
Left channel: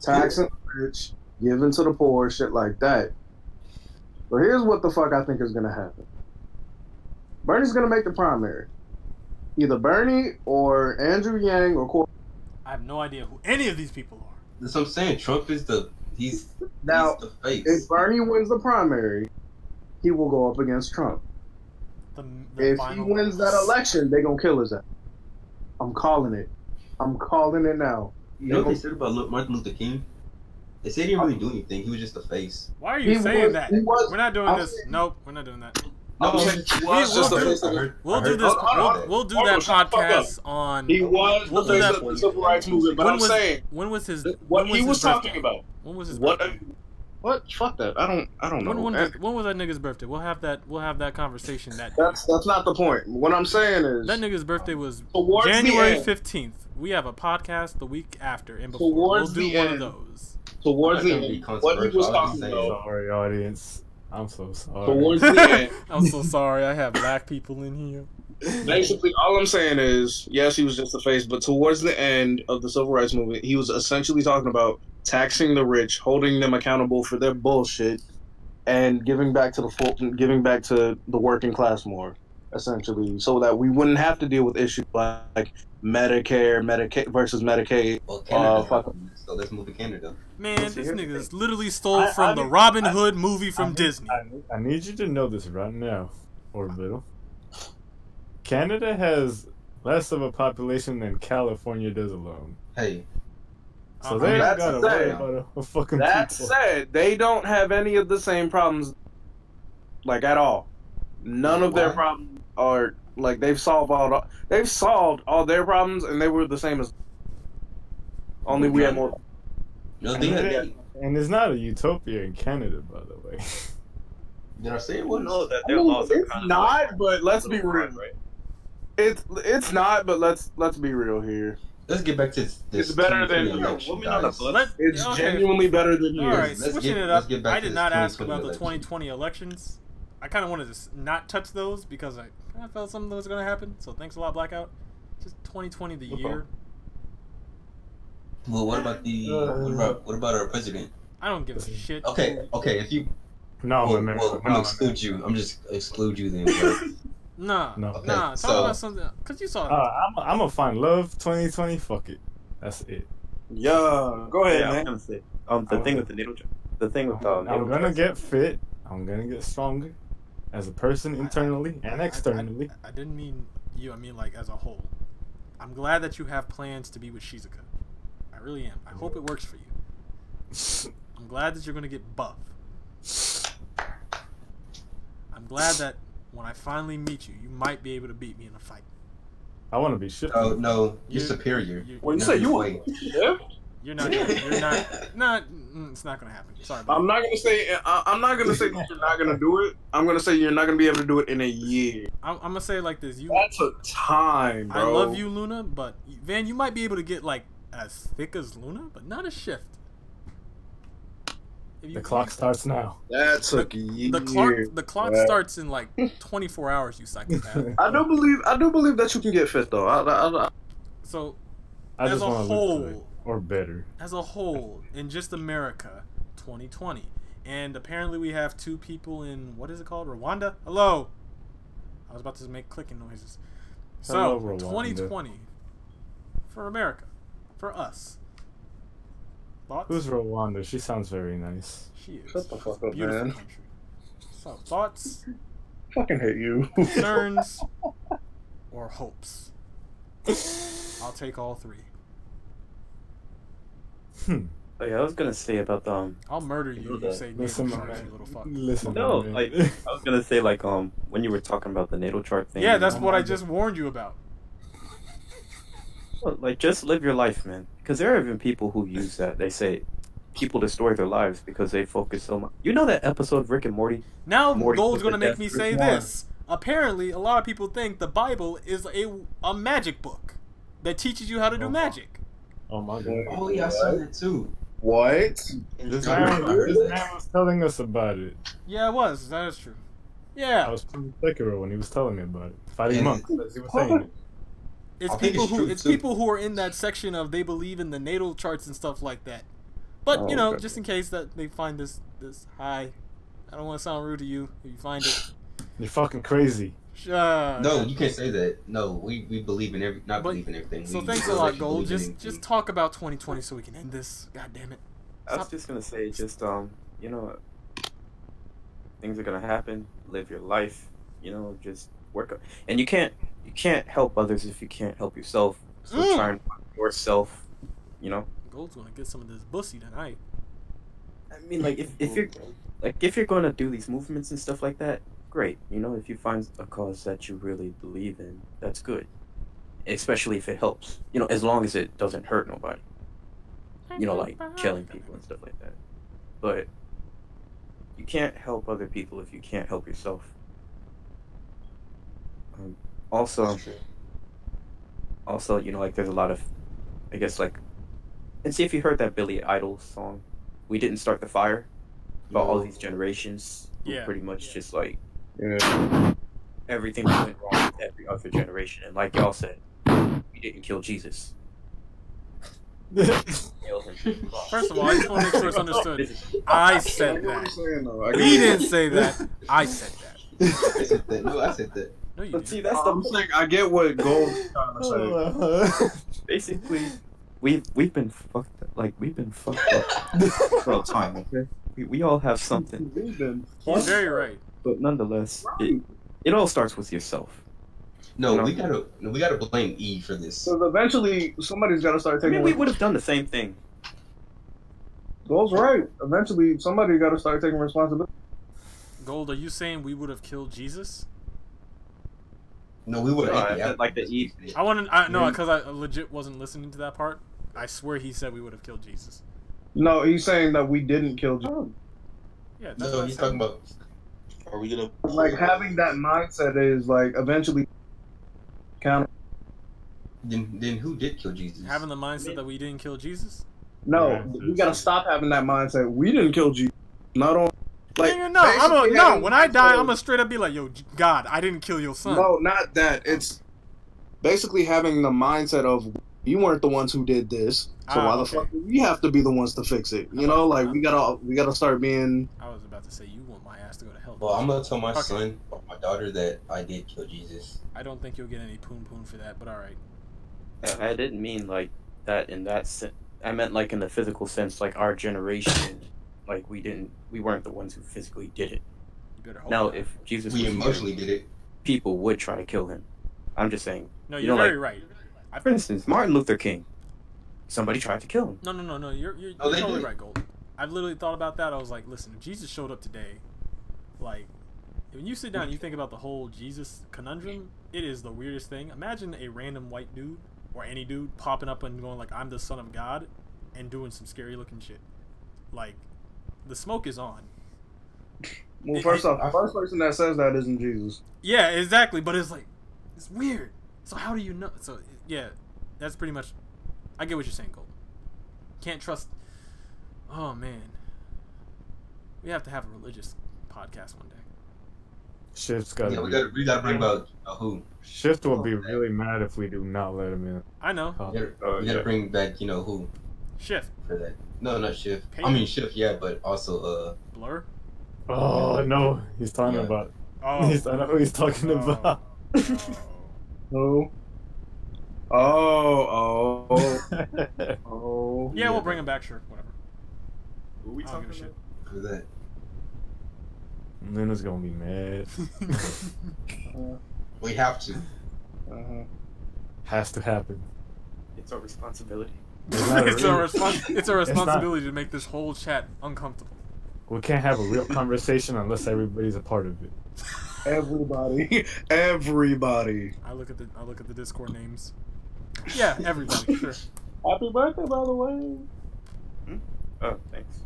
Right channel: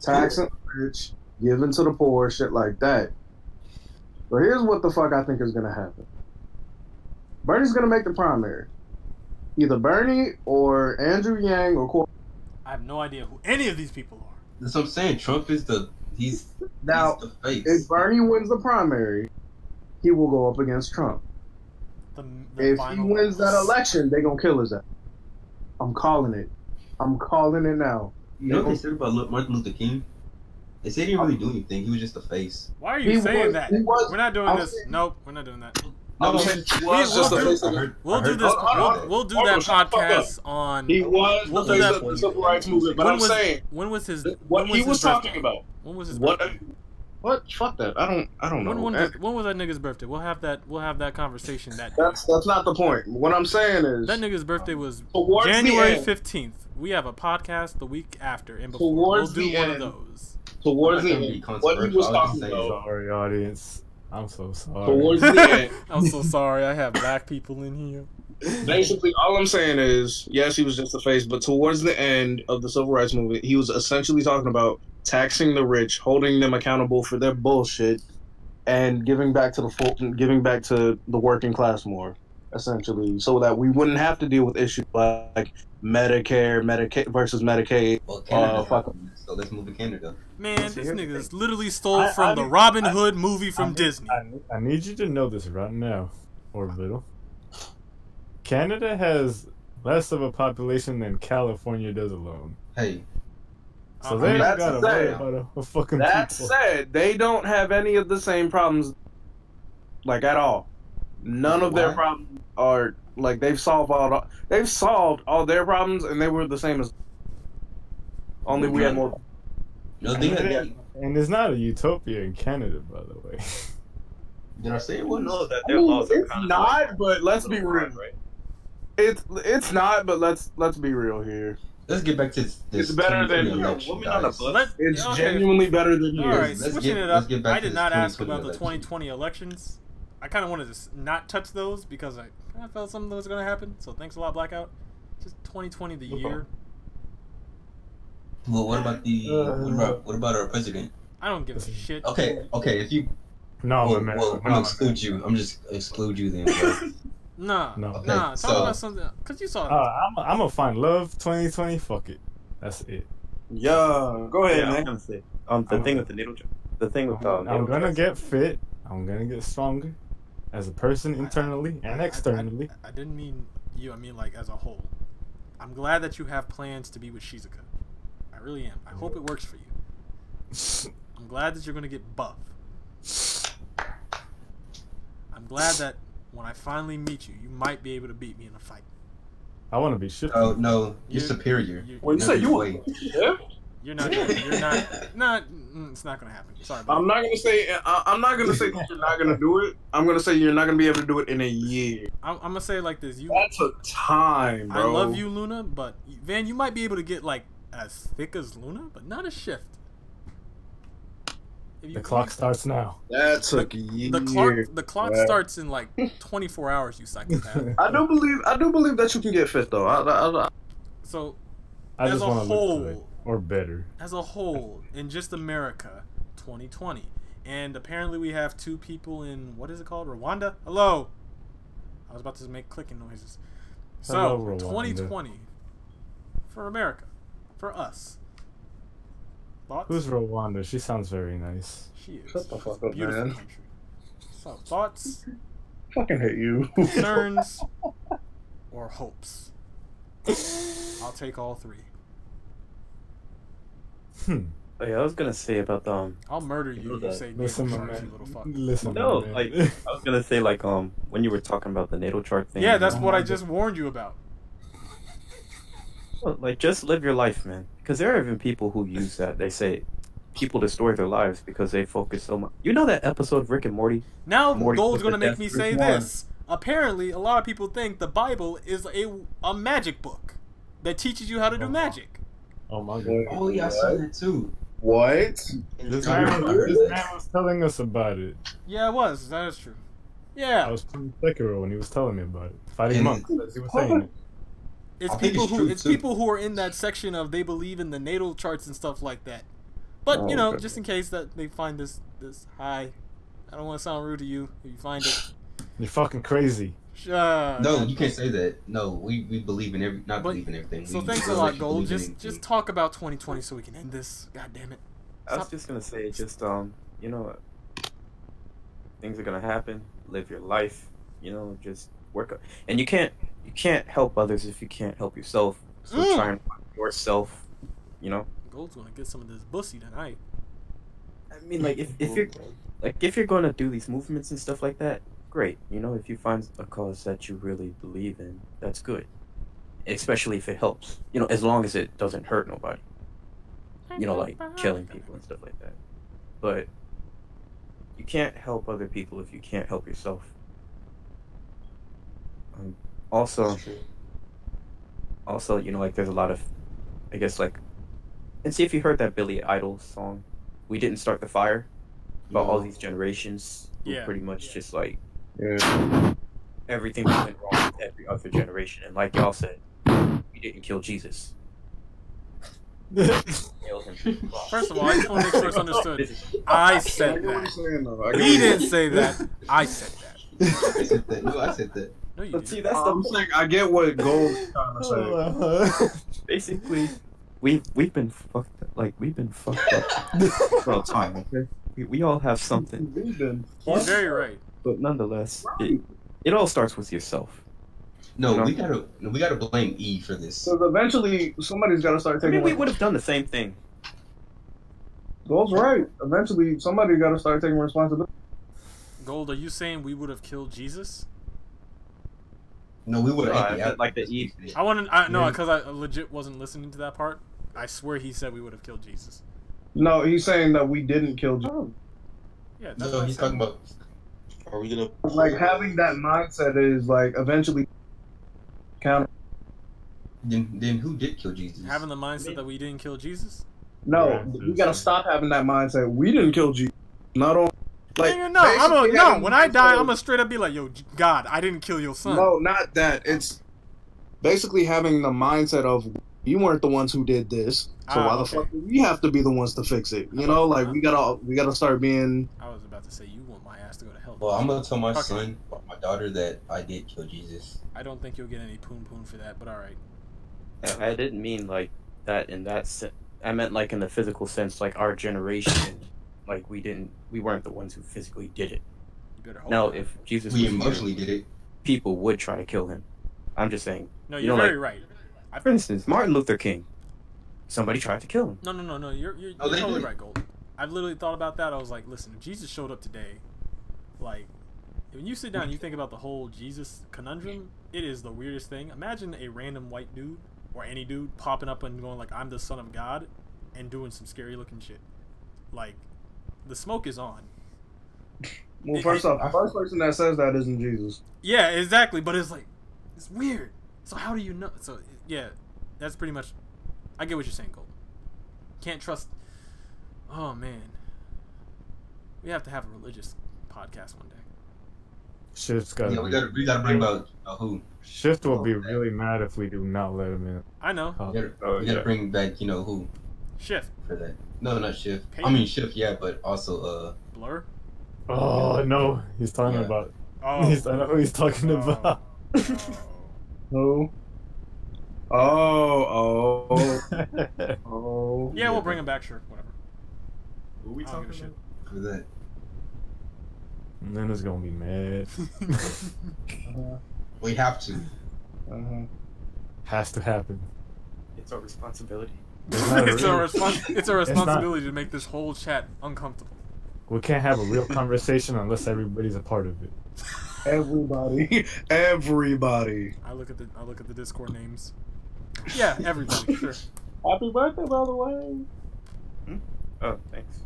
taxing the rich, giving to the poor, shit like that. But here's what the fuck I think is gonna happen. Bernie's gonna make the primary, either Bernie or Andrew Yang or Corey. I have no idea who any of these people are. That's what I'm saying. Trump is he's Now, the face. if Bernie wins the primary, he will go up against Trump. The If he final wins that election, they gonna kill his ass. I'm calling it. I'm calling it now. You know what they said about Martin Luther King? They said he didn't really do anything. He was just a face. Why are you saying that? he was- We're not doing I'm this. saying- Nope, we're not doing that. I'm No, saying he was we'll just a do- face. We'll do this. We'll do that podcast on. He was We'll the do face that. of the civil rights movement, but When I'm was saying when was his what when was he his was birthday? talking about. When was his What? birthday? What? Fuck that. I don't know. When was that nigga's birthday? We'll have that conversation that day. that's not the point. What I'm saying is That nigga's birthday was towards the January end. 15th. We have a podcast the week after and before. Towards We'll do the one end. of those. towards I'm the not gonna be end, what he controversial. was I was talking just saying. about. Sorry, audience. I'm so sorry. Towards the end, I'm so sorry. I have black people in here. basically, all I'm saying is, yes, he was just a face, but towards the end of the civil rights movement, he was essentially talking about taxing the rich, holding them accountable for their bullshit, and giving back to the working class more. essentially, so that we wouldn't have to deal with issues like Medicare, Medicaid versus Medicaid. Well, Canada's fuck. not, so let's move to Canada. Man, this nigga literally stole from the Robin Hood movie from Disney. I need you to know this right now, Orbital. Canada has less of a population than California does alone. Hey, So they don't That's gotta sad. worry about a fucking That people. said, they don't have any of the same problems, like at all. None of their Why? problems are like they've solved all their problems, and they were the same as. Only we had more. no, And, they it- had. and it's not a utopia in Canada, by the way. Did I say it was? know that I their mean, laws are it's kind of not, like but let's a be little real. hard, right? It's not, but let's be real here. Let's get back to this. It's better than- 2020 election, women on the guys. bus. Let, It's okay. genuinely better than All yours. right, Let's switching get- it let's up. get back I to did this not ask 2020 about the election. 2020 elections. I kind of wanted to not touch those because I kind of felt something was going to happen. So thanks a lot, Blackout. Just 2020, the year. Well, what about what about our president? I don't give a shit. Okay, if you No, well, man. I'm gonna exclude you. I'm just exclude you then, bro. Nah, No. Okay, nah. Talk so- about something. Because you saw I'm gonna find love 2020. Fuck it. That's it. Yeah, go ahead, Yeah, I was man. gonna say the thing with the needle job. The thing with I'm needle gonna job. get fit. I'm gonna get stronger as a person internally and externally. I didn't mean you. I mean like as a whole. I'm glad that you have plans to be with Shizuka. I really am. I hope it works for you. I'm glad that you're gonna get buff. I'm glad that when I finally meet you, you might be able to beat me in a fight. I want to be shifted. Oh no, you're You- superior. Well, you No, said you wait. were. Yeah. You're not. You're not. Not. It's not gonna happen. Sorry. Buddy. I'm not gonna say. I'm not gonna say that you're not gonna do it. I'm gonna say you're not gonna be able to do it in a year. I'm gonna say it like this. You. That's a time, bro. I love you, Luna, but Van, you might be able to get like as thick as Luna, but not as Shift. If The clock starts now. That took years. The clock Yeah. starts in like 24 hours. You psychopath. I do believe that you can get fit though. So I As just a want to whole- look good, or better. as a whole, in just America, 2020, and apparently we have 2 people in what is it called, Rwanda? Hello. I was about to make clicking noises. So Hello, Rwanda. 2020 for America, for us. Thoughts? Who's Rwanda? She sounds very nice. She is. Shut the She's fuck a up, beautiful man. country. So thoughts, fucking hate you. concerns, or hopes? I'll take all 3. Oh, yeah, I was gonna say about I'll murder you if you say Listen, natal my charts, man. you little fuck. Listen, no, man. like I was gonna say like when you were talking about the natal chart thing. Yeah, that's what I just warned you about. Well, like just live your life, man. Because there are even people who use that. They say people destroy their lives because they focus so much. You know that episode of Rick and Morty? Now Morty Gold's put gonna the make me death say proof on. this. Apparently, a lot of people think the Bible is a magic book that teaches you how to do magic. Oh my god. Oh yeah, I saw that too. What? This I man heard was telling us about it. Yeah, it was. That is true. I Yeah, was playing Sekiro when he was telling me about it. Fighting And- monks, as he was saying it. it's I think people it's who true, it's too. people who are in that section of they believe in the natal charts and stuff like that. But you know, okay. just in case that they find this high, I don't want to sound rude to you if you find it. You're fucking crazy. No, you can't say that. No, we believe in not But- believe in everything. So We thanks a actually lot, Gold. believe in Just anything. talk about 2020 so we can end this. God damn it. I was Stop. just gonna say, just you know, things are gonna happen. Live your life. You know, just work. And you can't help others if you can't help yourself. So try and find yourself. You know. Gold's gonna get some of this bussy tonight. I mean, like if you're gonna do these movements and stuff like that, great. You know, if you find a cause that you really believe in, that's good. Especially if it helps. You know, as long as it doesn't hurt nobody. You know, like killing people and stuff like that. But you can't help other people if you can't help yourself. Also, you know, like there's a lot of, I guess, like, and see if you heard that Billy Idol song, "We Didn't Start the Fire," about all these generations. Who Yeah. pretty much just like Yeah. everything that went wrong with every other generation, and like y'all said, we didn't kill Jesus. Nailed him to the cross. First of all, I just want to make sure it's understood. I said I get what that. you're saying, though. I get We what you're didn't say that. I said that. I said that. No, I said that. No, you But didn't. see, that's I'm the saying I get what Gold is trying to say. basically we've been fucked up for a time. Okay, we all have something, We've been He's very right. but nonetheless, it all starts with yourself. No, You know? we gotta blame E for this. Because eventually somebody's got to start I taking. mean, we would have done the same thing. Gold's right. Eventually somebody got to start taking responsibility. Gold, are you saying we would have killed Jesus? No, we would No, have I meant like the E. I want to. No, because I legit wasn't listening to that part. I swear he said we would have killed Jesus. No, he's saying that we didn't kill Jesus. Yeah, that's No, what I he's said. talking about. Are we gonna? Like having that mindset is like eventually count. Then who did kill Jesus? Having the mindset that we didn't kill Jesus. No, Yeah, we got to stop having that mindset. We didn't kill Jesus. Not on. Like, Nigga, no, I'm basically no. having When I die, mindset I'm gonna straight up be like, "Yo, God, I didn't kill your son." No, not that. It's basically having the mindset of you weren't the ones who did this, so why the okay. fuck do we have to be the ones to fix it? You know, like we gotta start being. I was about to say you want my ass to go to hell. Well, I'm gonna tell my Okay. son or my daughter that I did kill Jesus. I don't think you'll get any poon poon for that, but all right. I didn't mean like that in that sense. I meant like in the physical sense, like our generation, like we weren't the ones who physically did it. You better hope Now, not. if Jesus We was emotionally here, did it. people would try to kill him. I'm just saying. No, you you're know, very like, right. For instance, Martin Luther King. Somebody tried to kill him. No. You're Oh, they totally did. right, Gold. I've literally thought about that. I was like, listen, if Jesus showed up today, like, when you sit down and you think about the whole Jesus conundrum, it is the weirdest thing. Imagine a random white dude or any dude popping up and going like, "I'm the son of God," and doing some scary looking shit. Like, the smoke is on. Well, first off, the first person that says that isn't Jesus. Yeah, exactly. But it's like, it's weird. So how do you know? So yeah, that's pretty much. I get what you're saying, Gold. Can't trust. Oh man, we have to have a religious podcast one day. Shift's got. Yeah, we gotta bring about who. Shift will be really mad if we do not let him in. I know. We gotta bring back who Shift. for that. No, not Shift. Peyton? I mean Shift, yeah, but also Blur. Oh no, he's talking Yeah. about. Oh. I know who he's talking about. Who? Oh. Yeah, we'll bring him back. Sure, whatever. Who we I don't give a shit. for that. Luna's gonna be mad. We have to. Uh-huh. Has to happen. It's our responsibility. It's our responsibility not- to make this whole chat uncomfortable. We can't have a real conversation unless everybody's a part of it. Everybody. I look at the Discord names. Yeah, everybody. Sure. Happy birthday, by the way. Oh, thanks.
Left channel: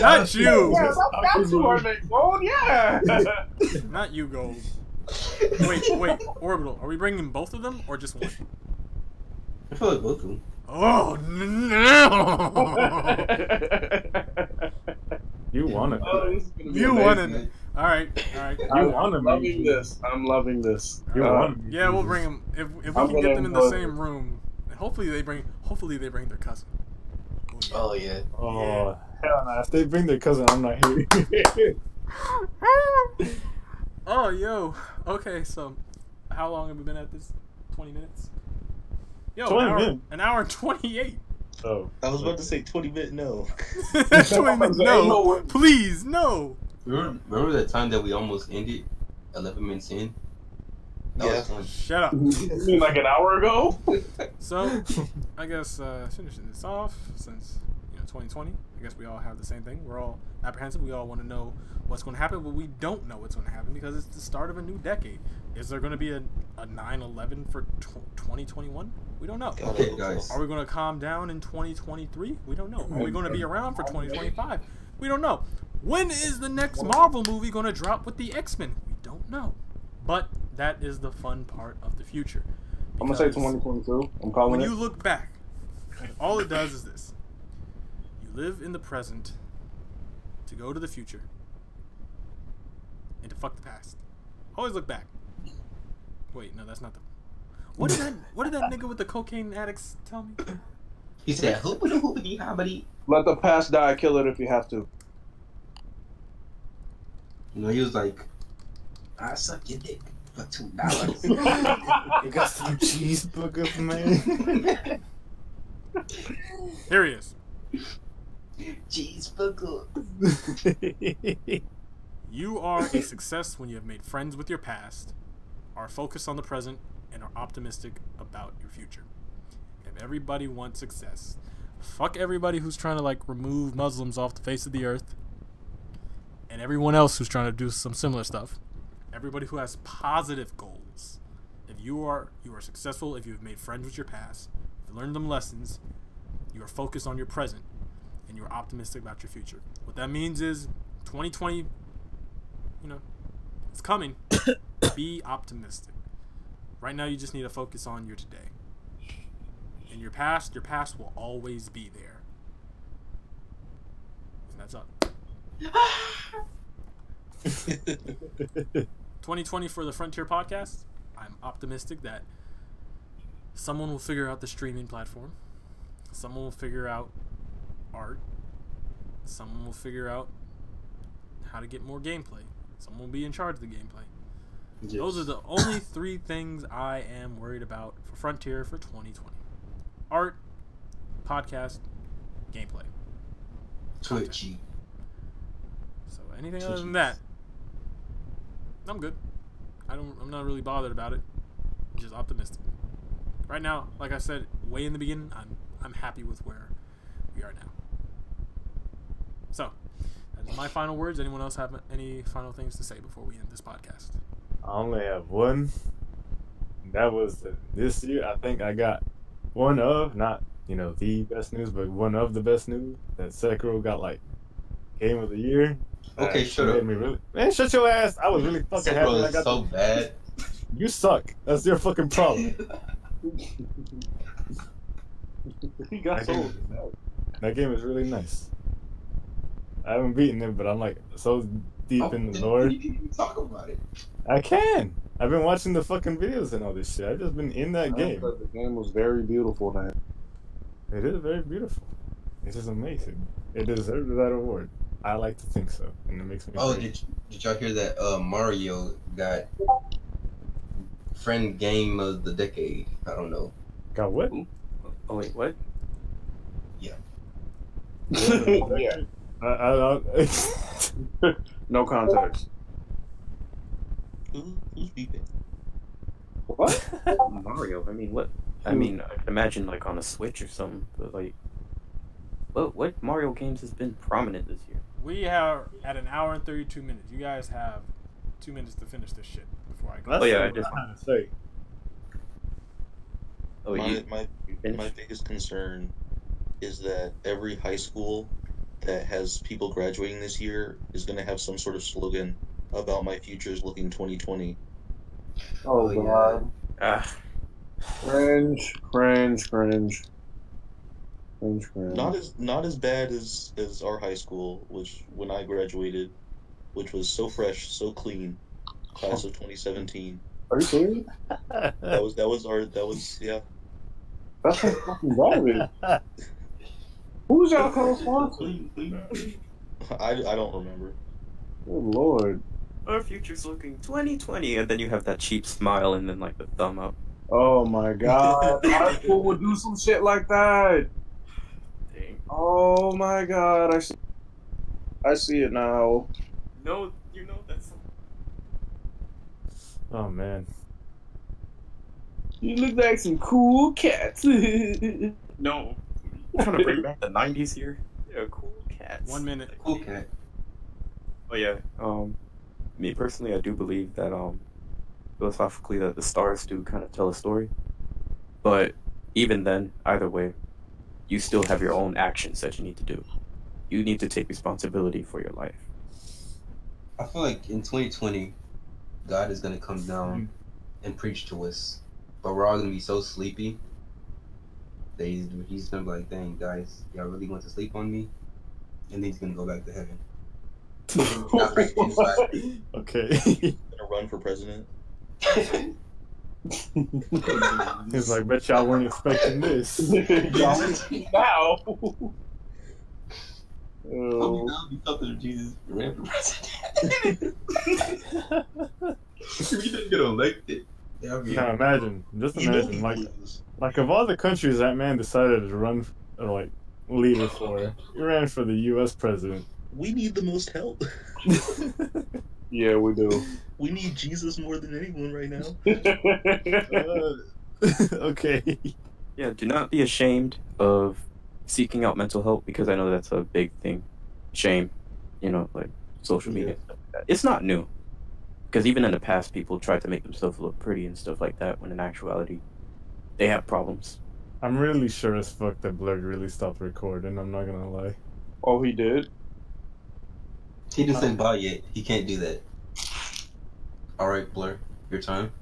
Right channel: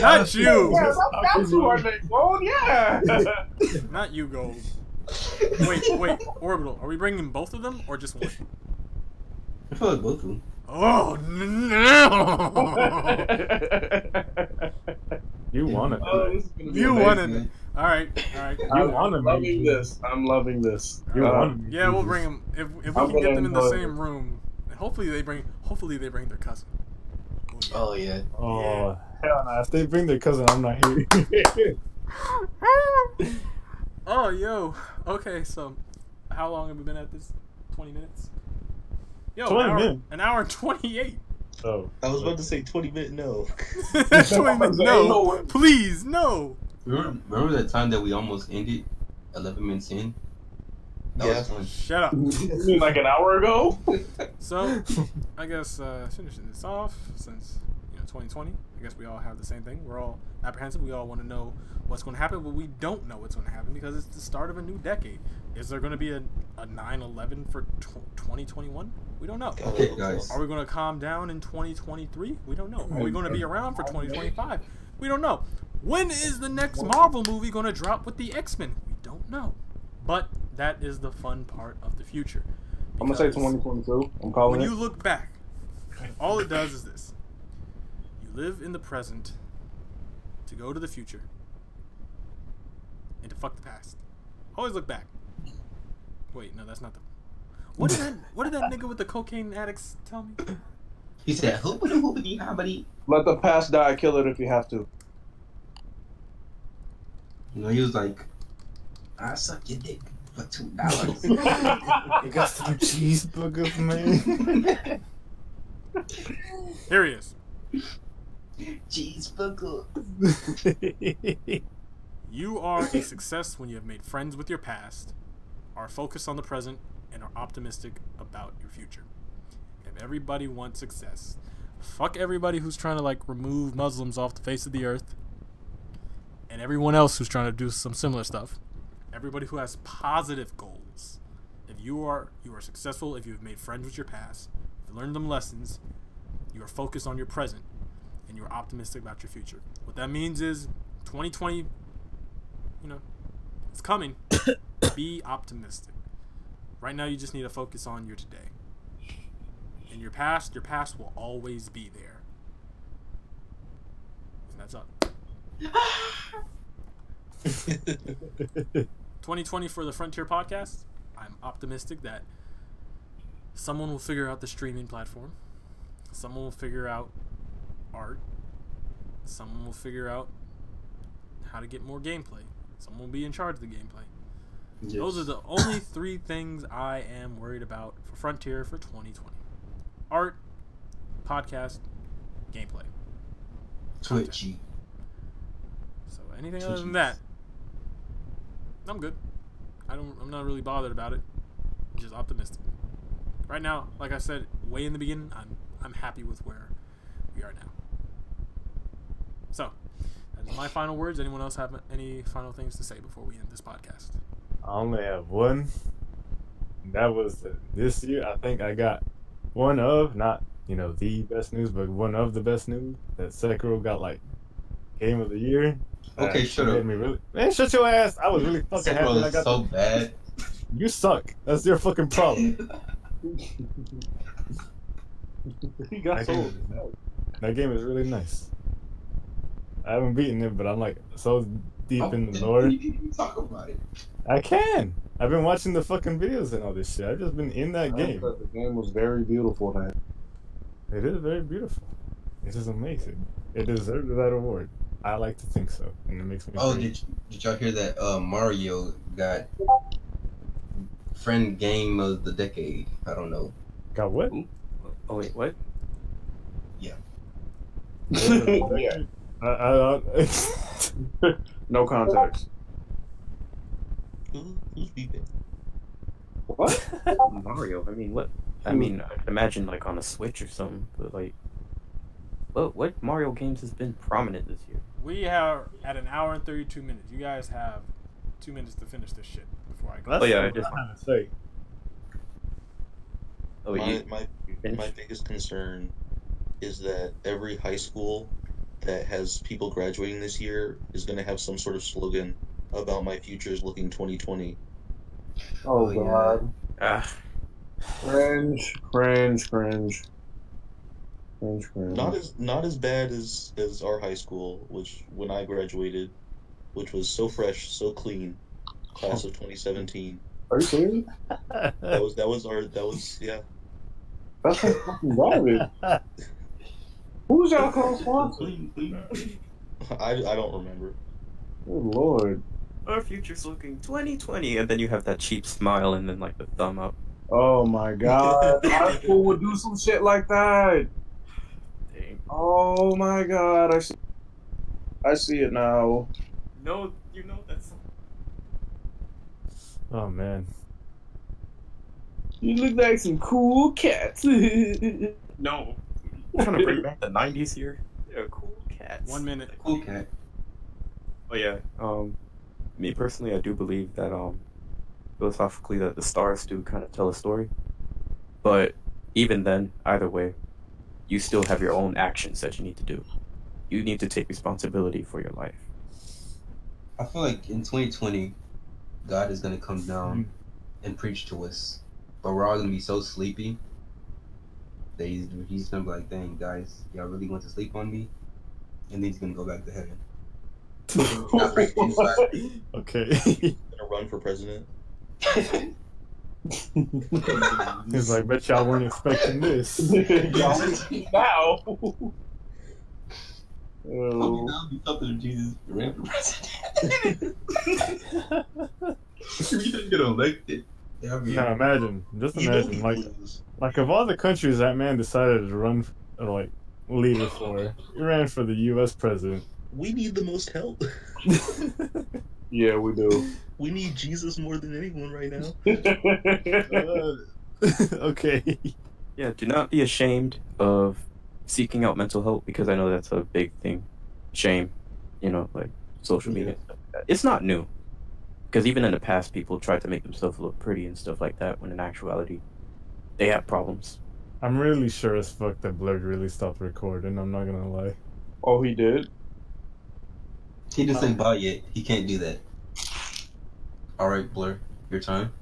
Not you. Yeah, that's your name, Gold. Yeah. Not you, Gold. Wait. Orbital. Are we bringing both of them or just one? I feel like both of them. Oh no! You want it. You wanted it. All right. You want I'm it. loving this. I'm loving this. You want it. Yeah, we'll bring them if we I'm can get them in the gonna same room. And hopefully they bring their cousin. Oh yeah. Oh, hell no. If they bring their cousin, I'm not here. Oh, yo. Okay, so how long have we been at this? 20 minutes? Yo, 20 minutes. An hour and 28. Oh. I was about to say 20-minute no. 20 minutes. No, please, no. Remember that time that we almost ended 11 minutes in? That was fun. Shut up. You mean like an hour ago? So, I guess finishing this off, since 2020, I guess we all have the same thing. We're all apprehensive. We all want to know what's going to happen, but we don't know what's going to happen because it's the start of a new decade. Is there going to be a 9/11 for 2021? We don't know. Okay, guys. Are we going to calm down in 2023? We don't know. Are we going to be around for 2025? We don't know. When is the next Marvel movie going to drop with the X-Men? We don't know. But that is the fun part of the future. I'm gonna say Because 2022. I'm calling when it. you look back, all it does is this. You live in the present to go to the future and to fuck the past. Always look back. Wait, no, that's not the... What did that nigga with the cocaine addicts tell me? He said, "Hoopity hoopity hobbity." Let the past die. Kill it if you have to. He was like, I suck your dick for $2. You got some cheeseburgers, man. Here he is. Cheeseburger. You are a success when you have made friends with your past, are focused on the present, and are optimistic about your future. If everybody wants success, fuck everybody who's trying to like remove Muslims off the face of the earth, and everyone else who's trying to do some similar stuff. Everybody who has positive goals. If you are successful, if you've made friends with your past, if you learned them lessons, you are focused on your present, and you're optimistic about your future. What that means is 2020, it's coming. Be optimistic. Right now, you just need to focus on your today. And your past will always be there. And that's up. 2020 for the Frontier Podcast. I'm optimistic that someone will figure out the streaming platform. Someone will figure out art. Someone will figure out how to get more gameplay. Someone will be in charge of the gameplay. Yes. Those are the only 3 things I am worried about for Frontier for 2020. Art, podcast, gameplay. Twitchy. So anything other than that, I'm good. I'm not really bothered about it. I'm just optimistic. Right now, like I said way in the beginning, I'm happy with where we are now. So, that is my final words. Anyone else have any final things to say before we end this podcast? I only have one. That was this year. I think I got one of, not the best news, but one of the best news. That Sekiro got like Game of the Year. Okay, shut up. Man, shut your ass. I was really fucking happy. Sekiro is so bad. You suck. That's your fucking problem. He got so. That game is really nice. I haven't beaten it, but I'm like so deep in the lore. You can talk about it. I can. I've been watching the fucking videos and all this shit. I've just been in that game. The game was very beautiful, man. It is very beautiful. It is amazing. It deserves that award. I like to think so, and it makes me. Oh, did y'all hear that? Mario got friend game of the decade. I don't know. Got what? Oh wait, what? Yeah. Yeah. I No context. Who's beeping? What? Mario. I mean, what? I mean, I'd imagine like on a Switch or something. But like, what Mario games has been prominent this year? We are at an hour and 32 minutes. You guys have 2 minutes to finish this shit before I go. That's what I'm trying to say. Oh, My biggest concern is that every high school that has people graduating this year is going to have some sort of slogan about my future is looking 2020. Oh, God. Ah. Cringe. Not as bad as our high school, which when I graduated, which was so fresh, so clean, class of 2017. Are you serious? That was yeah. That's like fucking garbage. Who's y'all co-sponsor? I don't remember. Good Lord. Our future's looking 2020, and then you have that cheap smile and then like the thumb up. Oh my God. High school would do some shit like that. Dang. Oh my God. I see it now. No, that's. Oh man. You look like some cool cats. No. I'm trying to bring back the 90s here. Yeah, cool cats. 1 minute. Cool cat. Oh yeah. Me personally, I do believe that philosophically that the stars do kind of tell a story. But even then, either way, you still have your own actions that you need to do. You need to take responsibility for your life. I feel like in 2020, God is gonna come down and preach to us, but we're all gonna be so sleepy that he's gonna be like, "Dang guys, y'all really want to sleep on me?" And then he's gonna go back to heaven. Okay. Gonna run for president. He's like, bet y'all weren't expecting this. Now. Hope that would be something if Jesus ran for president. If he didn't get elected. That'd be Now imagine, just You know imagine, he like lose. of all the countries that man decided to run, or like leader for, he ran for the U.S. president. We need the most help. Yeah, we do. We need Jesus more than anyone right now. Okay. Yeah, do not be ashamed of seeking out mental help, because I know that's a big thing. Shame, like social media. And stuff like that. It's not new, because even in the past, people tried to make themselves look pretty and stuff like that, when in actuality, they have problems. I'm really sure as fuck that Blurred really stopped recording. I'm not gonna lie. Oh, he did? He didn't say bye yet. He can't do that. All right, Blur, your time.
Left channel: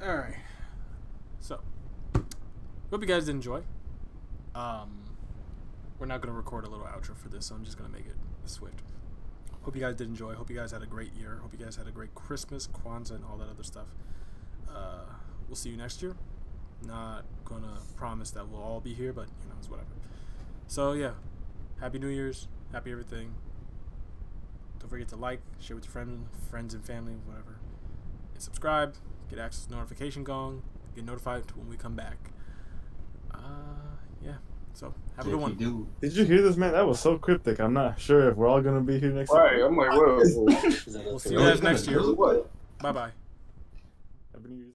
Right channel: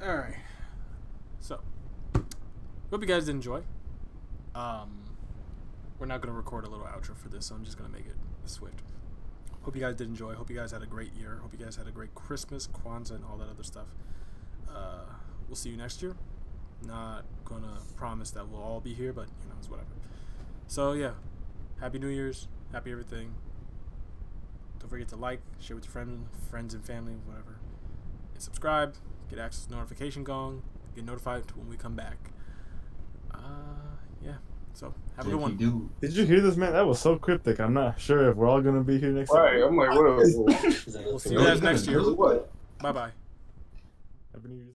All right. So, hope you guys did enjoy. We're not gonna record a little outro for this, so I'm just gonna make it swift. Hope you guys did enjoy. Hope you guys had a great year. Hope you guys had a great Christmas, Kwanzaa, and all that other stuff. We'll see you next year. Not gonna promise that we'll all be here, but it's whatever. So yeah, Happy New Year's, happy everything. Don't forget to like, share with your friends and family, whatever. And subscribe, get access to notification going, get notified when we come back. Yeah. So have a good one. Did you hear this, man? That was so cryptic. I'm not sure if we're all gonna be here next time. Right, I'm like, whoa. We'll see you guys next year. What? Bye bye. Happy New Year's.